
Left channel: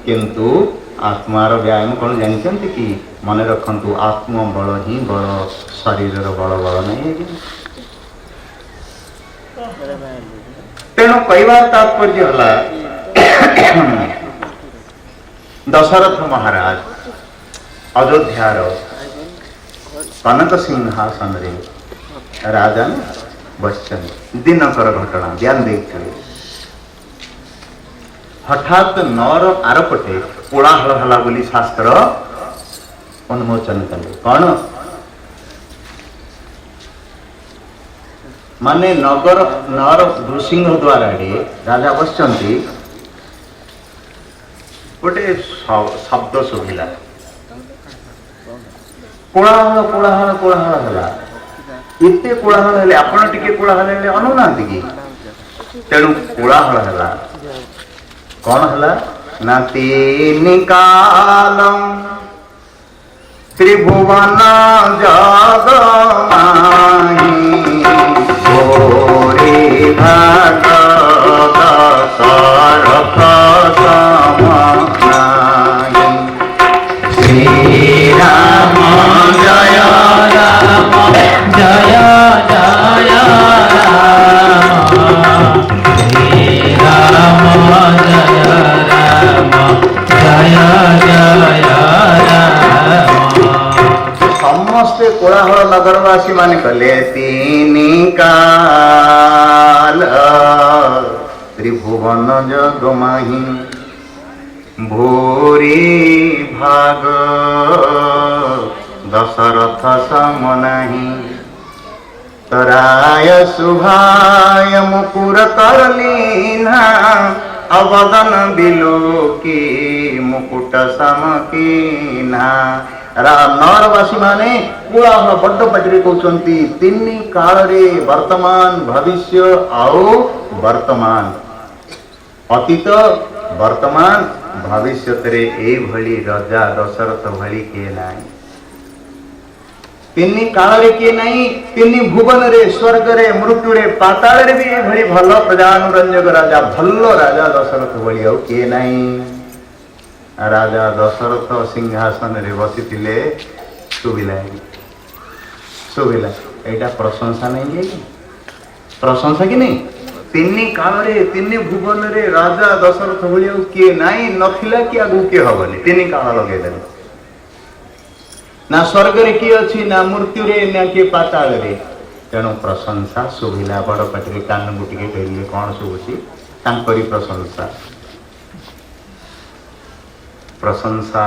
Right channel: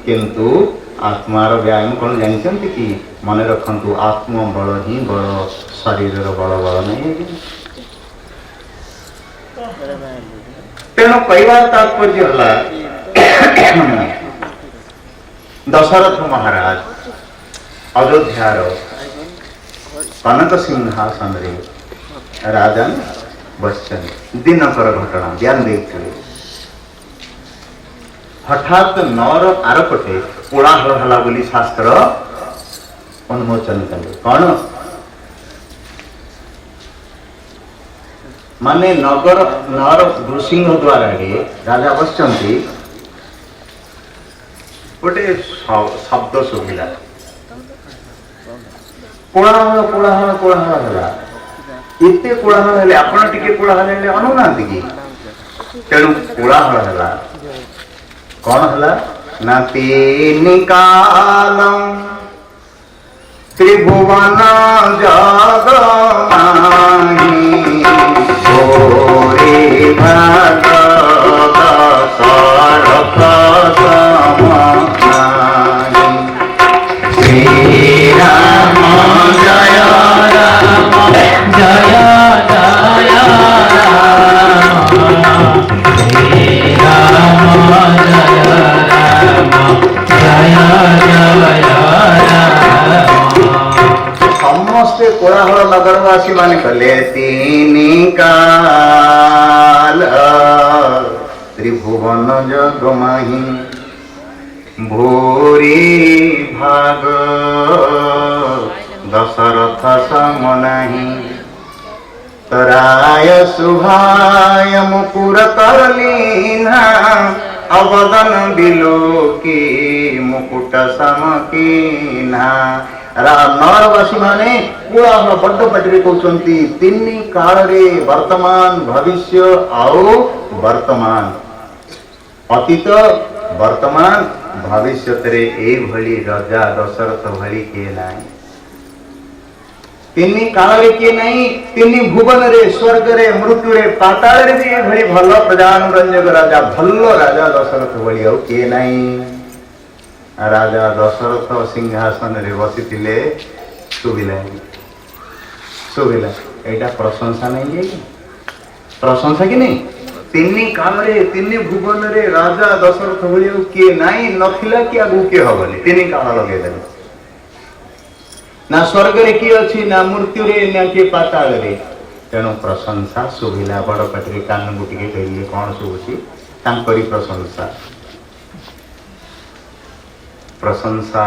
किंतु आत्मार व्यायाम कौन जानते कि मन रखंतु आत्म बल ही बल शरीर बल बल नहीं तेणु कहवार तात्पर्य हला दशरथ महाराज अयोध्यार कनक सिंहासन रे राजा बच्चन दिनकर घटना ध्यान देखिए हठात नर आरपटे कोलाहल हला बोली शास्त्र उन्मोचन कले कौन माने नगर नर नृसिंह द्वारा राजा बसचंती गोटे शब्द शुभिला कोलाहल कोलाहल कोलाहल हला एते कोलाहल हेले आपण टिके कोलाहल हेले अनुनांती की तेणु कोलाहल हला कौन हला ना तीन कालम त्रिभुवन जग माही गोरे भाग दशरथ समाही श्री राम जय राम जय जय राम श्री राम जय राम जय जय राम समस्ते कोलाहल नगरवासी मान कले तीन काल त्रिभुवन जग माही भूरी भाग दशरथ सम नाही तराय सुभाय मुकुर करलीना अवदन बिलोकी मुकुट समकीना नरवासी माने कोलाहल बड्ड पाटिरे कहउचंती तीन काल रे वर्तमान भविष्य आउ वर्तमान ଅତୀତ ବର୍ତ୍ତମାନ ଭବିଷ୍ୟତରେ ଏଇଭଳି ରାଜା ଦଶରଥ ଭଳି କିଏ ନାହିଁ। ତିନି କାଳରେ କିଏ ନାହିଁ। ତିନି ଭୁବନରେ ସ୍ୱର୍ଗରେ ମୃତ୍ୟୁରେ ପାତାଳରେ ବି ଏଭଳି ଭଲ ପ୍ରଜାନୁରଞ୍ଜକ ରାଜା ଭଲ ରାଜା ଦଶରଥ ଭଳି ଆଉ କିଏ ନାହିଁ। ରାଜା ଦଶରଥ ସିଂହାସନରେ ବସିଥିଲେ ଶୁଭିଲା ଶୁଭିଲା ଏଇଟା ପ୍ରଶଂସା ନାହିଁ କି ପ୍ରଶଂସା କି ନାହିଁ। ତିନି କାଳରେ ତିନି ଭୁବନରେ ରାଜା ଦଶରଥ ଭଳି ଆଉ କିଏ ନାହିଁ ନଥିଲା କି ଆଗକୁ କିଏ ହବନି। ତିନି କାଳ ଲଗେଇଦେଲେ ନା ସ୍ୱର୍ଗରେ କିଏ ଅଛି ନା ମୃତ୍ୟୁରେ ନା କିଏ ପାତାଳରେ। ତେଣୁ ପ୍ରଶଂସା ଶୁଭିଲା ବଡ଼ ପାଟିରେ କାନକୁ ଟିକେ କହିଲେ କଣ ଶୁଭୁଛି ତାଙ୍କରି ପ୍ରଶଂସା। ପ୍ରଶଂସା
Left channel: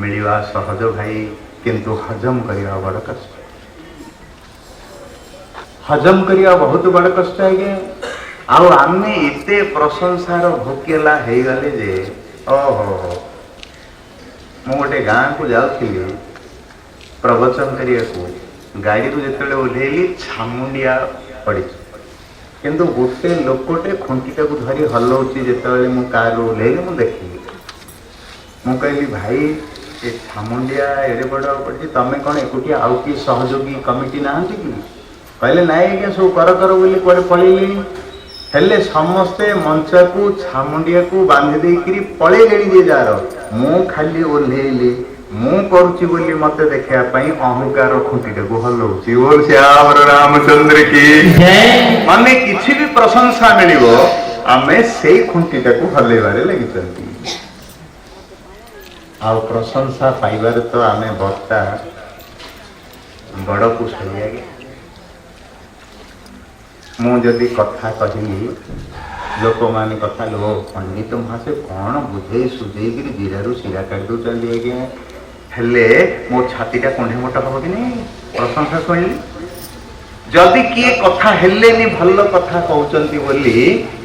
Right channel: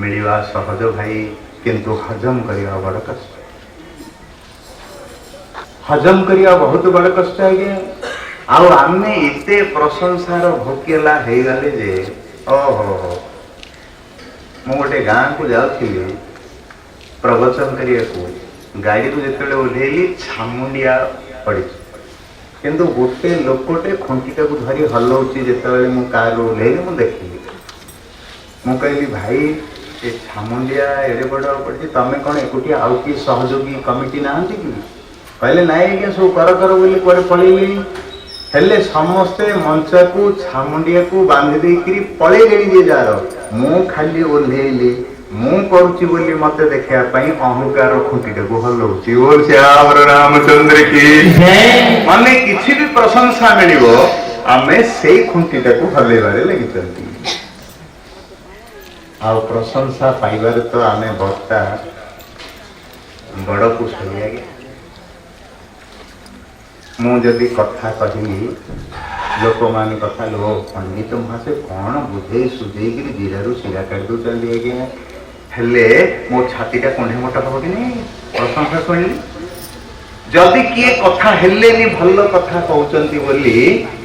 ମିଳିବା ସହଜ ଭାଇ କିନ୍ତୁ ହଜମ କରିବା ବଡ଼ କଷ୍ଟ। ହଜମ କରିବା ବହୁତ ବଡ଼ କଷ୍ଟ ଆଜ୍ଞା। ଆଉ ଆମେ ଏତେ ପ୍ରଶଂସାର ଭୋକିଲା ହେଇଗଲେ ଯେ ଓହୋ ମୁଁ ଗୋଟେ ଗାଁକୁ ଯାଉଥିଲି ପ୍ରବଚନ କରିବାକୁ। ଗାଡ଼ିରୁ ଯେତେବେଳେ ଓହ୍ଲେଇଲି ଛାମୁଣ୍ଡିଆ ପଡ଼ିଛି କିନ୍ତୁ ଗୋଟେ ଲୋକଟେ ଖୁଣ୍ଟିଟାକୁ ଧରି ହଲଉଛି। ଯେତେବେଳେ ମୁଁ କାରରୁ ଓହ୍ଲେଇଲି ମୁଁ ଦେଖିଲି। ମୁଁ କହିଲି ଭାଇ ଏ ଛାମୁଣ୍ଡିଆ ଏଡ଼େ ବଡ଼ ପଡ଼ିଛି ତମେ କ'ଣ ଏକୁଟିଆ ଆଉ କିଏ ସହଯୋଗୀ କମିଟି ନାହାନ୍ତି କି? କହିଲେ ନାଇଁ ଆଜ୍ଞା ସବୁ କର ବୋଲି କୁଆଡ଼େ ପଳେଇଲେଣି। ହେଲେ ସମସ୍ତେ ମଞ୍ଚକୁ ଛାମୁଣ୍ଡିଆକୁ ବାନ୍ଧି ଦେଇକିରି ପଳେଇଲେଣି ଯେ ଯାହାର। ମୁଁ ଖାଲି ଓହ୍ଲେଇଲି ମୁଁ କରୁଛି ବୋଲି ମତେ ଦେଖିବା ପାଇଁ ଅହଙ୍କାର ଖୁଣ୍ଟିଟାକୁ ହଲଉଛି। ବୋଲ ଶ୍ୟାମର ରାମଚନ୍ଦ୍ର କି ମାନେ କିଛି ବି ପ୍ରଶଂସା ମିଳିବ ଆମେ ସେଇ ଖୁଣ୍ଟିଟାକୁ ହଲେଇବାରେ ଲାଗିଛନ୍ତି। ଆଉ ପ୍ରଶଂସା ପାଇବାରେ ତ ଆମେ ବକ୍ତା ବଡ଼ କୁଶଳୀ ଆଜ୍ଞା। ମୁଁ ଯଦି କଥା କହିଲି ଲୋକମାନେ କଥା ଲୋ ପଣ୍ଡିତ ମହାଶୟ କ'ଣ ବୁଝେଇ ସୁଝେଇକିରି ଜିରାରୁ ଶିରା କାଢ଼ି ଦେଉଛନ୍ତି ଆଜ୍ଞା। ହେଲେ ମୋ ଛାତିଟା କୁଣ୍ଢେ ମୋଟ ହବ କି ନାହିଁ ପ୍ରଶଂସା ଶୁଣିଲି। ଯଦି କିଏ କଥା ହେଲେନି ଭଲ କଥା କହୁଛନ୍ତି ବୋଲି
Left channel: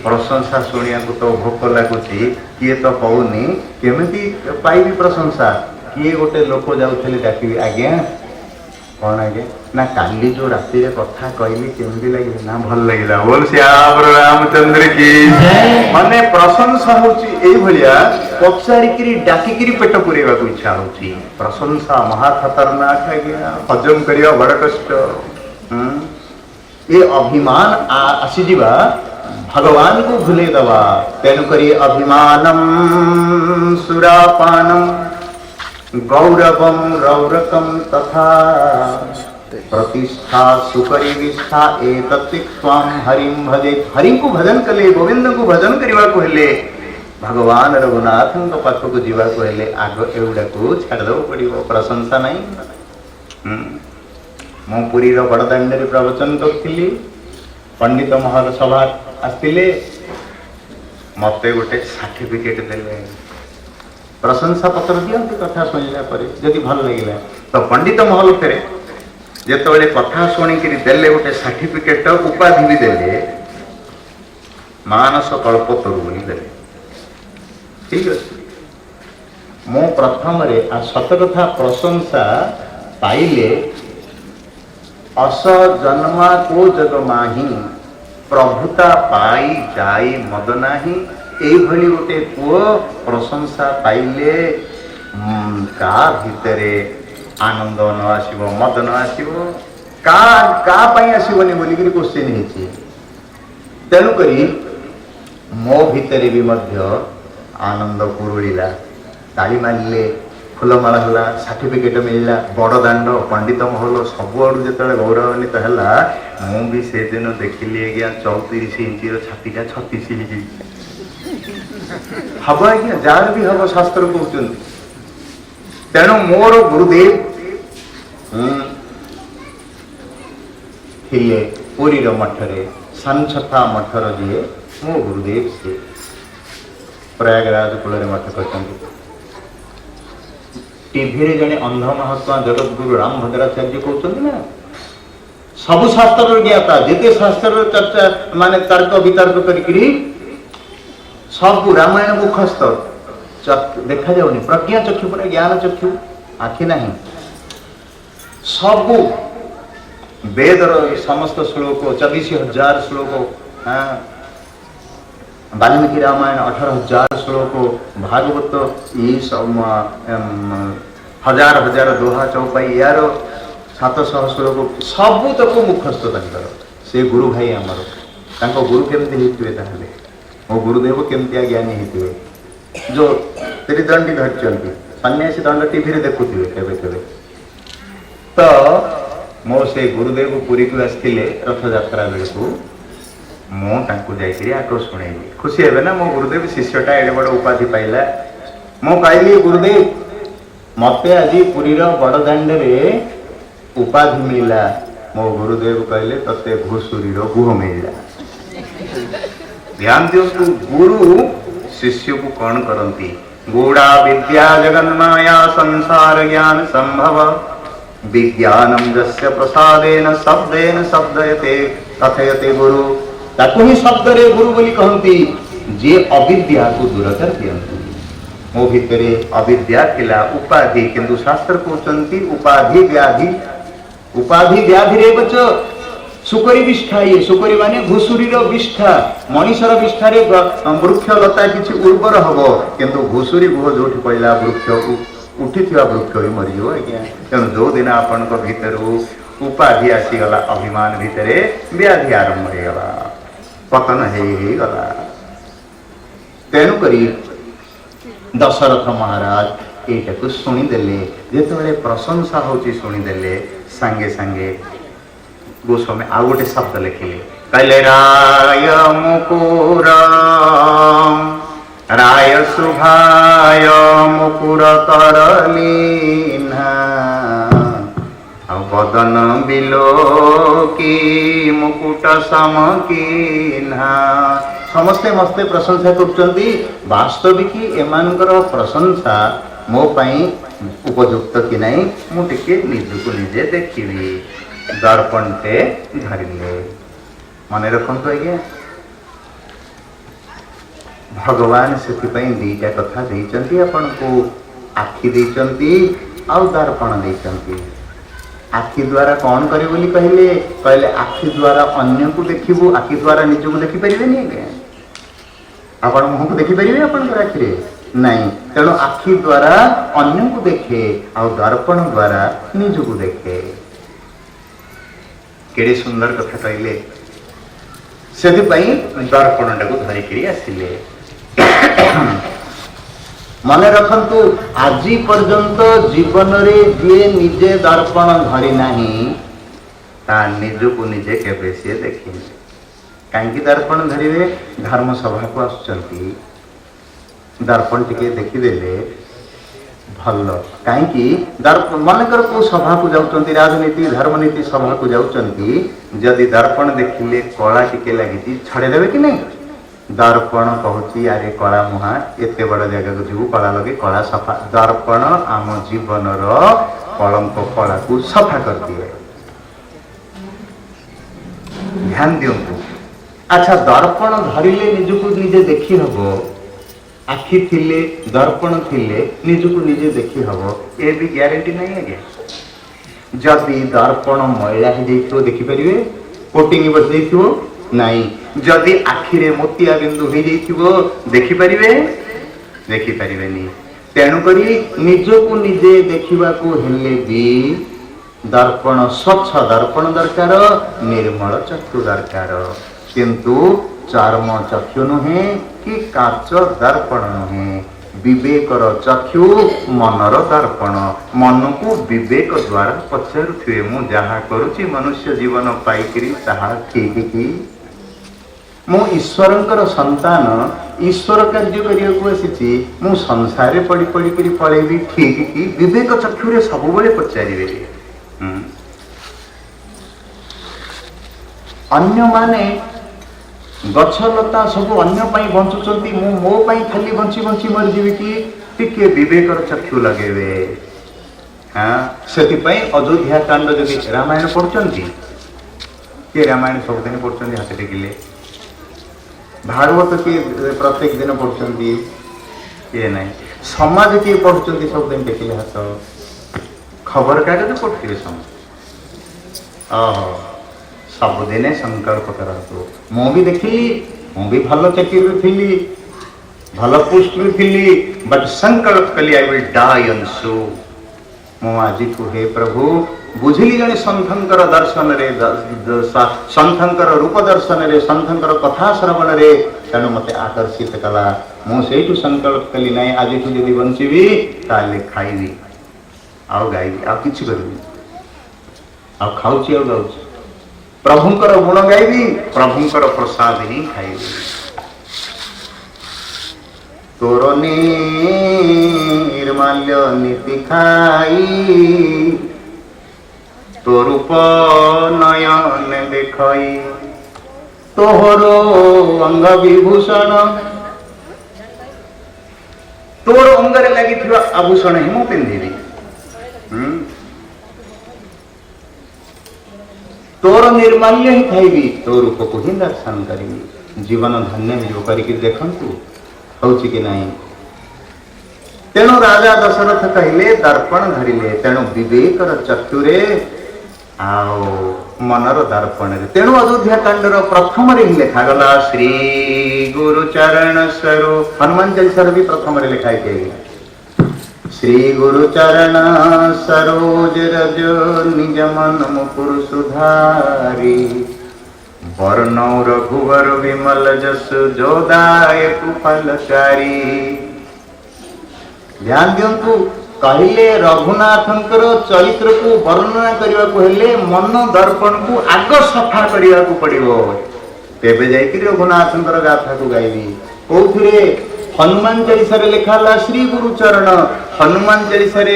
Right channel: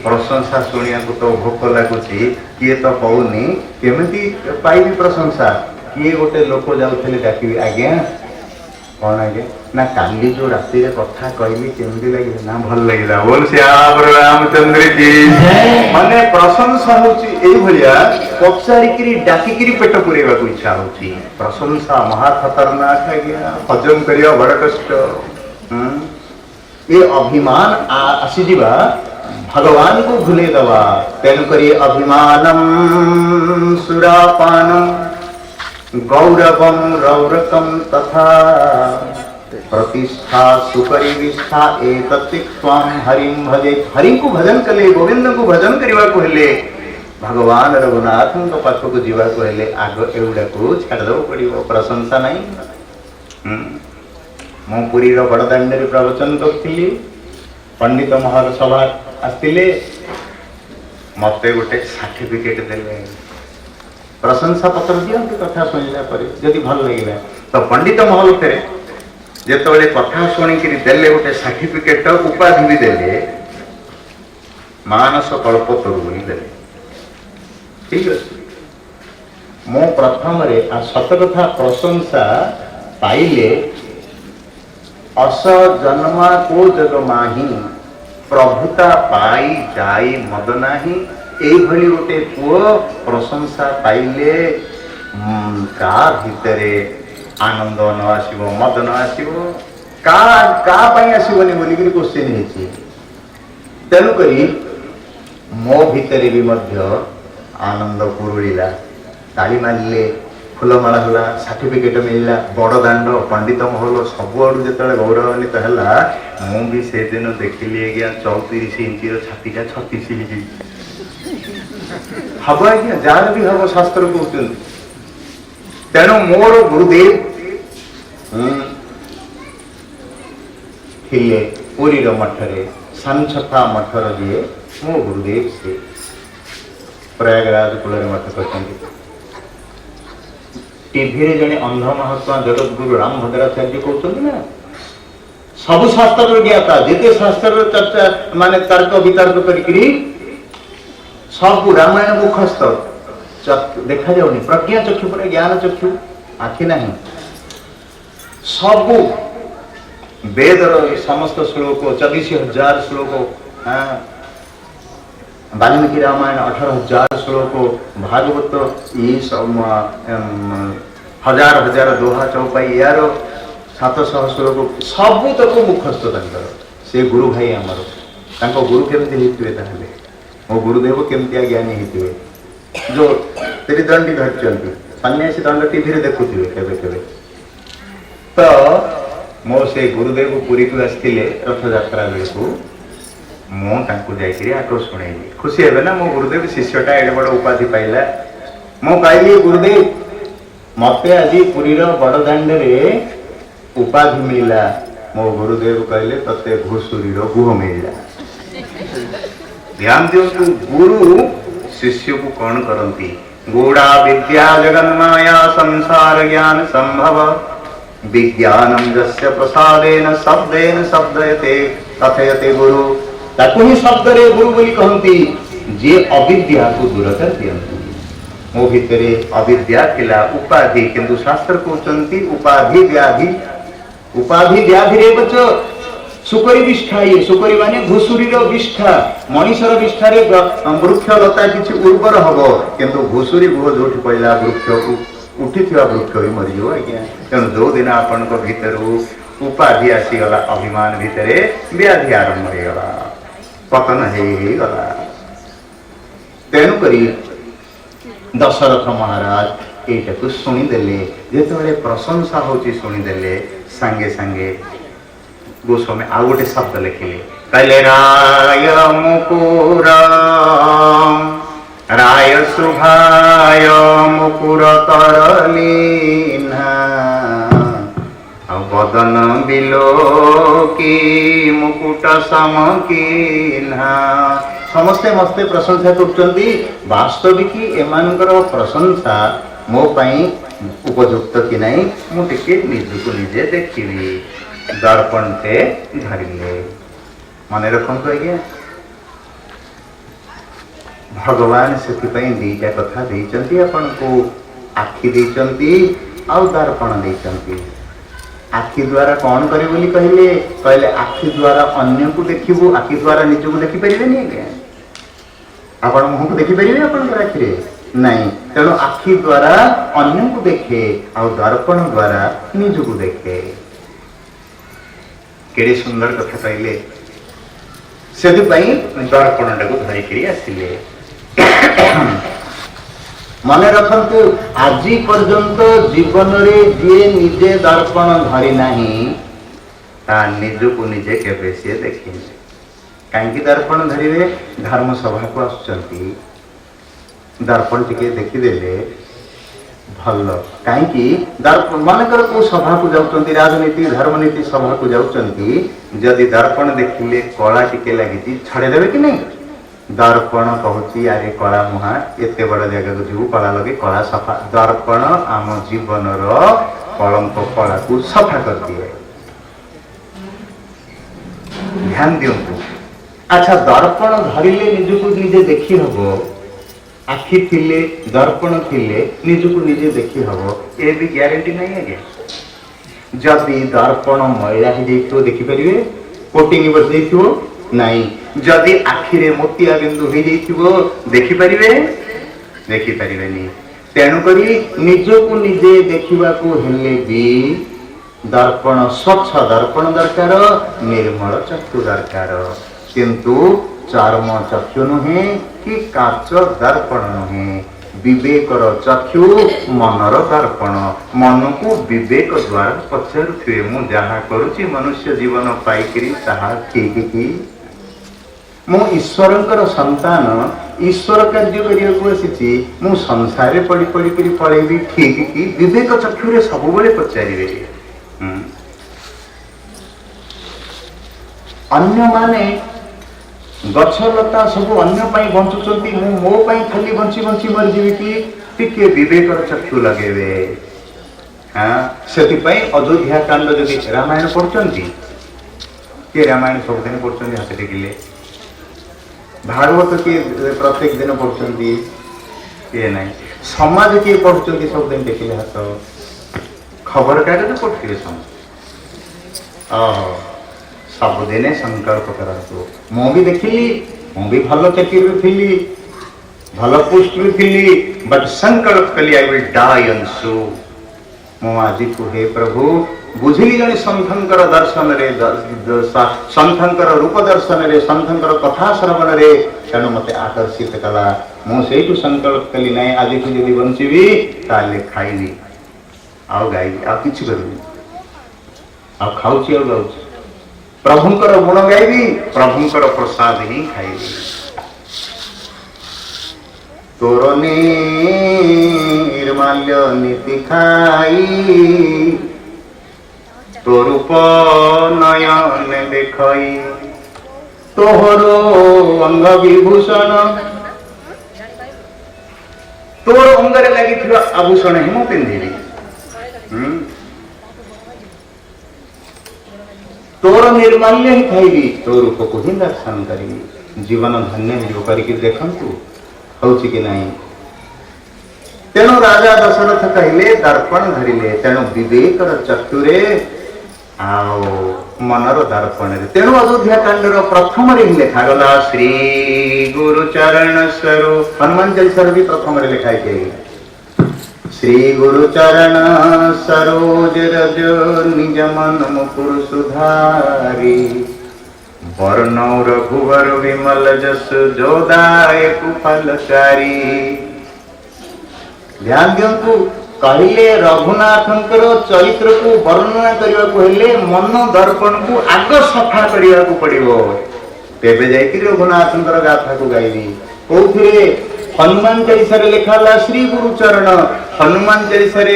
ପ୍ରଶଂସା ଶୁଣିବାକୁ ତ ଭୋକ ଲାଗୁଛି। କିଏ ତ କହୁନି କେମିତି ପାଇବି ପ୍ରଶଂସା। କିଏ ଗୋଟେ ଲୋକ ଯାଉଥିଲେ ଡାକିବି ଆଜ୍ଞା କ'ଣ ଆଜ୍ଞା ନା କାଲି ଯୋଉ ରାତିରେ କଥା କହିଲି କେମିତି ଲାଗିଲା ନା ଭଲ ଲାଗିଲା। ବୋଲ ଶ୍ୟାମର ରାମଚନ୍ଦ୍ର କି ମାନେ ପ୍ରଶଂସା ହଉଛି ଏଇଭଳିଆ ପଚାରିକିରି ଡାକିକିରି ପେଟ ପୁରେଇବାକୁ ଇଚ୍ଛା ହଉଛି। ପ୍ରଶଂସା ମହା ଖତରନାକ ଆଜ୍ଞା। ହଜମ କରିବା ବଡ଼ କଷ୍ଟ। ଏ ଅଭିମାନ ଆସିଯିବା ଭଗବାନଙ୍କୁ ଭୁଲେଇ ଦେବା। ତେଣୁକରି ଅଭିମାନମ୍ ସୁରାପାନମ୍ ଗୌରବಂ ରୌରକಂ ତଥା ପ୍ରତିଷ୍ଠା ସୁପରିନିଷ୍ଠା ଏତତ୍ତ୍ୱାଂ ହରିಂ ଭଜେ। ହରିଙ୍କୁ ଭଜନ କଲେ ଗୋବିନ୍ଦଙ୍କୁ ଭଜନ କରିବାକୁ ହେଲେ ଭଗବାନ ରଘୁନାଥଙ୍କ ପାଖକୁ ଯିବାକୁ ହେଲେ ଆଗ ଏଗୁଡ଼ାକୁ ଛାଡ଼ିଦେବାକୁ ପଡ଼ିବ। ପ୍ରଶଂସା ନାହିଁ। ମୁଁ ପୁରୀର ବଡ଼ଦାଣ୍ଡରେ ପ୍ରବଚନ କରୁଥିଲି। ପଣ୍ଡିତ ମହଲ ସଭା ଆସିଥିଲେ ମତେ ଗୋଟେ ସାର୍ଟିଫିକେଟ ଦେଲେ। ପ୍ରଶଂସା ପତ୍ର ଦିଅନ୍ତି କଥା ଶୁଣିଲା ପରେ ଯଦି ଭଲ ଲାଗିଲା ତ ପଣ୍ଡିତ ମହଲ ଫେରେ ଯେତେବେଳେ କଥା ଶୁଣିକିରି ଦେଲେ ଗୋଟେ ସାର୍ଟିଫିକେଟ ଉପାଧି ବି ଦେଲେ ମାନସ କଳ୍ପତରୁ ବୋଲି ଦେଲେ। ଠିକ ଅଛି। ମୁଁ ପ୍ରଥମରେ ସତ କଥା ପ୍ରଶଂସା ପାଇଲେ ଅସ ଜନ୍ମା କୋ ଜଗ ମାହି ପ୍ରଭୁତା ପାଇ ଯାଇ ମଦ ନାହିଁ। ଏଇଭଳି ଗୋଟେ ପୁଅ ପ୍ରଶଂସା ପାଇଲେ କା ଭିତରେ ଆନନ୍ଦ ନ ଆସିବ ମଦ ନ ଆସିବ କା ପାଇଁ ଆସିବନି ବୋଲିକିରି କୋଶ୍ଚିନ୍ ହେଇଛି। ତେଣୁକରି ମୋ ଭିତରେ ବି ମଧ୍ୟ ଆନନ୍ଦ କୁରୁଳିଲା। ତାଳି ମାରିଲେ ଫୁଲମାଳ ହେଲା ସାର୍ଟିଫିକେଟ ମିଳିଲା। ବଡ଼ ଦାଣ୍ଡ ପଣ୍ଡିତ ମହଲ ସବୁଆଡ଼ୁ ଯେତେବେଳେ ଗୌରବାନ୍ୱିତ ହେଲା ମୁଁ ବି ସେଦିନ ଦେଖିଲି ଆଜ୍ଞା 34 ଇଞ୍ଚର ଛାତିଟା 36 ହେଇଯାଇଛି। ହବ ଆଜ୍ଞା ଯାହାର ବି ହବ ଶାସ୍ତ୍ର କହୁଛନ୍ତି। ତେଣୁ ମୋର ଗୁରୁଦେବ ଥିଲେ ପୁରୀର ମଠରେ ସାନଛତା ମଠର ଯିଏ ମୋ ଗୁରୁଦେବ ସିଏ ପ୍ରୟାଗରାଜ କୂଳରେ ମଠ କରିଛନ୍ତି। ଟିଭିରେ ଜଣେ ଅନ୍ଧ ମହାତ୍ମା ଜଗତଗୁରୁ ରାମ ଭଦ୍ରାଚାର୍ଯ୍ୟ କହୁଛନ୍ତି ନା ସବୁ ଶାସ୍ତ୍ରର ଜ୍ଞାତା ଯେତେ ଶାସ୍ତ୍ରର ଚର୍ଚ୍ଚା ମାନେ ତର୍କ ବିତର୍କ କରିକିରି ସବୁ ରାମାୟଣ ମୁଖସ୍ଥ ଦେଖାଯାଉନି। ପ୍ରଜ୍ଞା ଚକ୍ଷୁ ପରେ ଜ୍ଞାନ ଚକ୍ଷୁ ଆଖି ନାହିଁ। ସବୁ ବେଦର ସମସ୍ତ ଶ୍ଲୋକ 24,000 ଶ୍ଲୋକ वाल्मीकि रामायण 18,000 श्लोक, भागवत ये सब हजार हजार दोहा चौपाई यार 700 श्लोक सबू तक मुखस्थ तर से गुरु भाई आमर तांको गुरु केमती होते ताहले मो गुरुदेव केमती ज्ञानी होते जो त्रिदंडी धरती सन्यासी दंड टीवी रे देखुथिबे केबे केबे तो मो से गुरुदेव पुरी को आसते रथ यात्रा बेलू मुझे आटो शुणेली खुशी है ना मो गुरुदेव शिष्यटा एडे बड़ उपाधि पाइला मु कहली गुरुदेव मत आज पुरी बड़ दाण्ड उपाधि मिलला मो गुरुदेव कहले तते घुसुरी गुह मिलला ध्यान दिंतु गुरु शिष्य को कौन करती गूढ़ा विद्या जगन्माया संसार ज्ञान संभव विज्ञानम जस्य प्रसादेन शब्देन शब्दयते कथयते गुरु ताकू ही शब्द रे गुरु बोली कहती जे अविद्या को दूर कर दियंतु मो भितरे अविद्या थिला उपाधि किंतु शास्त्र कहते उपाधि व्याधि रे बच सुकरी विष्ठा ये सुकरी माने घुसुरीर विष्ठा मनीषर विष्ठा रे वृक्ष लता किछि उर्वर हबो किंतु घुसुरी गुह जोठी पइला वृक्ष उठी वृक्ष भी मरीज आज्ञा तेणु जो दिन आपण भीतर उपाधि आसीगला अभिमान भितर व्याधि आरंभ होगला पतन होगला तेणुक दशरथ महाराज यू शुणीदे जो प्रशंसा होची शुणीदे सांगे सांगे गोस्वामी आउ गोटे शब्द लिखिले कहले राय मुकुर राय शुभाय मुकुर तरलीना बदन बिलो की मुकुट समकीना समस्ते मस्ते प्रशंसा करछंती वास्तविक एमानकर प्रशंसा मो पई उपयुक्त कि नहीं मु टिके निजको निजे देखिबी दर्पण ते धरिले मन रखंतु आज्ञा भगवान से दीटा कथा देइचंती आपन को आखि देइचंती आउ दर्पण देइचंती आखि द्वारा कौन करे बोली कहले कहले आखि द्वारा अन्य को देखिबू आखि द्वारा निज को देखि परिबे नहीं आज्ञा आपण मुह को देखि परिबे आपण आखि रे नहीं तेणु आखि द्वारा अन्य को देखे और दर्पण द्वारा निज को देखे केड़े सुंदर कथा कहले से दर्पण टाक धरिकी आसिले मन रखंतु आज पर्यंत जीवन रे जे निजे दर्पण धरी नाही ता निज को निजे केबे से देखिने कहीं दर्पण धरिवे धर्म सभा को आसुचंती दर्पण टिके देखिदेले भल कहीं दर्पण मनकर को सभा को जाउचंती राजनीति धर्मनीति सभा को जाउचंती जदि दर्पण देखिले कला टिके लगी छड़े देवे कि नहीं दर्पण कहूँ अरे कला मुहा एते बड़ जगह को जीव कला लगे कला सफा दर्पण आम जीवन कलंक कला को सफा कर दिए ध्यान दिंतु अच्छा दर्पण धरिले निजको निजे देखी हबो आखि थिले दर्पण थिले निजको निजे देखी हबो ए भी ग्यारंटी नहीं है जदि दर्पण मैला ही देखियो देखि परिवे कोटिंग बस देखियो नहीं जदि आखिरे मोतिया बिंदु हो जाइथिबो देखि परिबेनी तेणु करी निजको निजे देखिबा को हेले भी दर्पण स्वच्छ दर्पण दरकार निर्मल चक्षु दरकार किंतु चर्म चक्षु नुहे कि काच दर्पण नुहे विवेकर चक्षु मनर दर्पण मन को विवेक द्वारा पचारुथिबे मु जहा करूची मनुष्य जीवन पाइकरी ताहा ठीक कि मु ईश्वरंकर संतान ईश्वर कार्य करिया आसी मु संसार रे पड़ी पड़ी करी पळेबी ठीक कि विवेक चक्षु रे सब बेले पचारिबे अन्य माने गछलता सब अन्य पाई बंचुचंती मु मो पाई खाली बंची बंची मर जीवी कि टिके विवेकर चक्षु लगेबे हां सेति पाई अयोध्या कांड जदि रामायण पढुचंती के रामायण सब दिन पढुचंती हाथ टेकिले भागवत के प्रत्येक दिन पढ़ुचंती ये नहीं समाज के पढ़ुचंती सब दिन देखिले हाथ खबर कागज पढ़ुथिबे समस्त सबदिने संकल्प करतु मु भी देखिली ମୁଁ ବି ଭଲ ଚାକିରିରେ ଥିଲି, ଭଲ ପୋଷ୍ଟରେ ଥିଲି, ବଟ୍ ସଂକଳ୍ପ କଲି ଆଇ ୱିଲ୍ ଡାଇ ଅନ୍ ସୋ। ମୁଁ ଆଜିକୁ ହେ ପ୍ରଭୁ ବୁଝିଲି ଜଣେ ସନ୍ଥଙ୍କର ଦର୍ଶନରେ, ସନ୍ଥଙ୍କର ରୂପ ଦର୍ଶନରେ, ସନ୍ଥଙ୍କର କଥା ଶ୍ରବଣରେ, ତେଣୁ ମୋତେ ଆକର୍ଷିତ କଲା। ମୁଁ ସେଇଠୁ ସଂକଳ୍ପ କଲି ନାହିଁ ଆଜିଠୁ ଯଦି ବଞ୍ଚିବି ତାହେଲେ ଖାଇବି ଆଉ ଗାଇବି ଆଉ କିଛି କରିବି, ଆଉ ଖାଉଛି ଆଉ ଗାଉଛି, ପ୍ରଭୁଙ୍କର ଗୁଣ ଗାଇବି, ପ୍ରଭୁଙ୍କର ପ୍ରସାଦ ହିଁ ଖାଇବି। ତୋର ନିର୍ମାଲ୍ୟ ନୀତି ଖାଇ ତୋ ରୂପ ନୟନେ ଦେଖଇ ତୋହର ଅଙ୍ଗ ବିଭୂଷଣ, ତୋର ଅଙ୍ଗରେ ଲାଗିଥିବା ଆଭୂଷଣ ହିଁ ମୁଁ ପିନ୍ଧିବି, ତୋର ନିର୍ମାଲ୍ୟ ହିଁ ଖାଇବି, ତୋ ରୂପକୁ ହିଁ ଦର୍ଶନ କରିବି। ଜୀବନ ଧନ୍ୟ ହେଇଯିବ। କରିକି ଦେଖନ୍ତୁ ହଉଛି କି ନାହିଁ। ତେଣୁ ରାଜା ଦଶରଥ କହିଲେ ଦର୍ପଣ ଧରିଲେ, ତେଣୁ ବିବେକର ଚକ୍ଷୁରେ ଆଉ ମନର ଦର୍ପଣରେ। ତେଣୁ ଅଯୋଧ୍ୟା କାଣ୍ଡର ପ୍ରଥମରେ ହିଁ ଲେଖାଗଲା ଶ୍ରୀ ଗୁରୁ ଚରଣ ସ୍ୱରୁ। ହନୁମାନ ଚାଳିଶାର ବି ପ୍ରଥମରେ ଲେଖା ହେଇଛି ଶ୍ରୀ ଗୁରୁ ଚରଣ ସରୋଜ ରଜ ନିଜ ମନ ମୁକୁର ସୁଧାରି ବର୍ଣ୍ଣ ରଘୁବର ବିମଲ ଯଶ ଯୋଦାୟକୁ ଫଲଚାରି। ଧ୍ୟାନ ଦିଅନ୍ତୁ, କହିଲେ ରଘୁନାଥଙ୍କର ଚରିତ୍ରକୁ ବର୍ଣ୍ଣନା କରିବାକୁ ହେଲେ ମନ ଦର୍ପଣକୁ ଆଗ ସଫା କରିବାକୁ ପଡିବ, ତେବେ ଯାଇକି ରଘୁନାଥଙ୍କର ଗାଥାକୁ ଗାଇବି। କୋଉଥିରେ? ହନୁମାନ ଚାଳିଶାରେ ଲେଖା ହେଲା ଶ୍ରୀ ଗୁରୁ ଚରଣ। ହନୁମାନ ଚାଳିଶାରେ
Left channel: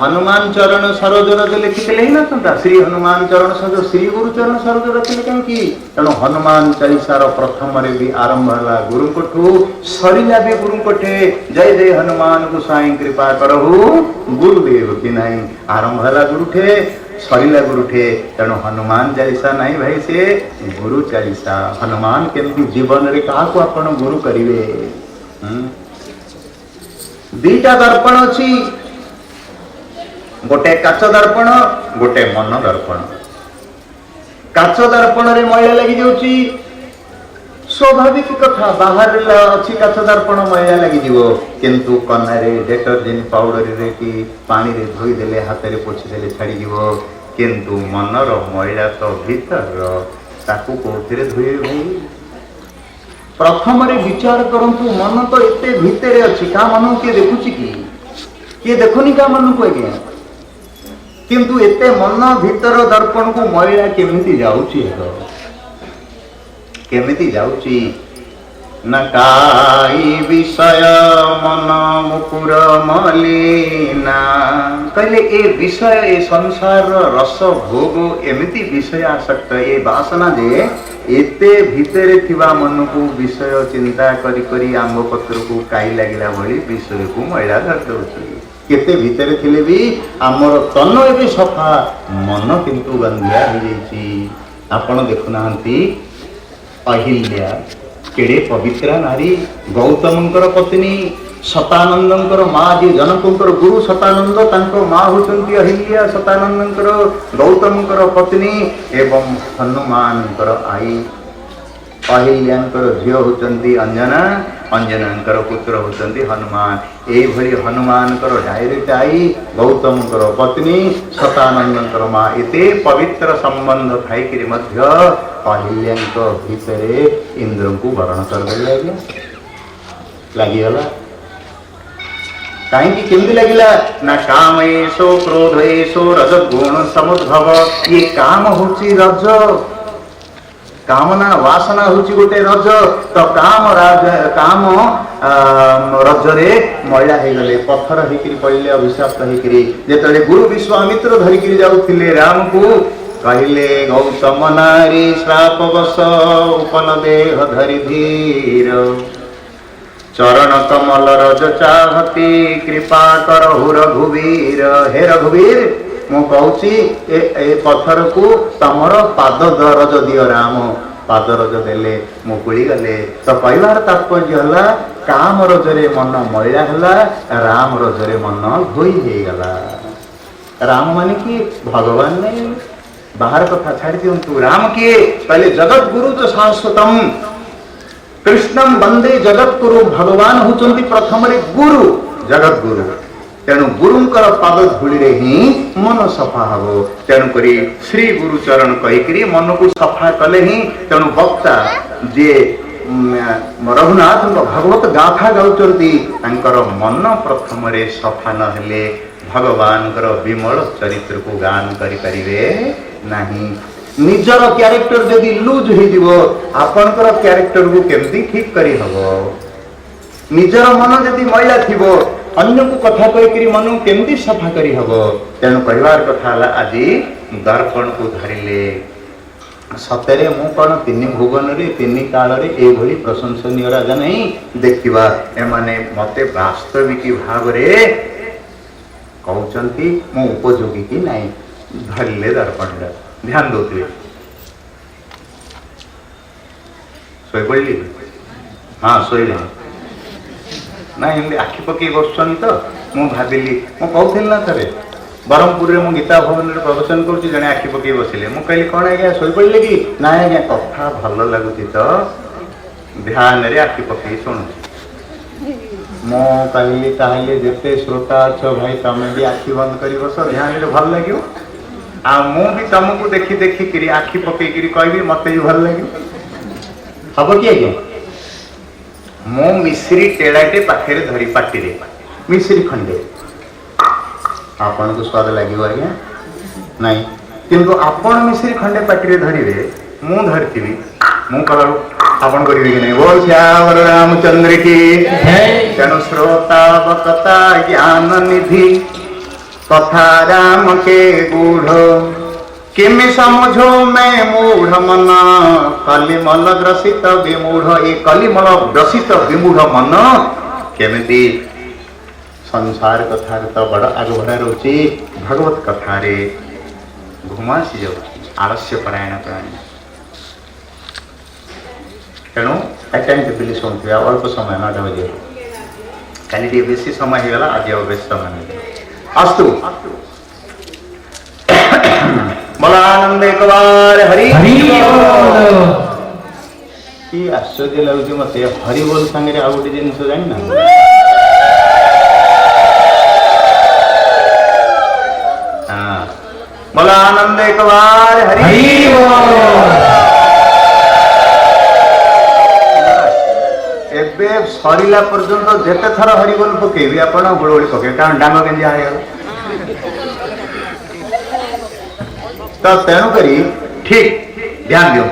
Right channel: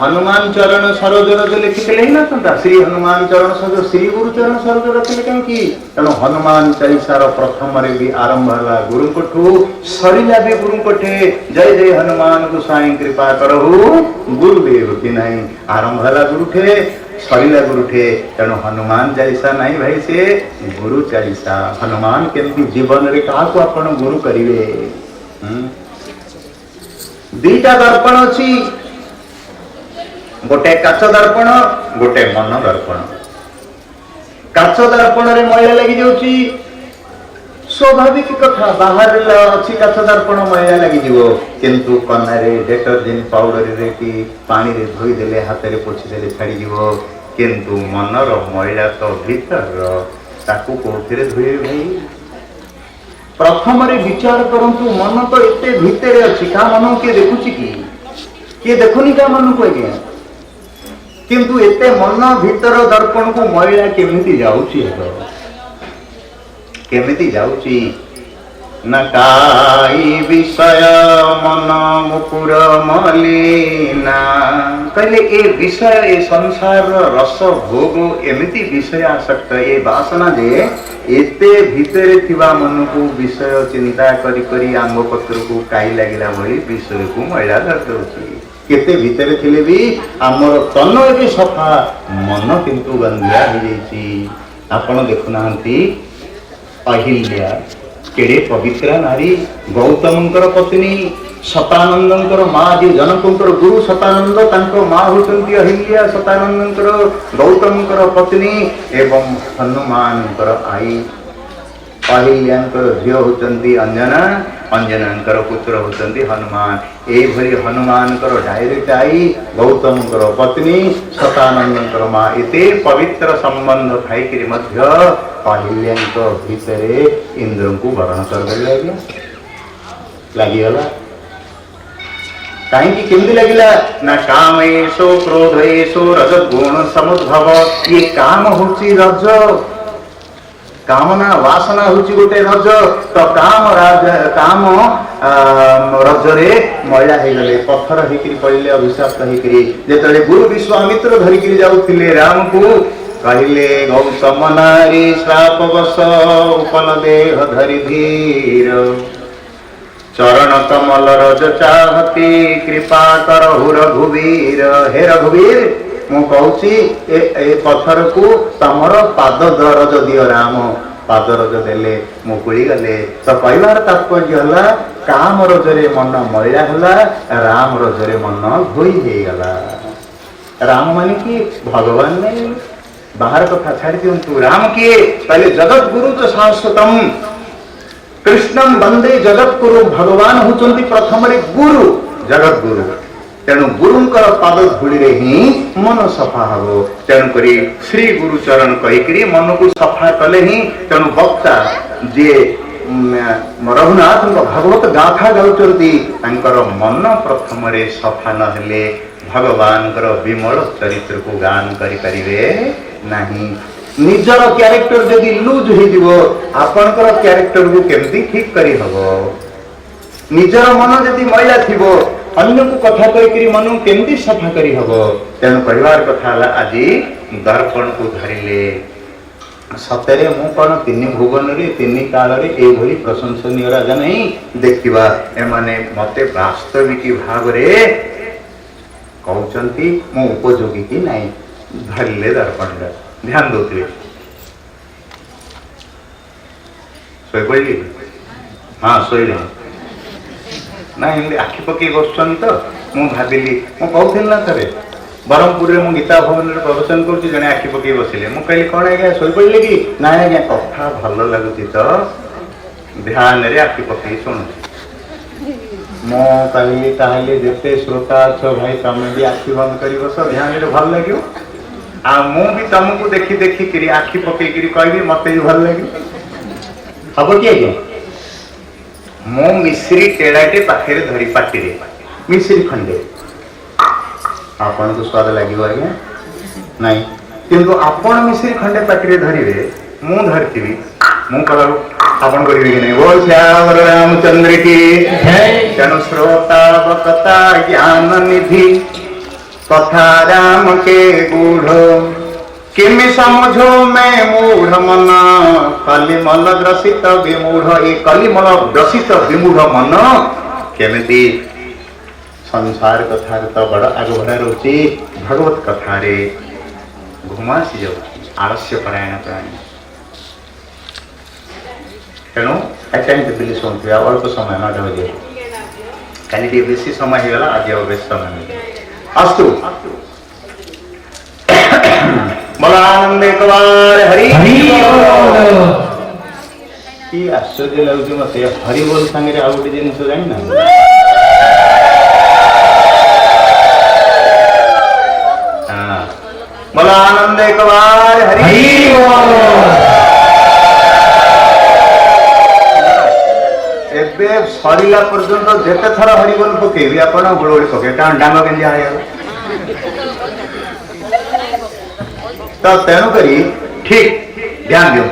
ହନୁମାନ ଚରଣ ସରୋଜ ରଜ ଲେଖିଥିଲେ ହେଇନଥାନ୍ତା ଶ୍ରୀ ହନୁମାନ ଚରଣ ସରୋଜ, ଶ୍ରୀ ଗୁରୁ ଚରଣ ସରୋଜ ରଖିଲେ କାହିଁକି? ତେଣୁ ହନୁମାନ ଚାଳିଶାର ପ୍ରଥମରେ ବି ଆରମ୍ଭ ହେଲା ଗୁରୁଙ୍କଠୁ, ସରିଲା ବି ଗୁରୁଙ୍କଠେ। ଜୟ ଜୟ ହନୁମାନ ଗୋସାଇଁ କୃପା କରହୁ ଗୁରୁଦେବ କି ନାହିଁ। ଆରମ୍ଭ ହେଲା ଗୁରୁଠେ, ସରିଲା ଗୁରୁଠେ। ତେଣୁ ହନୁମାନ ଚାଳିଶା ନାହିଁ ଭାଇ, ସେ ଗୁରୁ ଚାଳିଶା। ହନୁମାନ କେମିତି ଜୀବନରେ କାହାକୁ ଆପଣ ଗୁରୁ କରିବେ? ଦିଟା ଦର୍ପଣ ଅଛି, ଗୋଟେ କାଚ ଦର୍ପଣ, ଗୋଟେ ମନ ଦର୍ପଣ। କାଚ ଦର୍ପଣରେ ମଇଳା ଲାଗି ଯାଉଛି, ସ୍ୱାଭାବିକ କଥା, ବାହାରେ ଅଛି କାଚ ଦର୍ପଣ ମଇଳା ଲାଗିଯିବ, କିନ୍ତୁ କନାରେ ଡେଟର୍ଜେଣ୍ଟ ପାଉଡରରେ କି ପାଣିରେ ଧୋଇଦେଲେ, ହାତରେ ପୋଛିଦେଲେ ଛାଡ଼ିଯିବ। କିନ୍ତୁ ମନର ମଇଳା ତ ଭିତର, ତାକୁ କୋଉଥିରେ ଧୋଇବେ ଭାଇ? ପ୍ରଥମରେ ବିଚାର କରନ୍ତୁ, ମନ ତ ଏତେ ଭିତରେ ଅଛି, କାହା ମନକୁ କିଏ ଦେଖୁଛି କି? କିଏ ଦେଖୁନି କାହା ମନକୁ ଆଜ୍ଞା। କିନ୍ତୁ ଏତେ ମନ ଭିତର ଦର୍ପଣକୁ ମଇଳା କେମିତି ଯାଉଛି? କେମିତି ଯାଉଛି? ନା କାଇ ବିଷୟ ମନ ମୁକୁର ମଲିନା। କହିଲେ ଏ ବିଷୟ, ଏ ସଂସାରର ରସ ଭୋଗ ଏମିତି ବିଷୟ ଆସକ୍ତ, ଏ ବାସନା ଯେ ଏତେ ଭିତରେ ଥିବା ମନକୁ ବିଷୟ ଚିନ୍ତା କରି କରି ଆମ୍ବ ପତ୍ରକୁ କାଇ ଲାଗିଲା ଭଳି ବିଷୟକୁ ମଇଳା ଧରିଦେଉଛି। କେତେ ଭିତରେ ଥିଲେ ବି ଆମର ତନ ଏବେ ସଫା, ମନ କିନ୍ତୁ ଗନ୍ଧିଆ ହେଇଯାଇଛି। ଆପଣ ଦେଖୁନାହାନ୍ତି ଅହିଲ୍ୟା କେଡ଼େ ପବିତ୍ରା ନାରୀ, ଗୌତମଙ୍କର ପତ୍ନୀ, ଶତାନନ୍ଦଙ୍କର ମା, ଯିଏ ଜନକଙ୍କର ଗୁରୁ ଶତାନନ୍ଦ, ତାଙ୍କ ମା ହେଉଛନ୍ତି ଅହିଲ୍ୟା, ଶତାନନ୍ଦଙ୍କର ଗୌତମଙ୍କର ପତ୍ନୀ ଏବଂ ହନୁମାନଙ୍କର ଆଈ। ଅହିଲ୍ୟାଙ୍କର ଝିଅ ହେଉଛନ୍ତି ଅଞ୍ଜନା, ଅଞ୍ଜନାଙ୍କର ପୁତ୍ର ହେଉଛନ୍ତି ହନୁମାନ। ଏଇଭଳି ହନୁମାନଙ୍କର ଡାଇରେକ୍ଟ ଆଈ, ଗୌତମଙ୍କର ପତ୍ନୀ, ଶତାନନ୍ଦଙ୍କର ମା, ଏତେ ପବିତ୍ର ସମ୍ବନ୍ଧ ଥାଇକିରି ମଧ୍ୟ ଅହିଲ୍ୟାଙ୍କ ଭିତରେ ଇନ୍ଦ୍ରଙ୍କୁ ବରଣ କରିଦେଲେ ଆଜ୍ଞା। ଲାଗିଗଲା କାହିଁକି? କେମିତି ଲାଗିଲା? ନା କାମ ଏସୋ କ୍ରୋଧ ଏସୋ ରଜ ଗୁଣ ସମୁଦ୍ଭବ। ଇଏ କାମ ହଉଛି ରଜ, କାମନା ବାସନା ହଉଛି ଗୋଟେ ରଜ। ତ କାମ ରଜରେ ମଇଳା ହେଇଗଲେ, ପଥର ହେଇକିରି ପଡ଼ିଲେ, ଅଭିଶାପ୍ତ ହେଇକିରି। ଯେତେବେଳେ ଗୁରୁ ବିଶ୍ୱାମିତ୍ର ଧରିକିରି ଯାଉଥିଲେ ରାମକୁ, କହିଲେ ଗୌତମ ନାରୀ ଶ୍ରାପ ବଶ ଉପନ ଦେହ ଧରି ଧୀର, ଚରଣ କମଲ ରଜ ଚାହତି କୃପା କରହୁ ରଘୁବୀର। ହେ ରଘୁବୀର, ମୁଁ କହୁଛି ଏ ପଥରକୁ ତମର ପାଦ ରଜ ଦିଅ ରାମ। ପାଦ ରଜ ଦେଲେ, ମୁକୁଳି ଗଲେ। ତ କହିବାର ତାତ୍ପର୍ଯ୍ୟ ହେଲା, କାମ ରଜରେ ମନ ମଇଳା ହେଲା, ରାମ ରଜରେ ମନ ଧୋଇ ହେଇଗଲା। ରାମ ମାନେ କି? ଭଗବାନ ନାହିଁ। बाहर कथा छाड़ी दिंतु। राम किए कहले जगत गुरु तो शाश्वतम कृष्णम वंदे जगत गुरु। भगवान होचंती प्रथम रे गुरु जगत गुरु। तेणु गुरुंकर पाद धूली रे ही मन सफा हबो। तेणु करी श्री गुरु चरण कहिकरी मन को सफा कले ही तेणु वक्ता जे रघुनाथ भागवत गाथा गाउचंती तांकर मन प्रथम रे सफा न हेले भगवान विमल चरित्र को गान करि परिबे नहीं। निजर क्यारेक्टर जदि लूज हो आपनकर क्यारेक्टर को केमती ठीक करी हबो। निजर मन जदि मैला थिबो अन्य को कथा कहिकरी मन केमती सफा करी हबो। तेणु कहबार कथा हला आज दर्पण को धरिले सतरे मु कौन तीन भुवन रे तीन काल रे ए भली प्रशंसनीय राजा नहीं देखिबा एमाने मते वास्तविक भाव रे कहउचंती मु उपयोगी की नहीं धरिले दर्पण रे ध्यान दोते सोई पड़ली हाँ सोई ना एमती आखि पकई बसुन तो मु भाविली मु कहूल ना थे ब्रह्मपुर में गीता भवन में प्रवचन करुँच जड़े आखि पकई बसिले मु कहली कौन आज्ञा शोई पड़े कि ना आज्ञा कथा भल लगुच तो ध्यान रे आखि पकई शुणु मु कहली ताहले जेते श्रोता अच्छ भाई तमें भी आखि बंद कर बस ध्यान रे भल लगे आ मु भी तुमको देखी देखिकी आखि पकईकरी कहबी मत भी भल लगे हम कि आज्ञा मु मिश्री टेड़ाटे पाखे धरी पाटी मिश्री खंडे आपन को स्वाद लगे आज्ञा नहीं किंतु आपण मिश्री खंडे पाटी धरिवे मु धरती मु कलू आपन करेंगे कि नहीं बोल श्याम रामचंद्र की तेणु श्रोता वक्ता ज्ञान निधि कथा राम के गूढ़ किमि समझो मैं मूढ़ मन कलिमल ग्रसित विमूढ़ ये कलिमल ग्रसित विमूढ़ मन केमिति संसार कथा तो बड़ आग भरा रोचे भगवत कथा रे घुमासी जाऊ आलस्य परायण प्राणी तेणु अटेंड बिली शुणुवे अल्प समय न बजे कल बेसी समय होगा आज बेस समय अस्तु बोला आनंद एक बार हरि कि आश्चर्य लगुच मत हरि बोल सांगे आ गोटे जिन जाना बोला आनंद एक बार हरि एबे सरिला पर्यंत जेते थर हरि बोल पकेबी आपण गुळगुळी पके कारण डांग केंजी आयल तो तेणु करी ठीक ध्यान दियो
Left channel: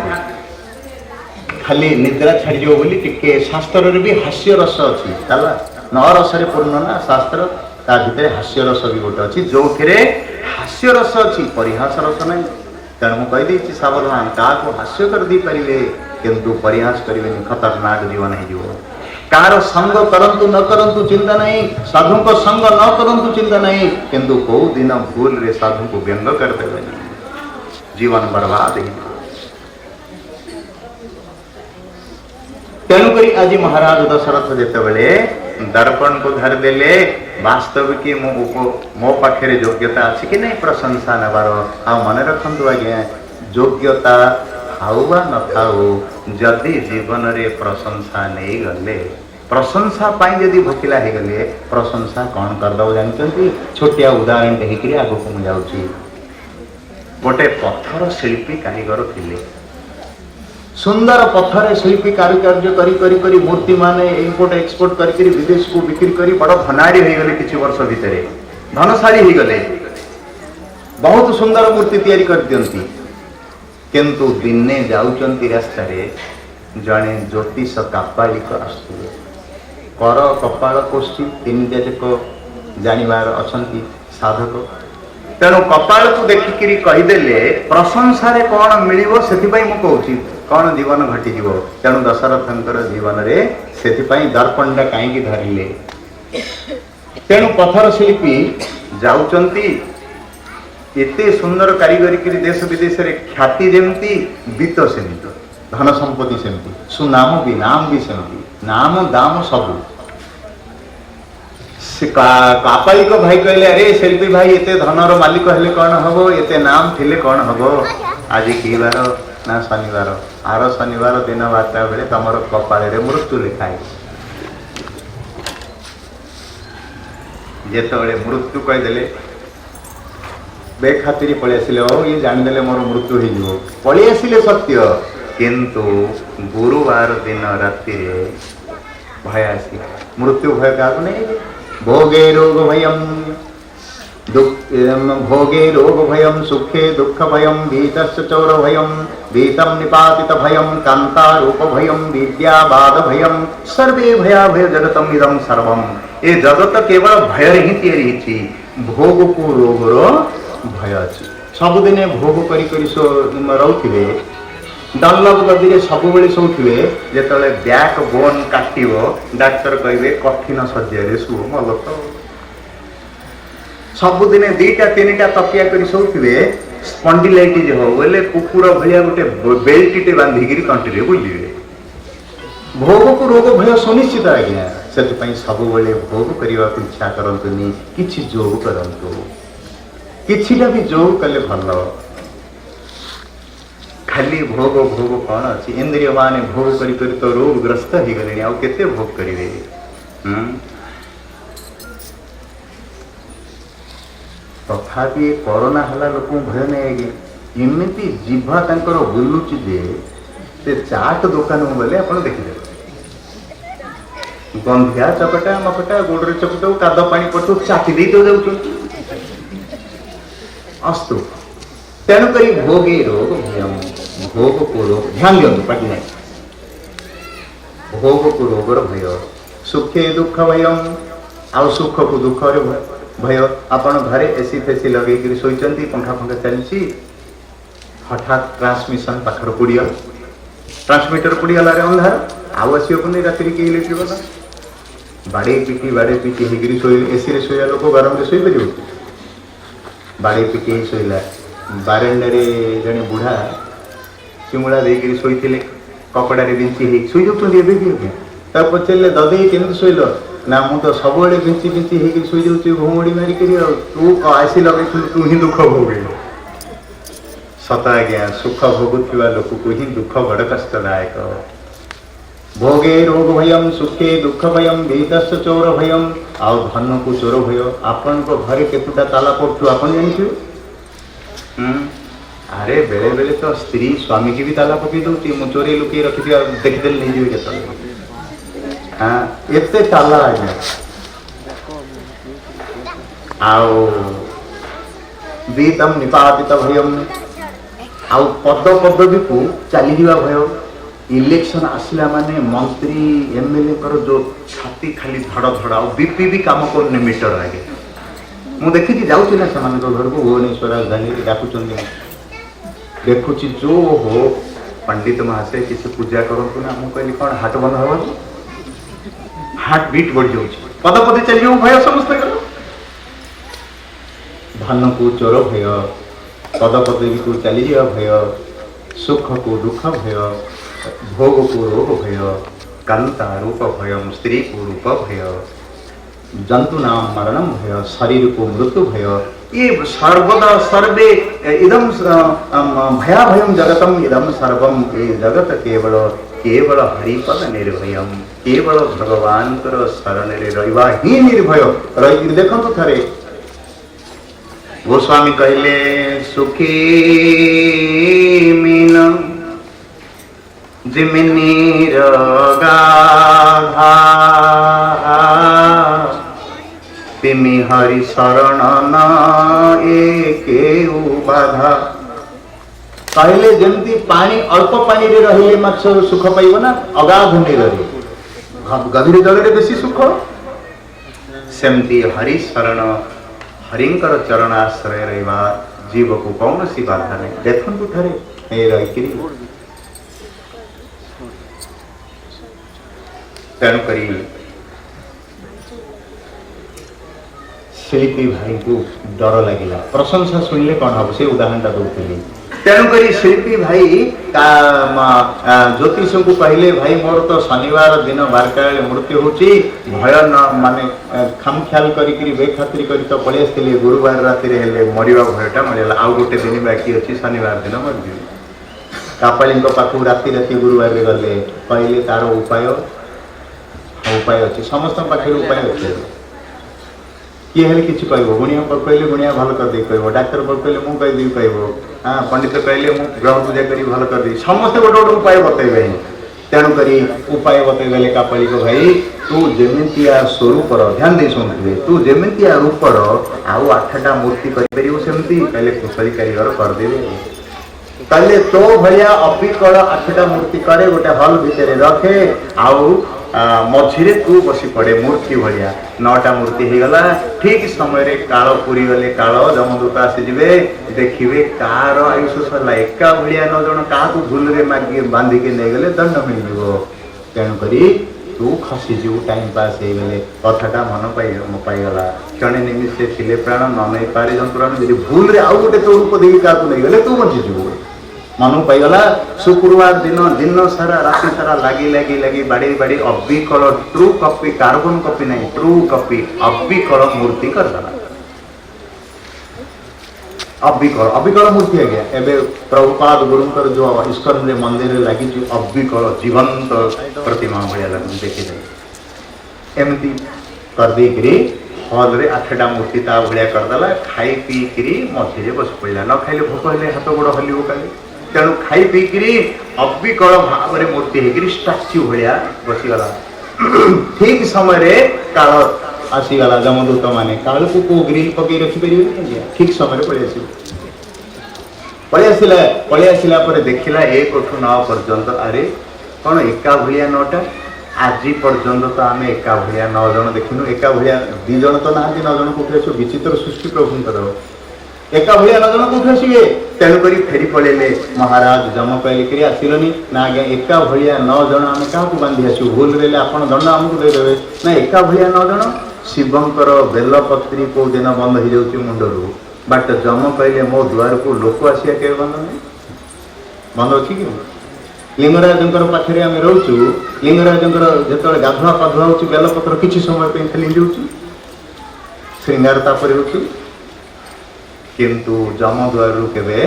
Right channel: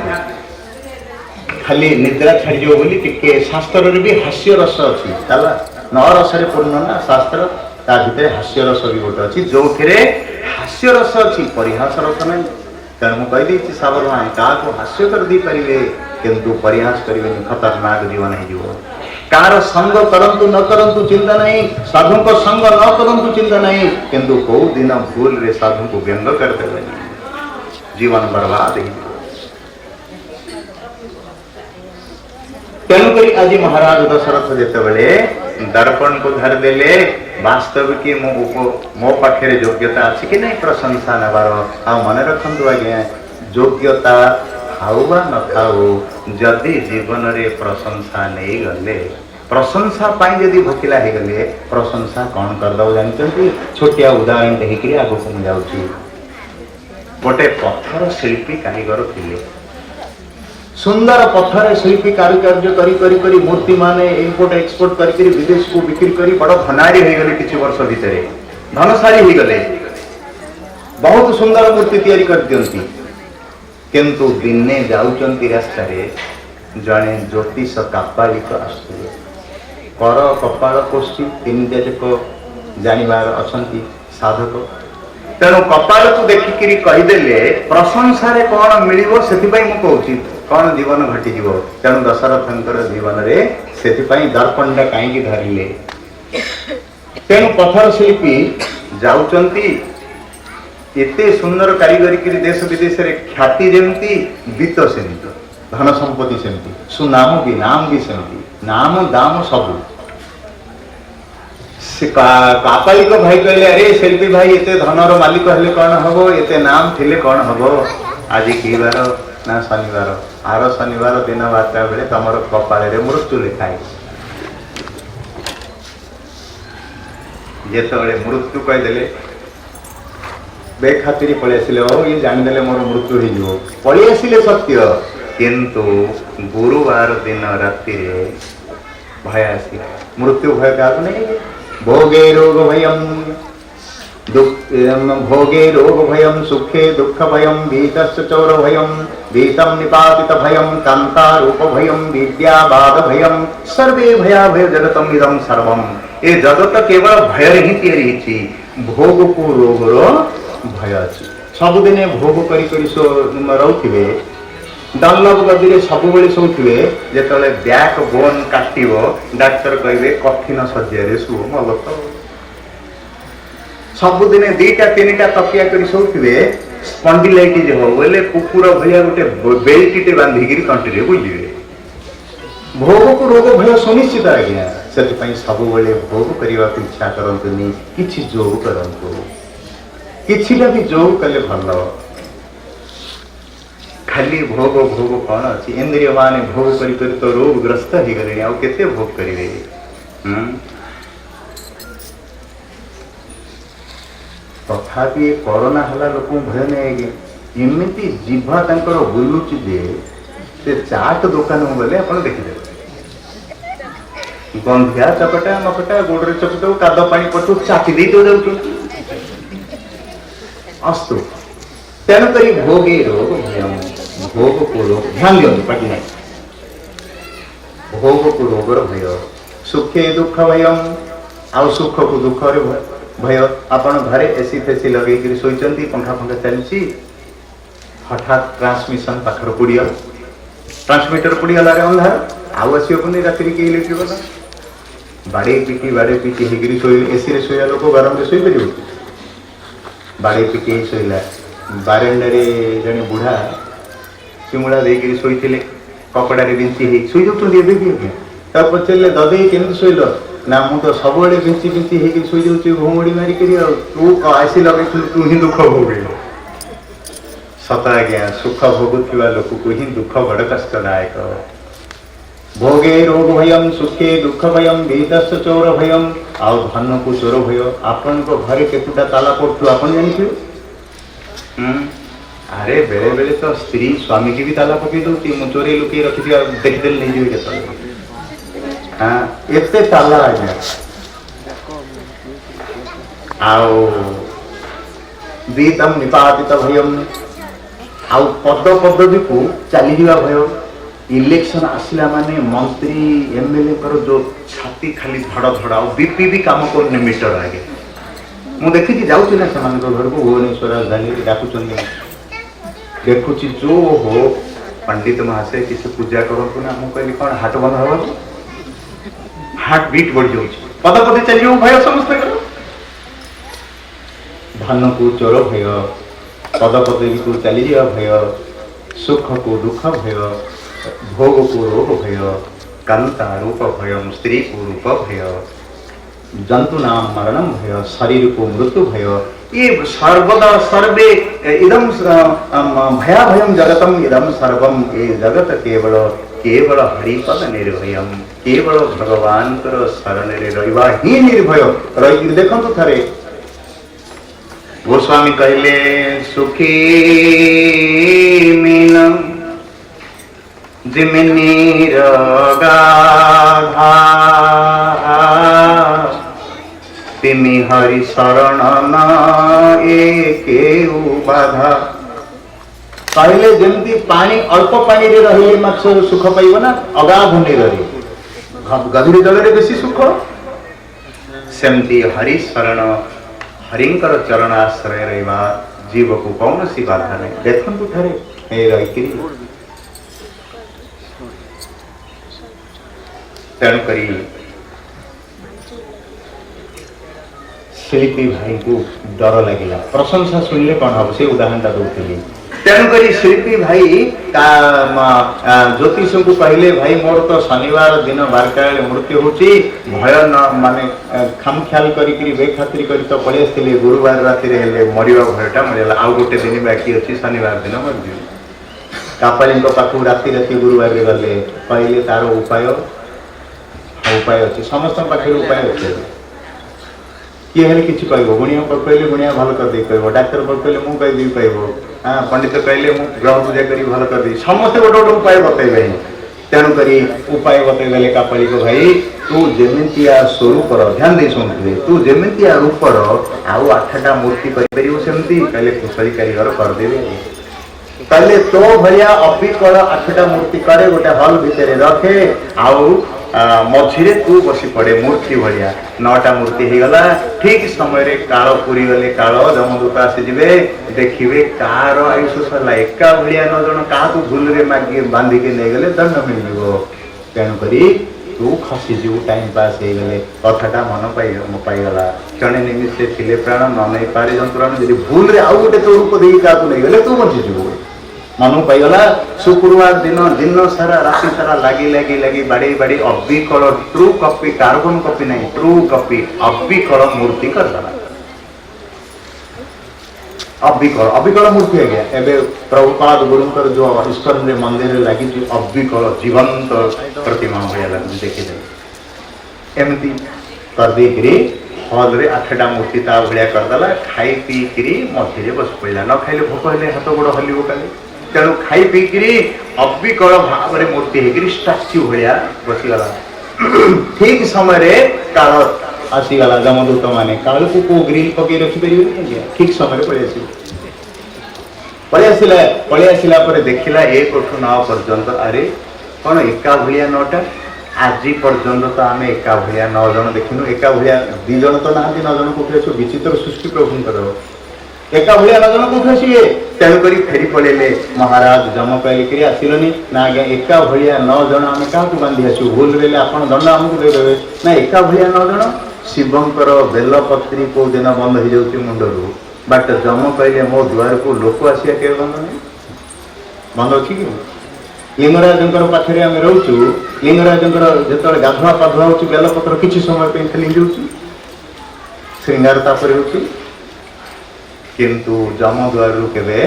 खाली निद्रा छाड़ी जो बोली टिके शास्त्र रे भी हास्य रस अछि ताला नौ रस रे पूर्ण ना शास्त्र ता भितर हास्य रस भी गोटे अछि जो थिरे हास्य रस अछि परिहास रस नहीं तेणु मु कहि दैछि सावधान का को हास्य कर दी परिले किंतु परिहास करिवे खतरनाक जीवन है जीव कार संग करंतु न करंतु चिंता नहीं साधु को संग न करंतु चिंता नहीं किंतु को दिन भूल रे साधु को व्यंग कर देवे जीवन बर्बाद ही तेणुकरी आज महाराज दशरथ जिते दर्पण को धर देले वास्तविक मो पाखे योग्यता अच्छी कि नहीं प्रशंसा नबार आ मन रखु आज्ञा योग्यता खाऊ बा न खाऊ जदि जीवन रे प्रशंसा नहीं गले प्रशंसा पाई जदि भोकिला हो गले प्रशंसा कौन करदे जानते छोटिया उदाहरण देखिए आगे को मुझे गोटे पत्थर शिल्पी कारीगर थिले सुंदर पत्थर शिल्पी कारुकार्य करी करी करी मूर्ति माने इम्पोर्ट एक्सपोर्ट करी विदेश को बिक्री करी बड़ धनारी हो गले किछि वर्ष भितर धनशाली हो गले बहुत सुंदर मूर्ति तैयारी कर दियंती किंतु दिने जाउचंती रास्ता रे जणे ज्योतिष कापालिक आसुले कर कपाल कोष्ठी तीन जाक जानिबार अछंती साधक तेणु कपाल को देखिकी कहीदेले प्रशंसा रे कौन मिलिबो सेथिपाई मु कहूची कौन जीवन घटीजीव तेणु दशरथंकर जीवन रे सेथिपाई दर्पणटा कहीं धरिले तेणु पत्थर शिल्पी जाउचंती एते सुंदर कारीगरी करी देश विदेश रे ख्याति जेमती बीत सेमती धन संपत्ति सेमती सुनाम भी नाम भी सेमती नाम दाम सबू कापालिक भाई कहले अरे शिल्पी भाई एते धनर मालिक हेले कौन हबो एते नाम थिले कौन हबो आज की बार ना शनिवार आर शनिवार दिन 12टा बेले तमर कपाळे मृत्यु लिखाई जेतबेले मृत्यु कहीदेले बेखातिर पलि आसिले ओ ये जानिदेले मोर मृत्यु हो पलि आसिले सत्य किंतु गुरुवार दिन राति भय आसी मृत्यु भय क्या नहीं भोगे रोग भयम भोगे रोग भयम सुखे दुख भयम भीतस्य चोर भयम भीतम निपातित भयम कांता रूप भयम विद्याबाद भयम सर्वे भया भय जगतम इदम सर्वम ए जगत केवल भय ही तैयारी छी भोग को रोग रो भय अछि सबुदिने भोग करी करी सो रहउथिबे डनलप गदी सब शोथे जो बैक बोन काट डाक्तर कहे कठिन शज्या शु मल तो सबुदिने 2टा 3टा तकिया कर शोथे स्पंडिलाइटिज हो बोले कुकुर भाया गोटे बेल्टे बांधिकी कंट्री बुझे भोग को रोग भय सुनिश्चित आज्ञा से सब भोग करने को इच्छा करतुनि कि जोग करूँ किछिटा भी जोग कले भल खाली भोग भोग कौन अच्छी इंद्रिय मान भोग कर तो रोगग्रस्त हो गले आउ केते भोग करेंगे तथापि कोरोना हला लोक भय नहीं एमती जीवा तंकर बुलुची जे से चाट दुकान को गले आप देखिदे गंधिया चपटा मपटा गोड़े चपटा काद पानी पटू चाटी दे तो जाऊँ अस्तु तेणुक भोगे रोग भयम भोग को रोग ध्यान दियो पटी नहीं भोग को रोगर भय सुखे दुख भयम आउ सुख को दुख भय आपण घरे एसी फेसी लगे शोचती पंखा फंखा चलती हठात ट्रांसमिशन पाखर पुड़िया ट्रांसमीटर पुड़ीगला अंधार आउ आसोनी राति के इलेक्ट्रिक वाला बाड़े पिटी होगी शो एसी शोया लोक गरम में शोपर बाड़े पिटी शोला बारेंडारे जड़े बुढ़ा चिमुड़ा देकर शोते कपड़ा बिंची शोई जाऊँ पचारे ददे केमी शोल ना मु तो सब बिंची बिंची हो शोई जाऊँ घुमुड़ी मारिक तू आसी लगे तू ही दुख भोग सत आज्ञा सुख भोगुवा लोक को ही दुख बड़ कष्टदायक भोगे रोग भयम सुखे दुख भयम भीतस्य चोर भयम आउ धन को चोर भय आपण घरे केतुटा ताला पड़ू आप जानते अरे बेले बेले तो स्त्री स्वामी की भी ताला पकई दूसरी मु चोरी लुक रखी देखदेल नहीं जी के हाँ एते ताला आज्ञा आउ बीतम निपातित भयम आउ पद पदवी को चली जावा भय इलेक्शन आसला माने मंत्री एमएलए कर जो छाती खाली धड़ धड़ बीपी भी काम करने मीटर आगे मु देखी जाऊँ ना से घर को भुवनेश्वर राजधानी डाकुन देखुची जो हो पंडित महाशय किसी पूजा करूँ ना मुझे कहली कौन हाट बंद हम हार्ट बीट बढ़ जाऊँ पद पदे चलिए भय समस्त धन को चोर भय पद पदवी को चली जा भय सुख को दुख भय भोग को रोग भय कांता रूप भय स्त्री को रूप भय जंतु नाम मरणम भय शरीर को मृत्यु भय ये सर्वदा सर्वे इदम भया भयम जगतम इदम सर्वम ये जगत केवल केवल हरिपद निर्भयम केवल भगवान शरण रहा ही निर्भय रही देखु थे गोस्वामी कहले सुखी मीन जिमिनी गाधा तिमी हरि शरण न एके बाधा कहले जमती पानी अल्प पानी रे रहिले माछ सुख पाइब ना अगाध नहीं रही गभीर जल रे बेसी सुख सेमती हरि शरण हरिंकर चरण आश्रय रहा जीव को कौन सी बाधा नहीं देखु थे रही तेणुक शिल्पी भाई को डर लगिला प्रशंसा शुणिले कौन हम से उदाहरणटा दूसरी तेणुक शिल्पी भाई ज्योतिष को कहले भाई मोर तो शनिवार दिन 12टा मृत्यु होची भय न माने खामख्याल करी बेखातिर करी तो पड़े आसते गुरुवार राति मरिया भयटा मरिगला आउ गोटे दिन बाकी अच्छी शनिवार दिन मरजी कापाली पाखु राति राति गुरुवार गले कहले तार उपाय अच्छे समस्त पाखे उपाय अच्छे किए हेल्ले किसी कह गुणिया कहले गुणिया भल कर कह डाक्तर कहले मुझे कहीदी कह हाँ पंडित कहले मुझे ग्रह पूजा करी भल कर समस्ते गोटे गोटे उपाय बतैबे तेणुक उपाय बतैदेले कापाली को भाई तू जेमितिया स्वरूपर ध्यान दे शुणुवे तू जेमितिया रूपर आउ 8टा मूर्ति करमती कहले कुशली कारीगर करदेवे कहले तो भैया अबिकल 8टा मूर्ति करे गोटे हल भितर रखे आउ मझिरे तू बसी पड़े मूर्ति भाया 9टा मूर्ति हो गला ठीक समय काल पूरी गले काल जमदूत आसीजे देखिए कार आयुष सरला एका भाया 9 जन क्या भूल मागे बांधिके नहीं गले दंड मिल तेणुक तू खसीजु टाइम पास हो गले कथाटा मन पाईगला क्षण निमिषे थिले प्राण न नहीं पारे जंतुराण जी भूल आउ गोटे तो रूप दे क्या नहीं गले तू बचीजु मन पाईगला शुक्रवार दिन दिन सारा राति सारा लगी लगी लगी बाड़ी बाड़ी अबिकल ट्रू कॉपी कार्बन कॉपी नहीं ट्रू कॉपी अबिकल मूर्ति करदेला अबिकल मूर्ति आ गया एवं प्रभुपाद गुरुंकर जो इस्कन रे मंदिर लगी अबिकल जीवंत प्रतिमा भाया लगे देखिए एमती करदे हल रे 8टा मूर्ति ता भाया करदेला खाई पीकरी मझे बस पड़ा न खाइले भोक हेले हाथ गोड़ हल्व काले तेणु खाई पीकरी अबिकल भाव में मूर्ति होकर स्टाच्यू भाया बसीगला ठीक समय काल आसीगला जमदूत माने काल को ग्रिल पकई रखिपर ठीक समय पलि आसला देखला 1 टू 9 पर्यंत अरे कौन एका भाया 9टा आज पर्यंत तो आम एका भाया 9 जन देखिनु एका भाया 2 जन तो ना 9 जन कौटे आस विचित्र सृष्टि प्रभुंकर एका भाया 9 जन कौटे आसवे तेणुक फेरी पड़े महाराज जम कहले आसिलनि ना आज्ञा एका भाया 9 जन आम क्या बांधि आसू भूल रे आप दंड आमको देदेवे ना एका भाया 9 जन शिवंकर बेलपत्री कौ दिन बंद हो जाऊँ मुंडरू बाट जम कहले मो द्वार को लोक आसिया के बंद नहीं बंद अच्छी कि लिंगराज पाखे आम रोचु लिंगराज जो गाधुआ पाधुआ हो बेलपत्र किसी समय खाली जाऊँ श्रृंगार तापर हो किंतु जम द्वार के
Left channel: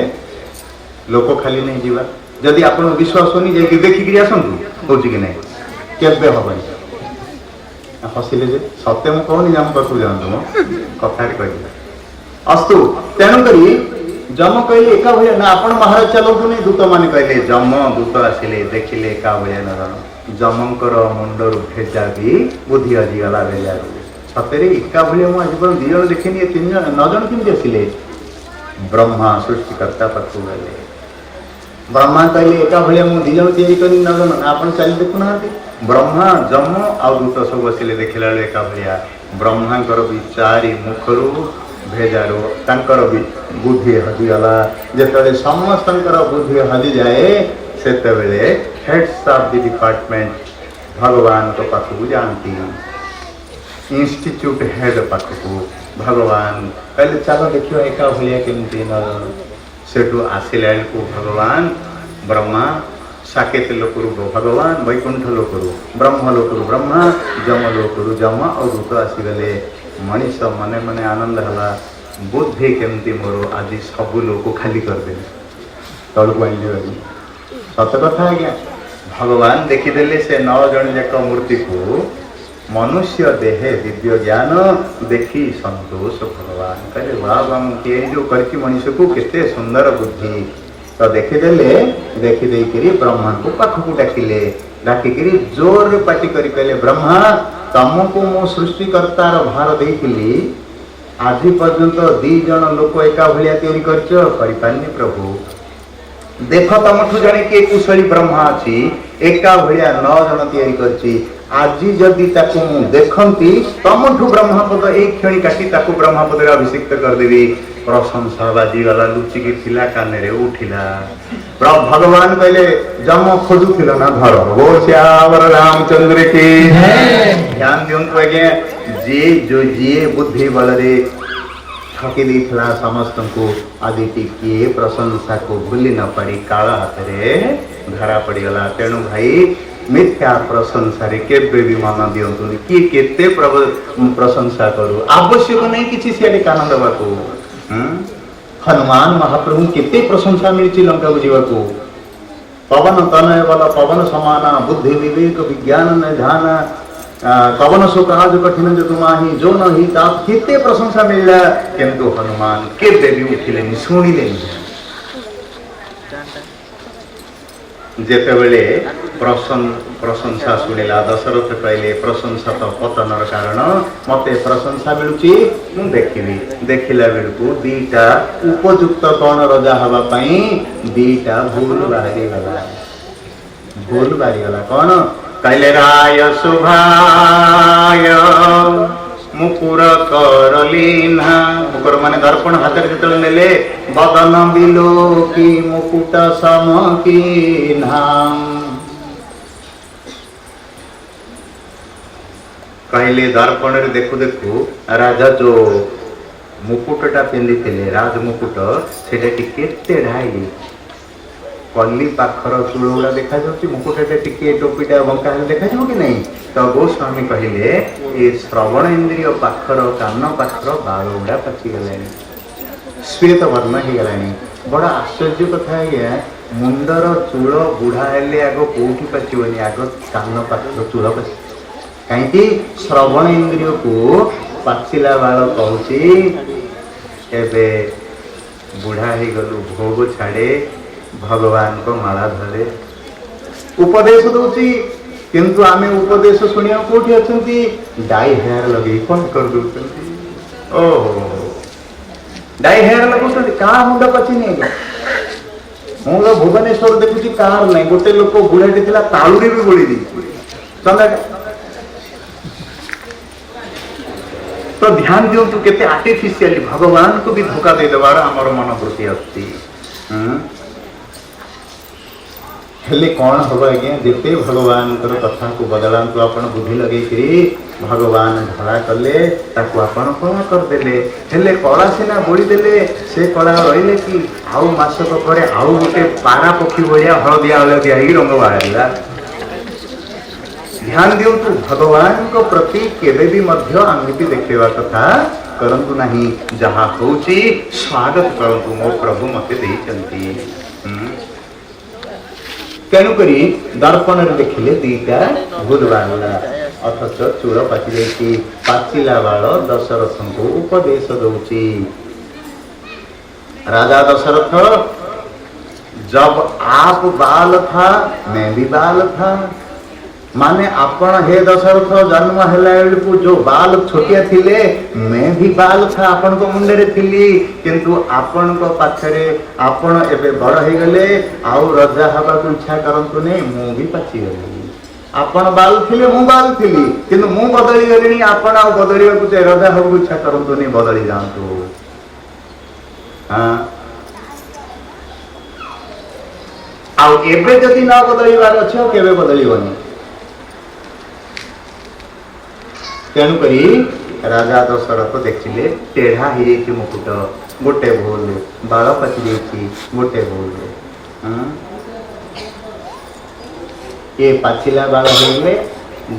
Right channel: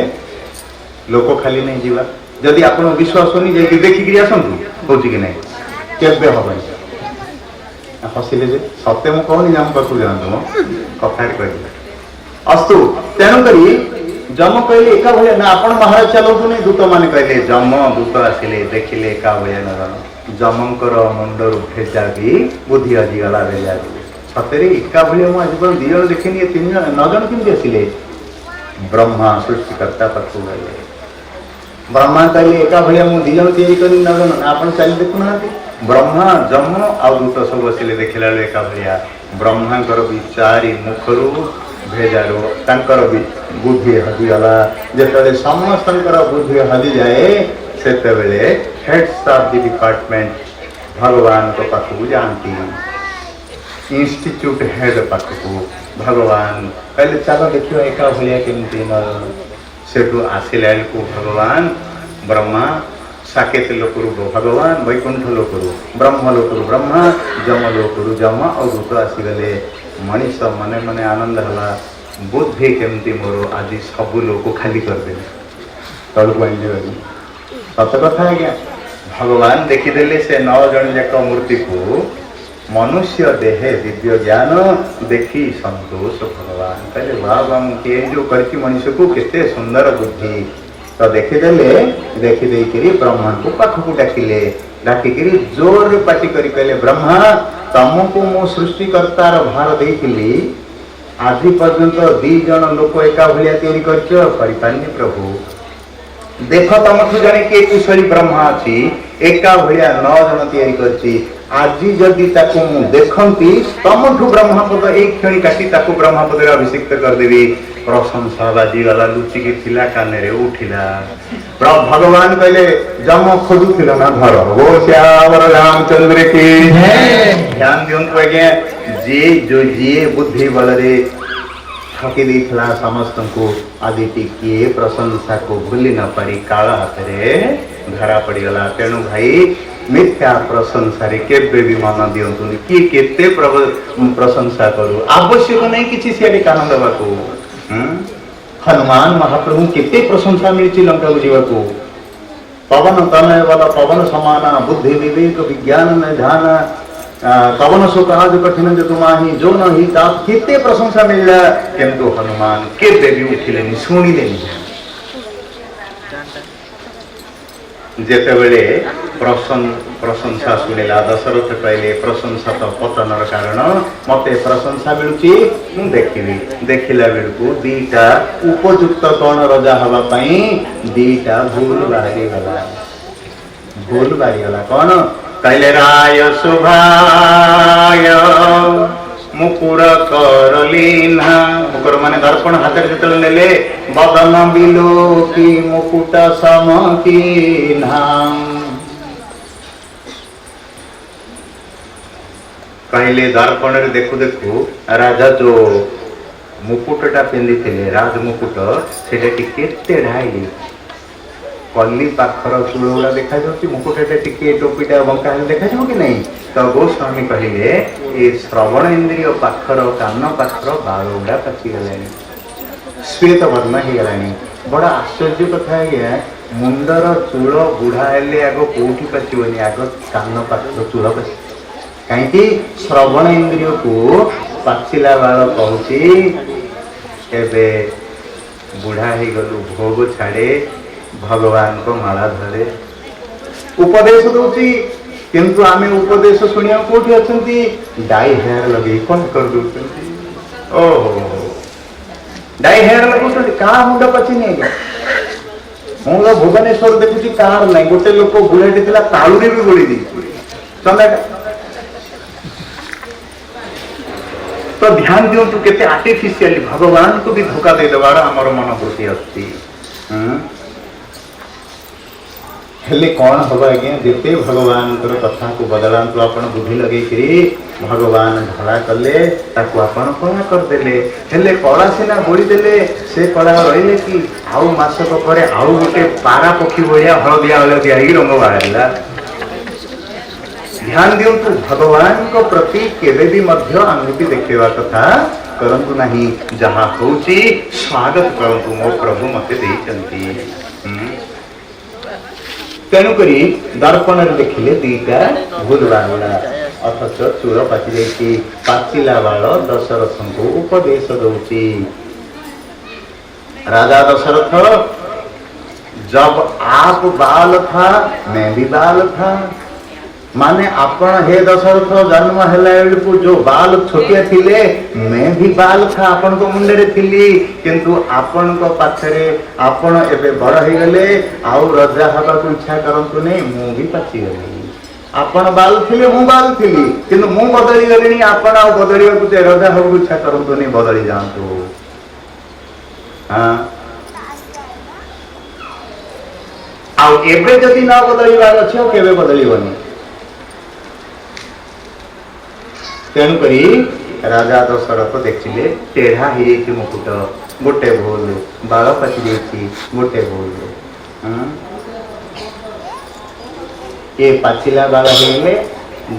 लोक खाली नहीं जीवा जदि आप विश्वास होनी जाकि देखिक आसतु हो कि नहीं केवे हम हसिले सत्य मुझे कहनी जम पाखु जातु मो कथा कह अस्तु तेणुक जम कहले एका भाया ना आप महाराज चलतु नहीं दूत मैंने कहले जम दूत आसिले देखिले एका भाया न जमकर मुंडर भेजा भी बुद्धि हजिगला भेजा सतरे एका भाया मुझे आज 2 जन देखनी 3 जन 9 जन केमती आसिले ब्रह्मा सृष्टिकर्ता पाखु गले ब्रह्मा कहले एका भाया मुझे 2 जन तैयारी कर 9 जन आप चली देखुना ब्रह्मा जम आ दूत सब बसिले देखला एका भाया ब्रह्मांकर विचारी मुखरू भेजारू तांकर बुद्धि हजिगला जिते समस्त बुद्धि हजि जाए से हेड्स ऑफ द डिपार्टमेंट भगवान को पाखु जाती इंस्टीट्यूट हेड पाखु भगवान पहले चलो देखियो एका भाया केमती सेठू आसिला को भगवान ब्रह्मा साकेत लोकरू भगवान वैकुंठ लोकरू ब्रह्म लोकरू ब्रह्मा जम लोकरू जम और दूत आसीगले मनीष मने मने आनंद हला बुद्धि केमती मोर आज सब लोक खाली करदे तलू आनी सत कथा आज्ञा भगवान देखीदे से 9 जन जाक मूर्ति को मनुष्य देहे दिव्य ज्ञान देखी संतोष भगवान कहले वाह मुझे जो करकी मनुष्य को केते सुंदर बुद्धि तो देखीदे ब्रह्मा को पाखक डाकिले डाकिक जोर पाटी करी कहले ब्रह्मा तुमको मो सृष्टिकर्तार भार देइथिली आज पर्यंत 2 जन लोक एका भाया तैयारी करनी प्रभु देख तुमठू जड़े किए कुशली ब्रह्मा अच्छी एका भाया 9 जन तैयारी करची आज जदि देखती तुमठू ब्रह्मपद एक क्षणी काटी ब्रह्मपद अभिषिक्त करदेवी प्रशंसा बाजीगला लुचिकी थिला काने रे उठिला भगवान कहले जम खोजुथिल ना घर बोल श्यावर रामचंद्र की ध्यान दियंतु आज्ञा जी बुद्धि बल ठकी देइथिला समस्त को आदि टिके प्रशंसा को भूली न पारी काल हाथ में धरा पड़गला। तेणु भाई मिथ्या प्रशंसा केबे भी मन दिंतु किए केते प्रशंसा करू आवश्यक नहीं किसी सियाड़ी कान देवा को। हनुमान महाप्रभु केते प्रशंसा मिली लंका को जीवा। पवन तनय बल पवन समाना बुद्धि विवेक विज्ञान ध्यान पवन सो काज कठिन जो तुम्हाही जो नहीं ताप केते प्रशंसा मिलला किंतु हनुमान केबे भी उठिले शुणिले जेतेबेले प्रशंसा शुणिला दशरथ कहले प्रशंसा तो पतनर कारण मते प्रशंसा मिलुची मु देखिबी देखिला बेलकू दीटा उपयुक्त कौन रजा हवा पई दीटा भूल बाहरी गला कौन कहले राय शुभाय मुकुर करलीना मुकुर माने दर्पण हाथ में नेले बदन बिलो की मुकुट सम की कहले दर्पण रे देखु देखु राजा जो मुकुटटा पिंधि थे राज मुकुट सेटा टिके तेढ़ाई कली पाखर चूल गुड़ा देखा मुकुटा टिके टोपीटा बंका देखा कि नहीं। तो गोस्वामी कहले ये श्रवण इंद्रिय पाखर कान पाखर बाल गुड़ा पाचिगला श्वेत वर्ण हो गला। बड़ा आश्चर्य कथा है मुंडर चूल बुढ़ा हेले आग कौटी पाचबनी आग कान पाखर चूल पाच कहीं श्रवण इंद्रिय को पाचिला बाल कहूँ बुढ़ा हो गलु भोग छाड़े भगवान को माला धरे उपदेश दूची किंतु आमे उपदेश शुणिया कोठी अछंती डाई हेयर लगे कौन कर दूचंती ओहो डाई हेयर लगुचंती का मुंड पछि नहीं मुंड भुवनेश्वर देखुची कार नहीं गोटे लोक बुढ़ाटी थिला तालुरी भी गोली दी चंदा तो ध्यान दिंतु केते आर्टिफिशियली भगवान को भी धोखा दे देवार हमर मनोवृत्ति अछि। हेले कौन हम आज्ञा जिते भगवान कथा को बदलांतु आपण बुद्धि लगे भगवान धड़ा कले ताकू आपण कला करदेले हेले कला सीना बोली देले से कला रहिले कि आउ मासक पर आउ गोटे पारा पक्षी भलिया हलदिया हलदिया ही रंग बाहरला। ध्यान दिंतु भगवान को प्रति केवे भी मध्य आंगुठी देखेवा कथा करंतु नहीं जहाँ होची स्वागत करंतु मो प्रभु मते देइचंती। तेणुक दर्पण देखिले दीटा भूल बागला अथच चूल पाचि जाइए पाचिला बाल दशरथ को उपदेश दौची। राजा दशरथ जब आप बाल था मैं भी बाल था माने आपण हे दशरथ जन्म हेला बेलू जो बाल छोटिया थिले मैं भी बाल था आपण को मुंडे रे थिली किंतु आपण को पाखरे आपण एबे बड़ हो गले आउ राजा हवा को इच्छा करंतु नहीं मु भी पाची गली आपण बाल थिले मु बाल थिली किंतु मु बदली गलिनी आपण आ बदलिया को जे राजा हवा को इच्छा करंतु नहीं बदली जांतु। हां आउ एबे जदी ना बदलिबार अछि केबे बदलिबनी। तेणुक राजा दशरथ देखिले टेढ़ा हो मुकुट गोटे भूल बाल पाचि गोटे भूल ये पाचिला बाल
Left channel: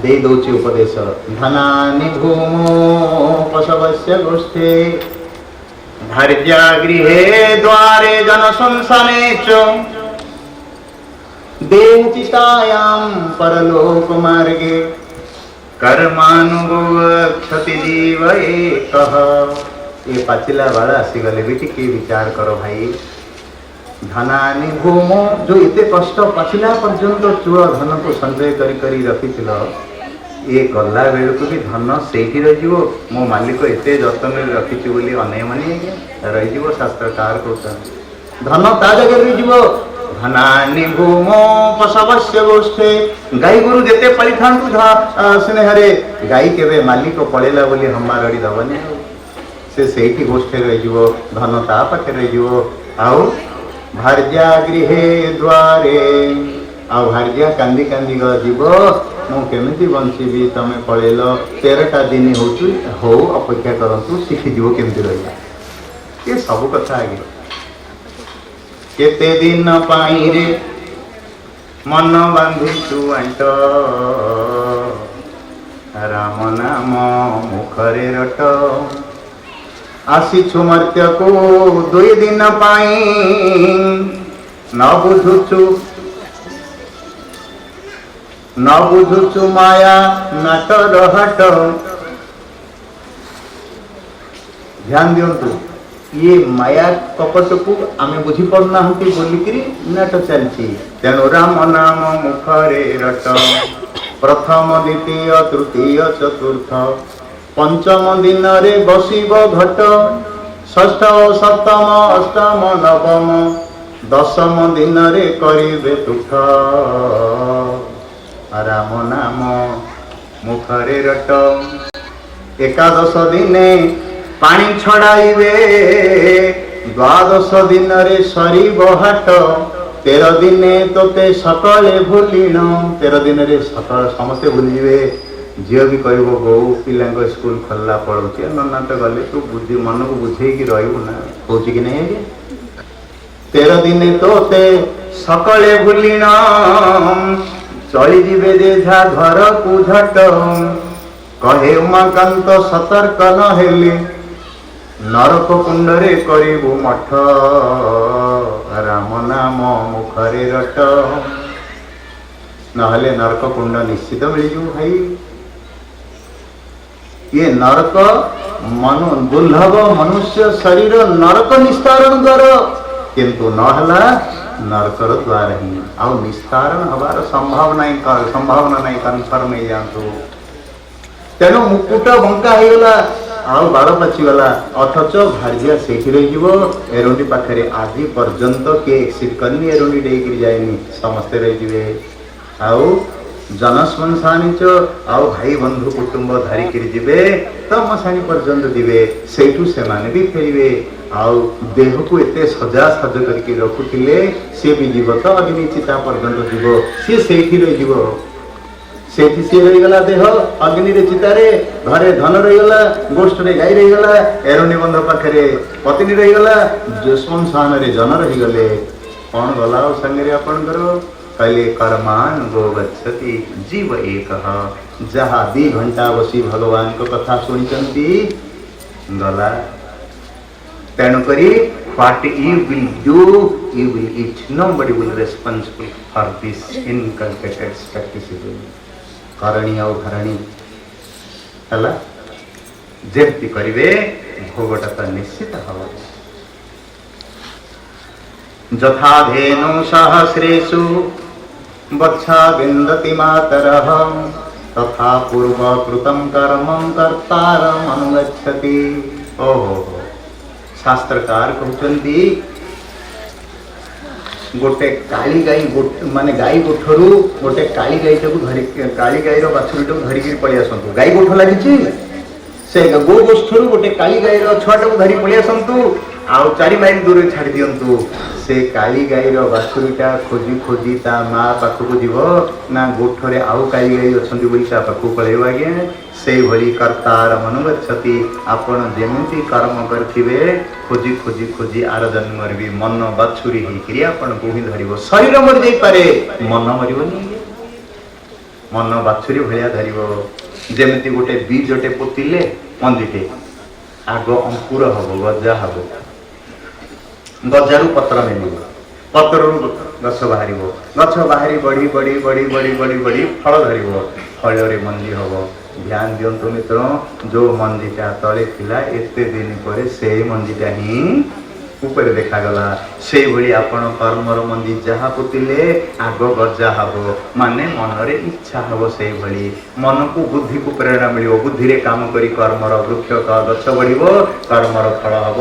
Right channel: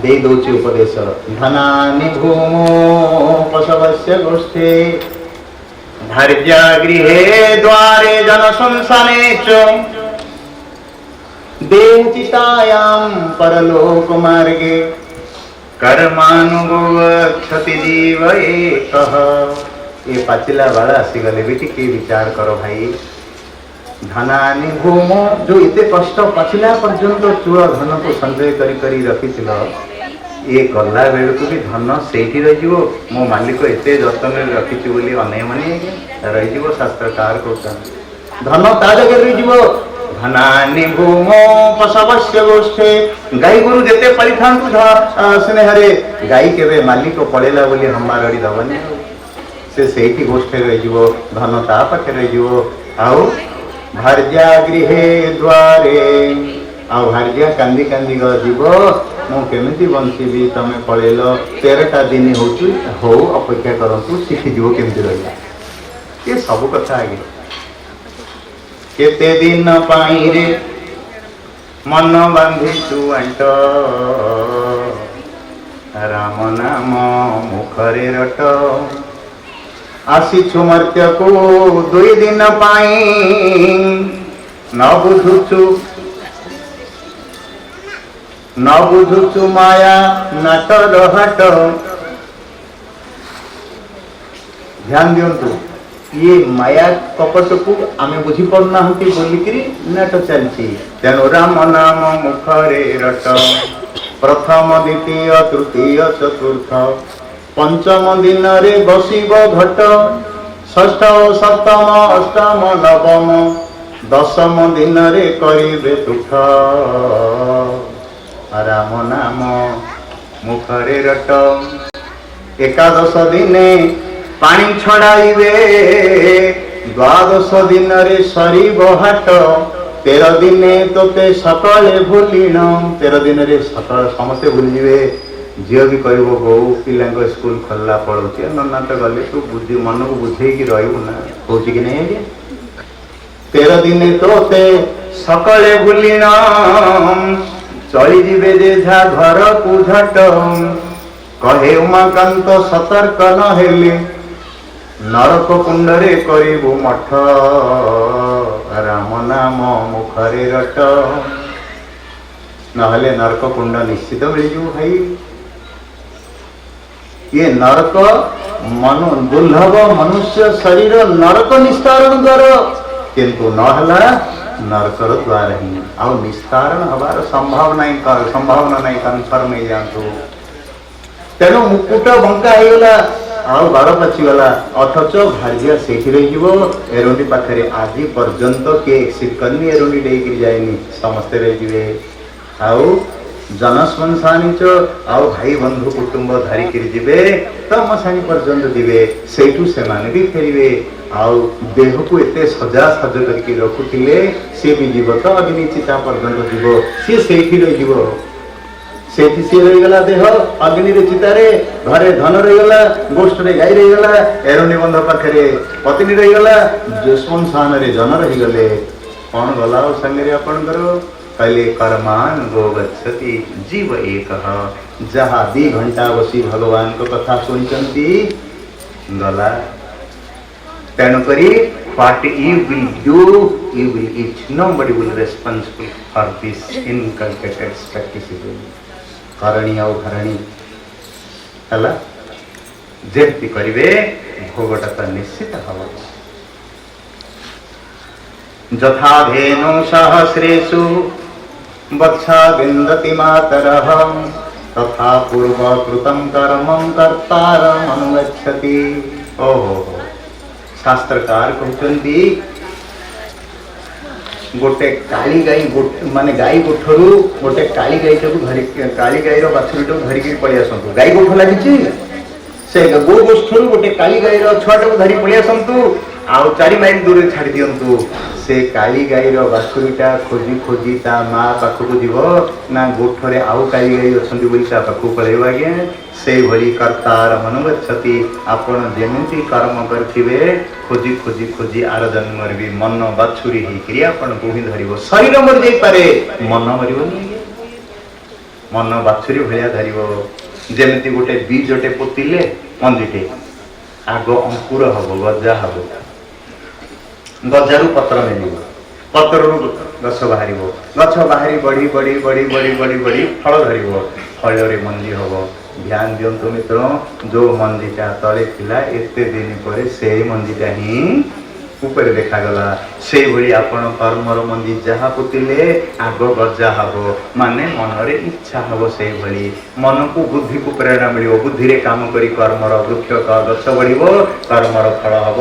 दे दौची उपदेश धनानि भूमो पशवस्य गोष्ठे भार्या गृहे द्वारे जन संसाने च देह चितायां परलोक मार्गे कर्मानुभव क्षति जीव एक। ये पाचिला बाल आसीगले भी टिके विचार करो भाई धनानि भूम जो इते कष्ट पाचिला पर्यंत चूल धन को संचय करी रखी ये गला बेलू भी धन से मो मालिक एते जतन रखी बोली अने मानी रही शास्त्रकार कहते धन ता जगह रही धनानि भूमो पशवस्य गोष्ठे गाई गोरु जेते पाली थांतु स्नेहरे गाई केवे मालिक पड़ेला बोली हमारी दबनी से सेठी गोष्ठे रही धन ता पाखे रही आउ भार्या गृहे द्वारे आउ भार्या कांदी कांदी जीव मुझे बंचीबी तुम पलैल 13टा दिन हो अपेक्षा करूँ शिखीज केमती रहा ये सब कथा आगे केते दिन पाई रे मन बांधी तू अंट राम नाम मुखरे रट आसीछु मर्त्य को 2 दिन पाई न बुझुचु माया नाटर हाट। ध्यान दिंतु ये माया कपट को आम बुझी पाना बोलिकी नाट चलती तेणु राम नाम मुखरे रट प्रथम द्वितीय तृतीय चतुर्थ पंचम दिन रे बसिब घट षष्ठ सप्तम अष्टम नवम दशम दिन रे करिबे तुठ राम नाम मुखरे रट एकादश दिने पानी छड़ाइबे द्वादश दिन रे सरीब हाट 13 दिने तोते सकले भूलिन 13 दिन रे सकल समस्ते भूलिजे झील भी कह बो पिला स्कूल खोलला पड़ोचे नना तो गले तू बुझी मन को बुझे रही ना कौच कि नहीं 13 दिने तोते सकले भूलिन चली जीवे जेझा घर को झट कहे उमाकांत सतर्क न हेले नरक कुंडरे करिबु मठ राम नाम मुखरे रट नहले नरक कुंड निश्चित मिलजु भाई ये नरक मनु दुर्लभ मनुष्य शरीर नरक निस्तारण द्वार किंतु नहला नरकर द्वार ही आ निस्तारण हबार संभावना नहीं कन्फर्म हो जातु तेणु मुकुट बंका हो गला आउ बाड़ पचिगला अथच भार्या से एरोडी पाखे आज पर्यंत किए एक्सिट करनी एरोडी डेक जाएनि समस्ते रही आउ जनश्मशानी आउ भाई बंधु कुटुंब धरिकी जीवे तम सानी पर्यंत जीवे सेठू से माने भी फेरवे आउ देह को एते सजा सज करके रखुले सी भी जीव तो अग्नि चिता पर्यंत जीव सी से रही सेठी सी रहीगला देह अग्नि चितारे घरे धन रहीगला गोष्ठ रे गाई रहीगला एरोनी बंध पाखे पत्नी रहीगला श्मशान रे जन रहीगले कौन गला संगे आपणकर कहले कर्मान गो गच्छति जीव एक जहा 2 घंटा बसी भगवान को कथा सुनिचंती गला तेणुक what you will do you will eat nobody will responsible for this inculcated practice करणी और धरणी है जमती करेंगे भोगटा तो निश्चित हम जथा धेनु सहस्रेषु वत्सा विन्दति मातरः तथा पूर्व कृतं कर्म कर्तारम् अनुगच्छति। ओहो शास्त्रकार कहते गोटे काली गाई माने गाई गोठरू गोटे काली गाई धरी काली गाई बाछुरी धरिकी पलि आसतु गाई गोठ लगी से गो गोष्ठरू गोटे काली गाई छुआ धरी पलि आसतु आउ 4 माइल दूर छाड़ी दिंतु से काली गाई बाछुरीटा खोजी खोजी ता माँ पाखक जीव ना गोठरे आउ काली गाई अच्छा पाखक पलैब आज्ञा से भली कर्तार अनुगच्छति आपण जेमती कर्म करेंगे खोजी खोजी खोजी आर जन्म भी मन बाछुरी होकर आपण बुही धर शरीर मरी जापे मन मरनी मन बाछुरी भाया धर जमी गोटे बीजटे पोतिले मंजीटे आग अंकुर हम गजा हम गजार पत्र मिल पत्र गछ बाहर गछ बाहरी बढ़ी बढ़ी बढ़ी बढ़ी बढ़ी बढ़ी फल धर फल मंजी हम ध्यान दिंतु मित्र जो मंजीटा तले थिला एते दिन पर से मंजीटा ही ऊपर देखागला से भली आपण कर्मर मंजी जहाँ पुतिले आग गजा हम माने मनरे इच्छा हम से भली मन को बुद्धि को प्रेरणा मिल बुद्धि रे काम करी कर्मर वृक्ष गछ बढ़िबो कर्मर फल हम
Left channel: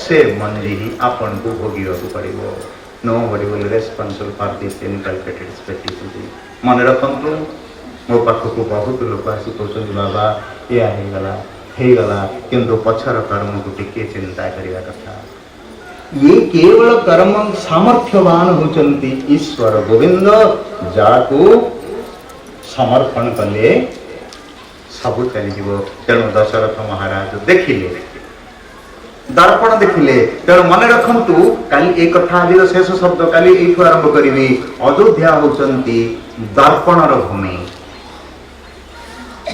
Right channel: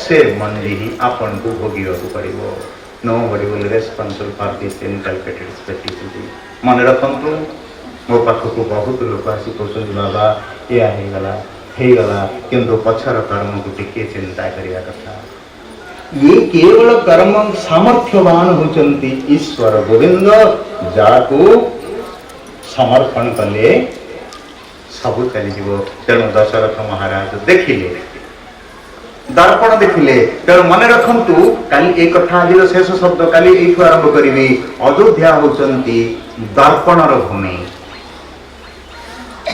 से मंजी ही आपण को भोगिବାକୁ पड़िबो। Nobody will responsible for this inculcated spirituality। मन रखंतु मो पाखक बहुत लोक आसी कहते बाबा या गला किंतु पछर कर्म को टिके चिंता करिया कथा ये केवल कर्म सामर्थ्यवान होचंती ईश्वर गोविंद जाकू समर्पण कले सब चलीज। तेणु दशरथ महाराज देखिले दर्पण देखिले। तेणु मन रखु काली एक कथा आज शेष शब्द काली यू आरंभ करी। अयोध्या होती दर्पणर भूमि।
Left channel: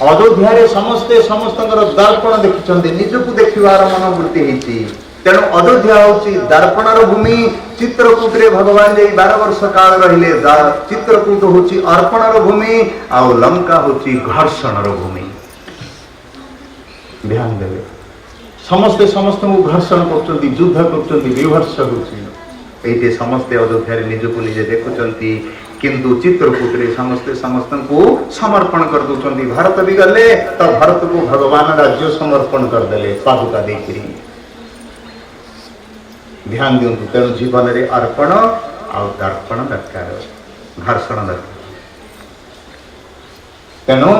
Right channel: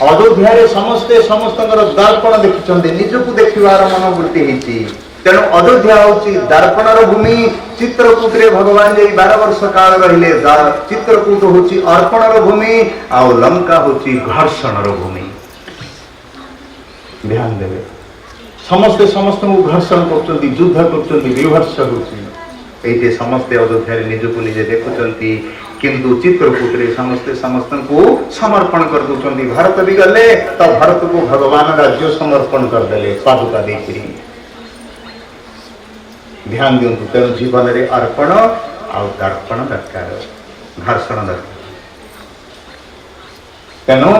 अयोध्या समस्ते समस्त दर्पण देखिं निजक देखार मनोवृत्ति होती। तेणु अयोध्या हूँ दर्पणर भूमि। चित्रकूट रे भगवान जी 12 वर्ष काल रहिले। चित्रकूट हूँ अर्पणर भूमि आउ लंका हूँ घर्षणर भूमि। ध्यान देवे समस्ते समस्त को घर्षण कर युद्ध कर विभर्ष होते समस्ते अयोध्या निजक निजे देखुंट। किंतु चित्रकूट रे समस्ते समस्त को समर्पण कर दूसरी। भारत भी गले तो भारत को भगवान राज्य समर्पण करदे पादुका देकर। ध्यान दिंतु। तेणु जीवन में अर्पण आउ दर्पण दरकार घर्षण दरकार। तेणु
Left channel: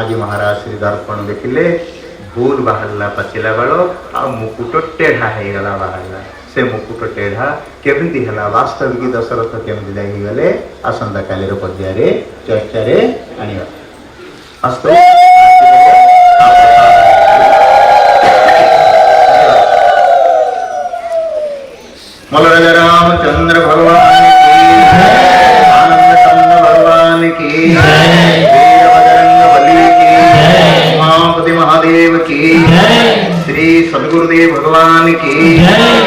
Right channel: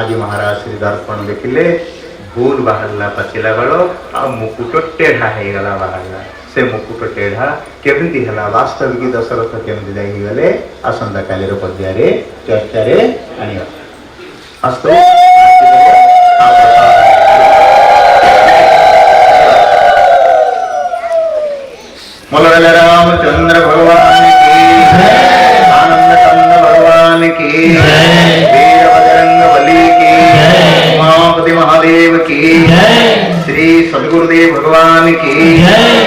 आज महाराज श्री दर्पण देखिले भूल बाहरला पचिला बेल आ मुकुट टेढ़ा होगला बाहरला। से मुकुट टेढ़ा केमती है वास्तविक दशरथ केमती जाइए आसंता काली पर्याय चर्चार आनिया। अस्तु मलराज रामचंद्र भगवान की आनंद कंद भगवान की वीर बजरंग बली की उमापति महादेव की श्री सदगुरुदेव भगवान की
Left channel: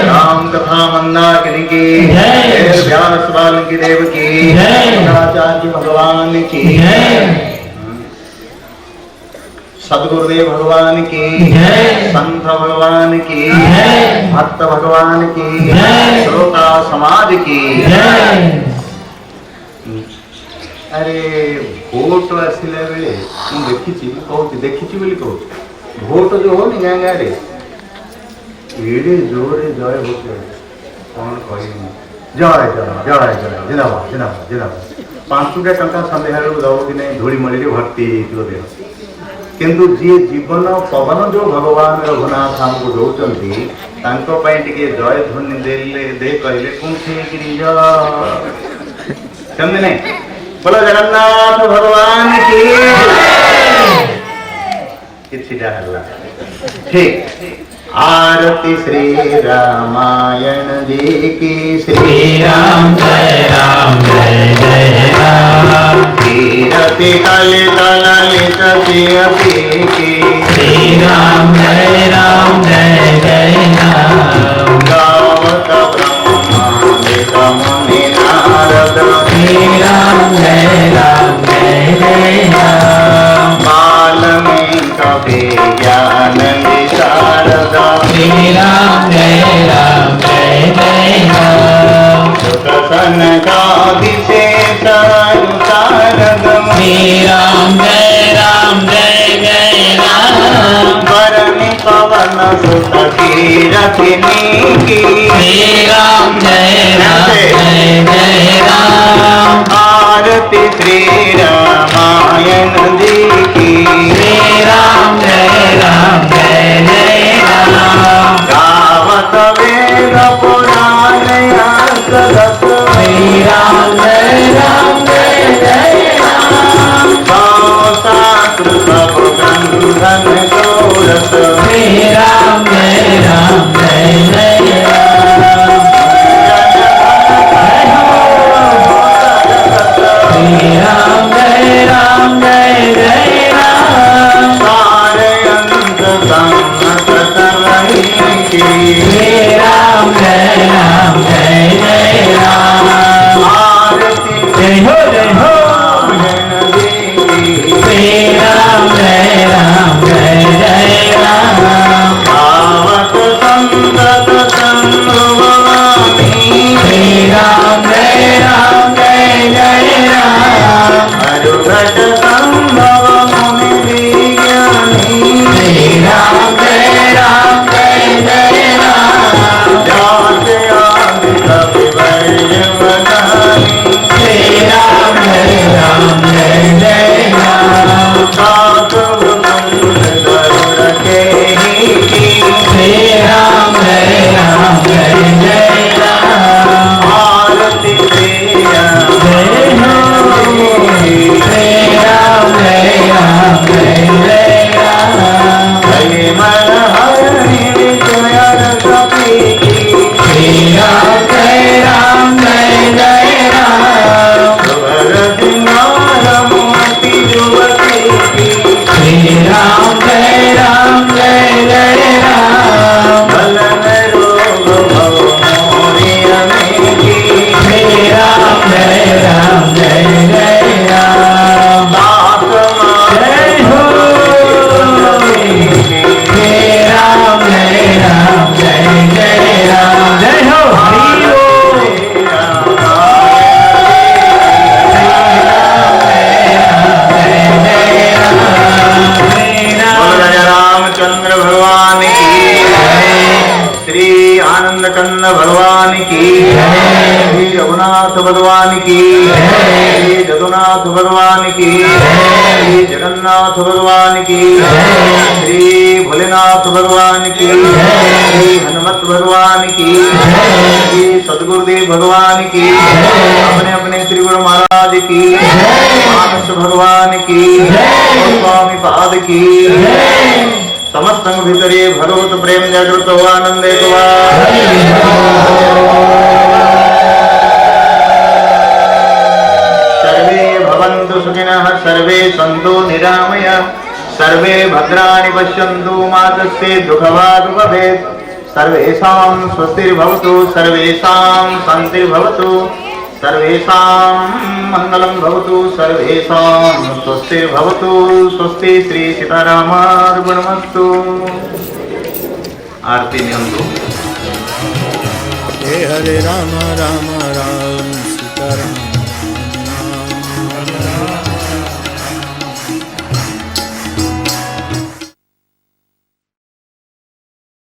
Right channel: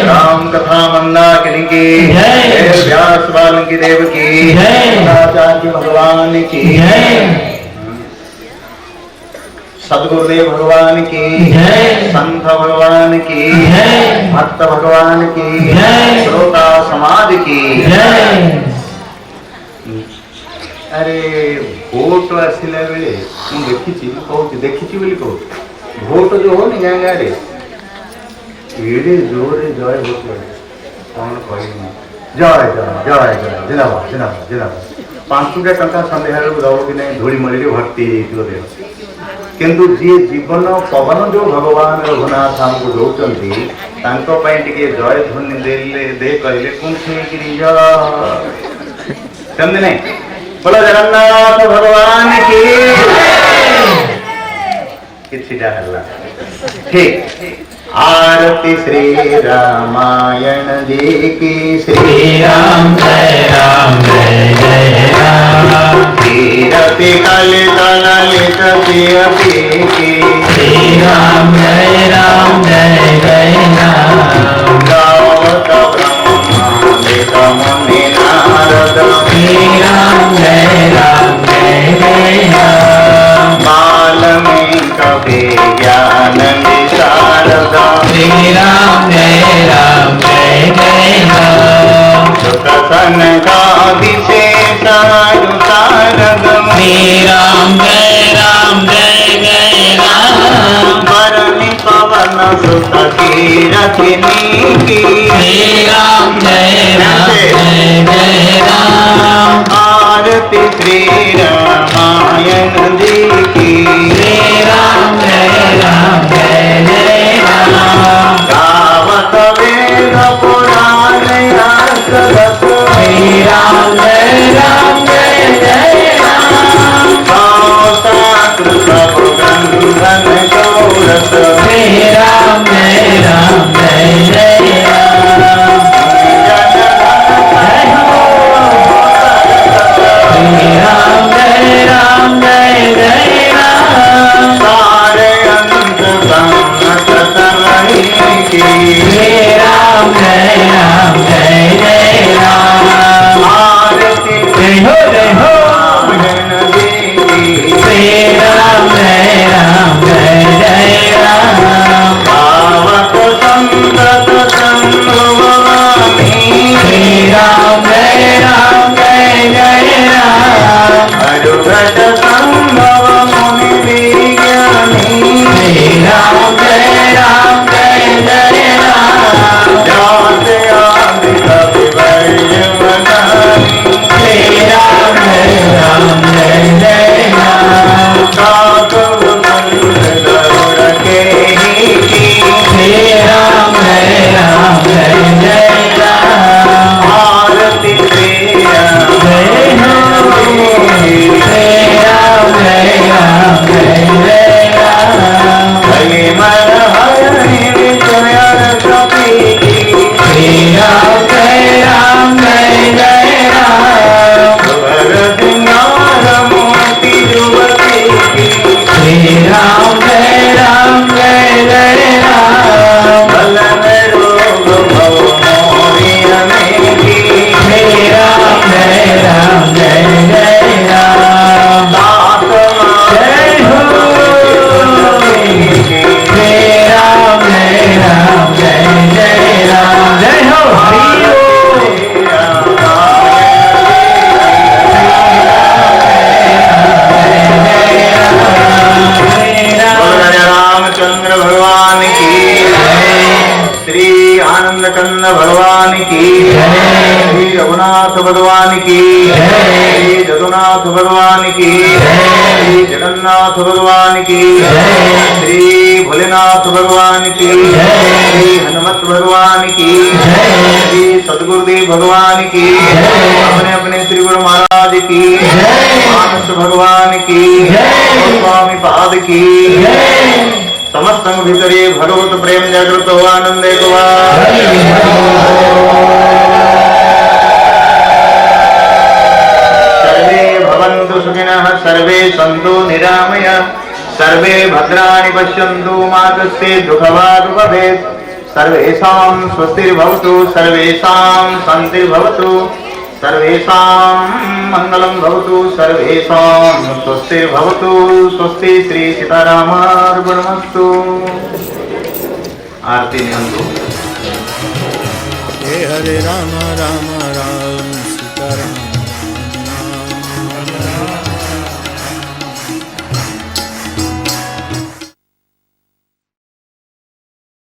राम कथा मंदाकिनी की व्यास वाल्मीकि देव की आचार्य भगवान की सदगुरुदेव भगवान की संत भगवान की भक्त भगवान की श्रोता समाज की। अरे भोट आसला बेले देखी भोट जो हो गाँ गाँव एड़े जोरे जय भोट कौन कह जय जय जय जय जिंदाबाद जिंदाबाद जिंदाबाद 5टा टंका सन्ध्या दब कि नहीं धूली मली भर्ती देह। किंतु जी जीवन पवन जो भगवान रघुनाथ हमको दौरान टे जय ध्वनि दे कहले समझे नहीं। बोलो जगन्नाथ भगवान की किछिटा हल्ला ठीक। आरती श्री रामायण जी की। श्री राम जय राम कीरति कलित ललित की। श्री राम जय राम गावत ब्रह्मांड मुनि नारद। श्री राम जय राम वाल्मीकि कवि ज्ञान विशारद। श्री राम जय राम सुत सनकादिशेष सारद। श्री राम जय राम वरनि पवन सुत कीरतिनी की। श्री राम जय राम आरती श्री रामायण जी की। श्री राम जय राम गावत वेद पुराण सदस। श्री राम जय राम सब गंधन गौरस। श्री राम जय राम श्री राम जय कंद कंद भगवान की, श्री रघुनाथ भगवान की, श्री जगन्नाथ भगवान की, श्री जगन्नाथ भगवान की, श्री भोलेनाथ भगवान की, श्री हनुमत भगवान की, श्री सदगुरुदेव भगवान की, अपने अपने श्री गुरु महाराज की, मानस भगवान की, स्वामी पाद की, समस्त भीतरे भगवत प्रेम जागृत हो आनंद सर्वे भवन्तु सुखिनः सर्वे सन्तु निरामयाः सर्वे भद्राणि पश्यन्तु मा कश्चित् दुःखभाग् भवेत् सर्वेषां स्वस्तिर्भवतु सर्वेषां शान्तिर्भवतु सर्वेषां मङ्गलं भवतु सर्वेषां स्वस्तिर्भवतु स्वस्ति श्री सीतारामार्पणमस्तु। आरती नियम हरे राम राम राम